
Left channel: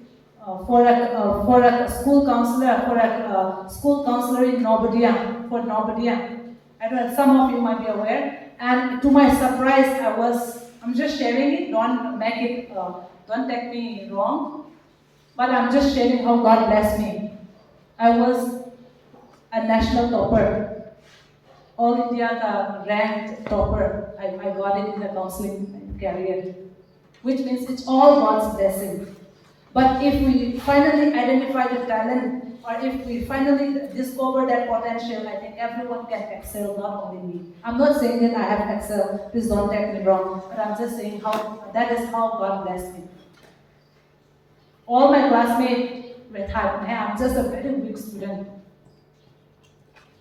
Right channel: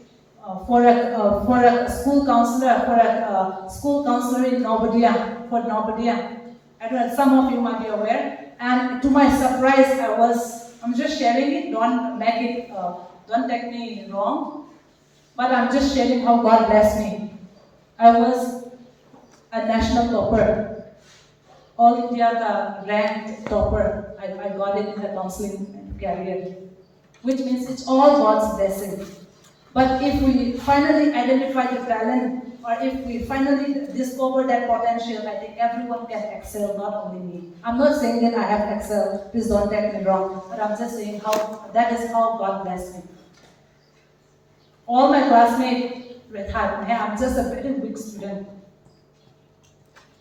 for a school counselor in Novodia, for Novodia. I don't know, some of you might be aware. And to my surprise, I'm just sharing it. Don't take me wrong. But I'm just sharing how God blessed me. I was a national topper, all India ranked topper. I got it in the counseling career, which means it's all God's blessing. But if we finally identify the talent, or if we finally discover that potential, I think everyone can excel, not only me. I'm not saying that I have excelled, please don't take me wrong, but I'm just saying that is how God blessed me. All my classmates were type, I'm just a very weak student.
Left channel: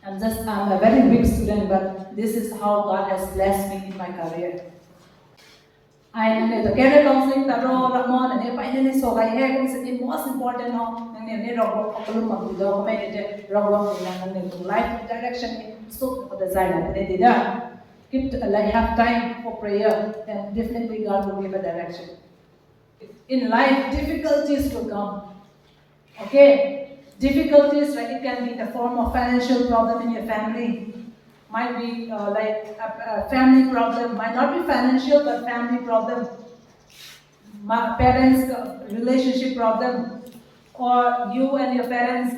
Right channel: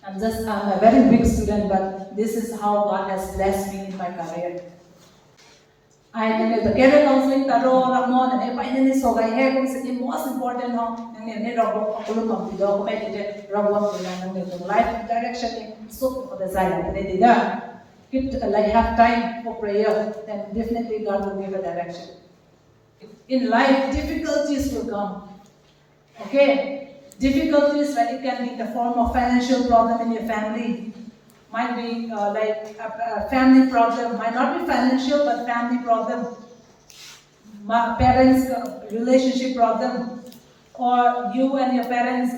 I'm a very weak student, but this is how God has blessed me in my career. I know the career counseling taro ramon and if I didn't so I have is the most important now and then robo of the documented robo and life direction so for the design and they did keep like have time for prayer, then definitely God will give a direction. In life, difficulties will come. Okay? Difficulties, like it can be in the form of financial problem in your family. Might be like a family problem, might not be financial, but family problem. Parents' relationship problem, or you and your parents,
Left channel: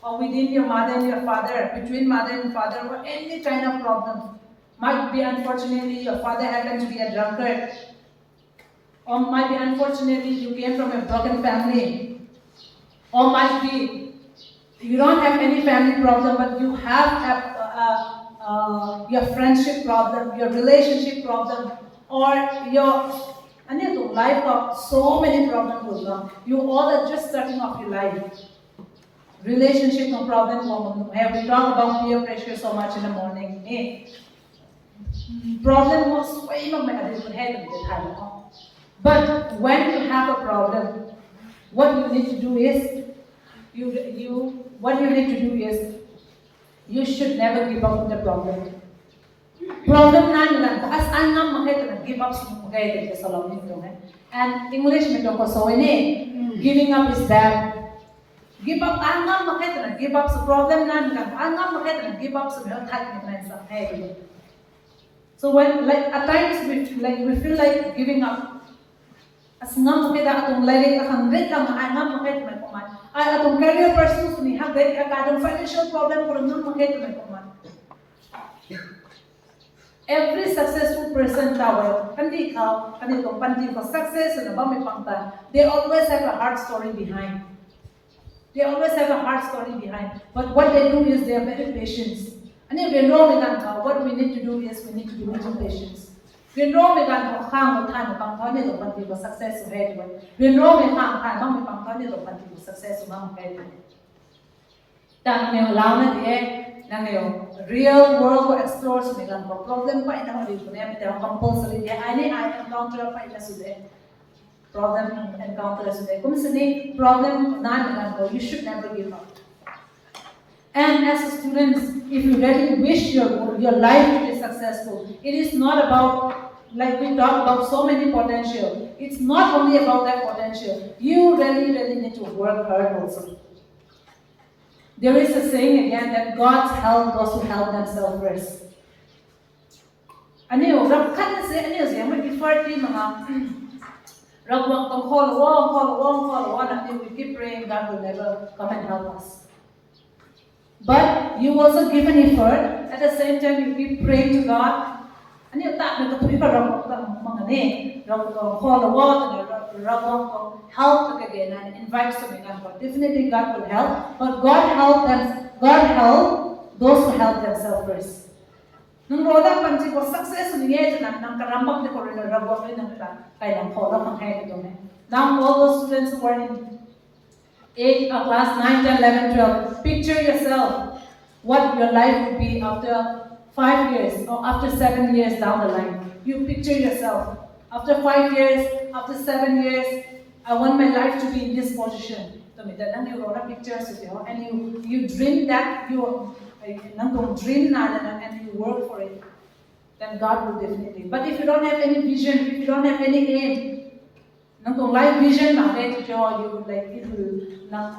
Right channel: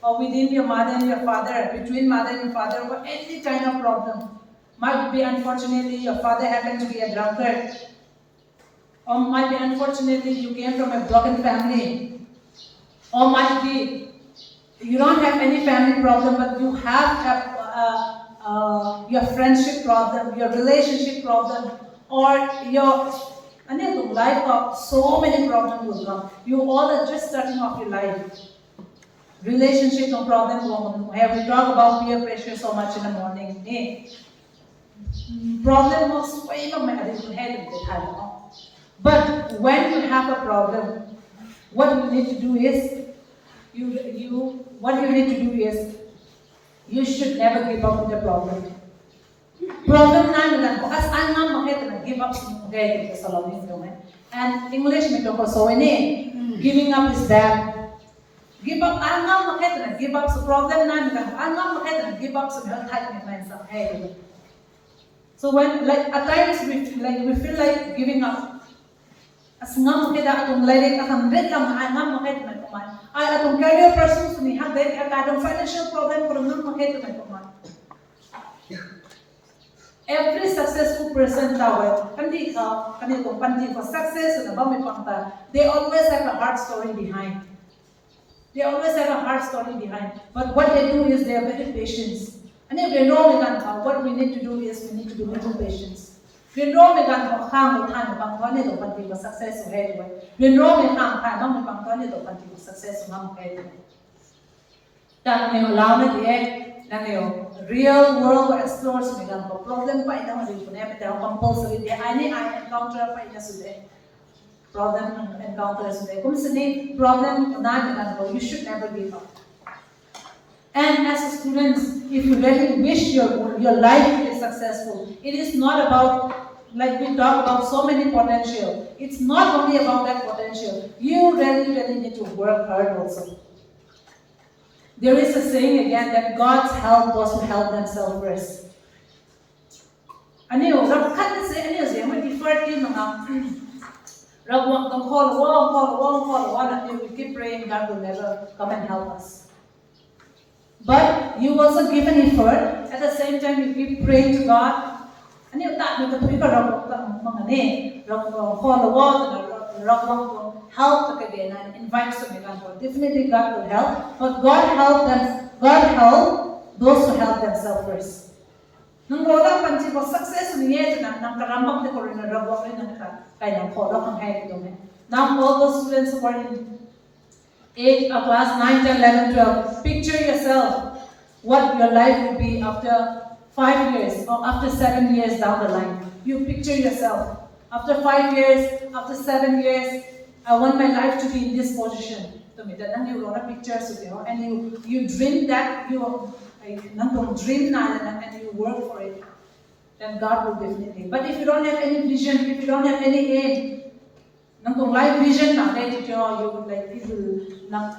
or within your mother and your father, between mother and father, or any kind of problem. Might be unfortunately your father happened to be a drunkard, or might be unfortunately you came from a broken family, or might be you don't have any family problem, but you have your friendship problem, your relationship problem, or your life of so many problems will come. You all are just starting off your life. Relationship no problem. We talk about peer pressure so much in the morning. Problem was way of my head. But when you have a problem, what you need to do is you should never give up on the problem. Problem na as angam makita give up sumugay sa salamin dong. And English may to so giving up is bad. Give up angam makita give up sa problem na angam makita give up sa health type sa head. So when like at times we feel like giving up. As ngam kita atong laying akang rekam ngam makita may kuman. Ay atong career pursuits ni habet atong financial problem pero ngam makita may kuman. Every successful person tawag kanitong panti for success na ba may pangta, they always have a hard story behind. They always have a hard story behind. But what they do is they are very patient. And if we know what we need to do is we need to be little patience. We know we can hang with time pang tone do panti for success head. We know we hang time pang tone do panti for success mam head. Dan ne lao na die na ne real world explores me gan problem pa ina mari ko ne pero compulsory dia I encounter pa ina sude problem encounter sude kum sini problem na gan ko you should never give up. And as a student, if you really wish your life to be successful, it is not about, like we talk about so many potential. It's not only about that potential. You really, really need to work hard also. There is a saying again that God's help those who help themselves first. Aniyo, rakan na siya, siya, may effort din mga ragwang tong call, until we keep praying God will never come and help us. But you also give an effort, at the same time you keep praying to God. And you thought you could help again and invite something God. Definitely God will help, but God help those who help themselves first. Nung roda panci ko success niya nang karambak de ko rin rabo ay nang kaya nang kodo kang head ito ne. Now all those students who are in class 9, 10, 11, 12, picture yourself what your life will be after 5 years or after 7 years down the line. You picture yourself. After 5 years, after 7 years, I want my life to be in this position. And you wrote a picture, and you dream that like dream and you work for it, then God will definitely. But if you don't have any vision, if you don't have any aim, life vision now, you would like it will not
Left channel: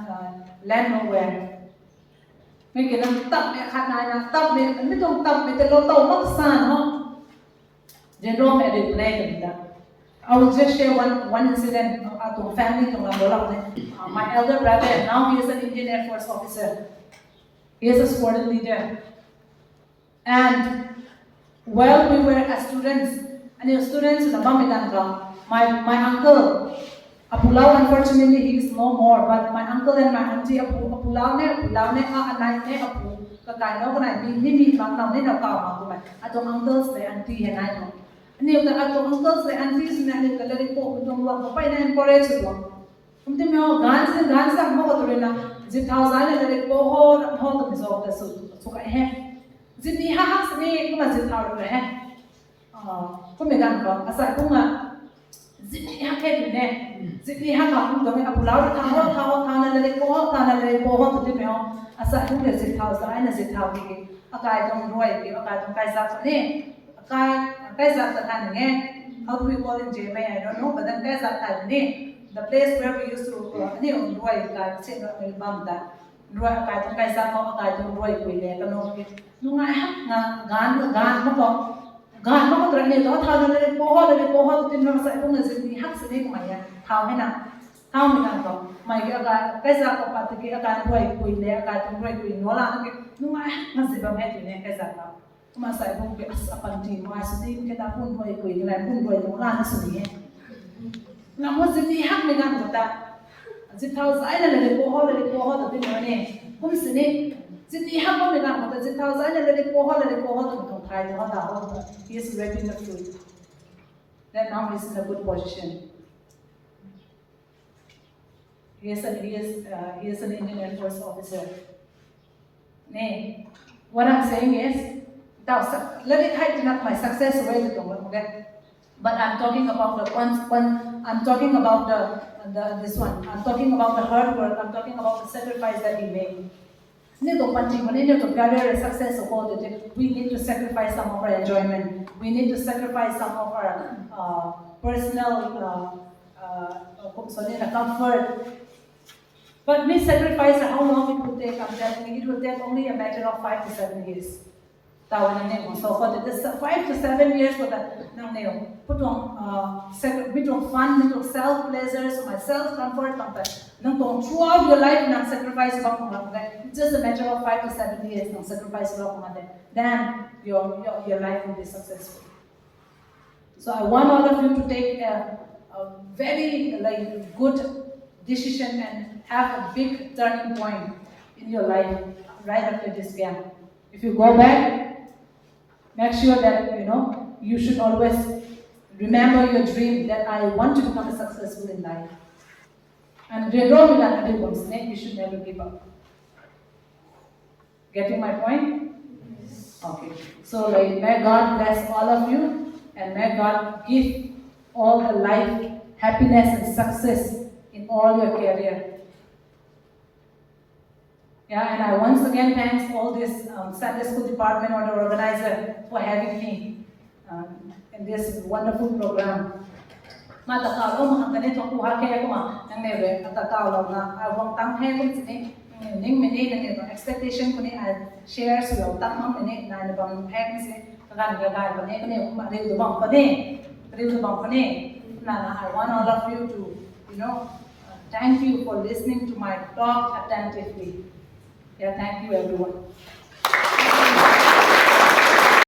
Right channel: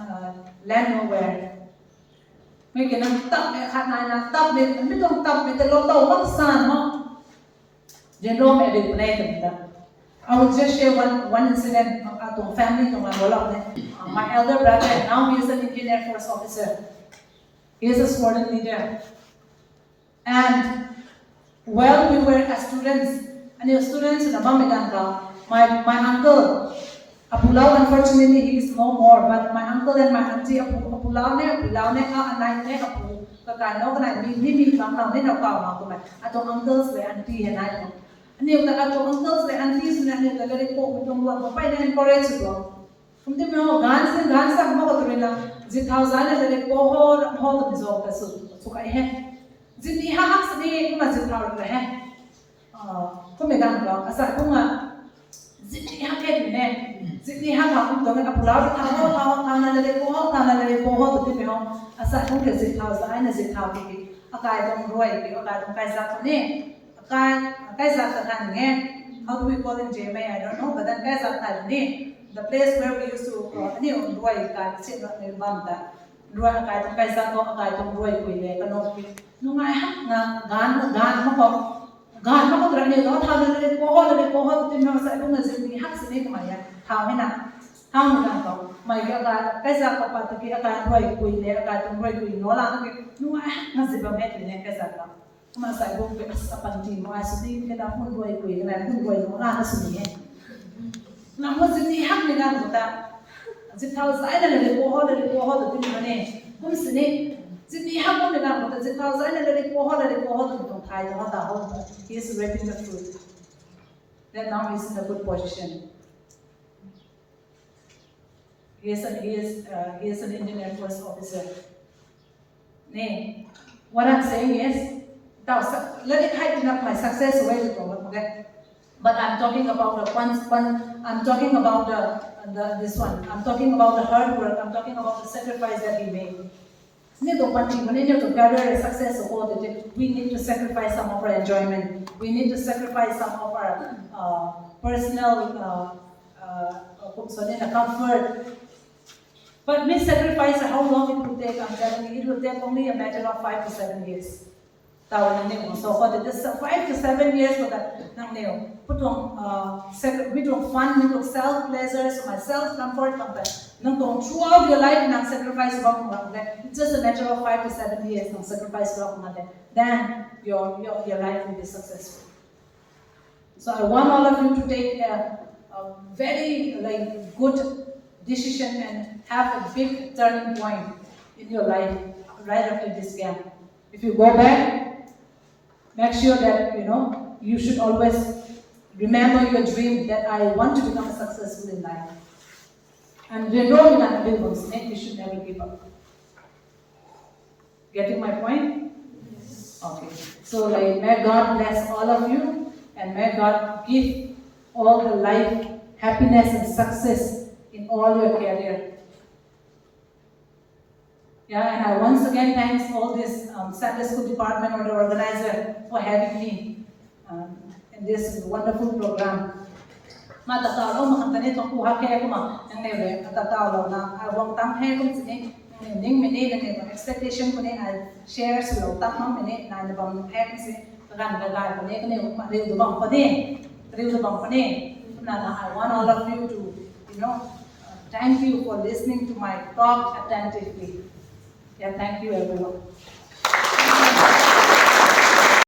land nowhere. Mấy cái năng tập mẹ khát này là tập mẹ mấy đồng tập mẹ cái lô tô mất sàn không? Then wrong at it I will just share one incident at the family my elder brother, and now he is an Indian Air Force officer. He is a squadron leader. And while we were as students, and the students my uncle, Apulao, unfortunately he is no more, but my uncle and my auntie Apulao ne anai ne Apu, kakai no kanai mi kang nang ne no ka ma ko mai. Atong uncles le auntie and I. Ani the atong uncles le aunties na ni ka le ko tong wa ko pai na encourage lo. Kumti me ho gan sa mo ko na zit thousand le ko ho to zo ka su kai he. Zit ni ha hak ni ma zit thau le he. Ko me gan ba asa ko nga zit ni ha ke ne. Zit ni ha ka ko to me Apulao thang na le ko ho to me ho asa ko ke zit thousand na zit thau ki akai tong roi ki akai tong kai sa ne. How do we call in Kamei? I don't know, but then the place where we used to Masai bong ke asapanti mo asudin ke ta pun boy ko inglan pun boy no la asudi he na mo zini hak ni gan kota zithau sai na le ko ho to tin ne kun sini zini hak mo ni gan kota zithau sai na le ko ho to tong thai to da ho he is reaping the fruit that now he is in a good position. He is an Indian Air Force officer. What I'm saying is, let it hide my success away to okay? But I'm talking about I'm talking about this one. I'm talking about the hard work. I'm talking about the sacrifice that he made. To career success, we need to sacrifice some of our enjoyment. We need to sacrifice some of our personal comfort. But we sacrifice how long it will take. I'm telling you, it will take only a matter of 5 to 7 years. So for this 5 to 7 years for that, we don't fund, we don't self pleasures, my self comfort, throughout your life, not sacrifice. It's just a matter of 5 to 7 years, not sacrifice. Then your life will be successful. So I want all of you to take a very good decision and have a big turning point in your life right after this camp. If you go back, make sure that you should always remember your dream that I want to become successful in life. And you should never give up. Getting my point? Yes. Okay. So may God bless all of you, and may God give all the life, happiness and success in all your career. Yeah, and I once again thanks all this Sunday school department or the organizer for having me in this wonderful program. Expectation ko ni shares lo tak mam ni na na bang hack si kan ga ga ko ni ko ni riu do bang ko ni na I want all of you to thank you for listening to my talk attentively. Yeah, thank you everyone.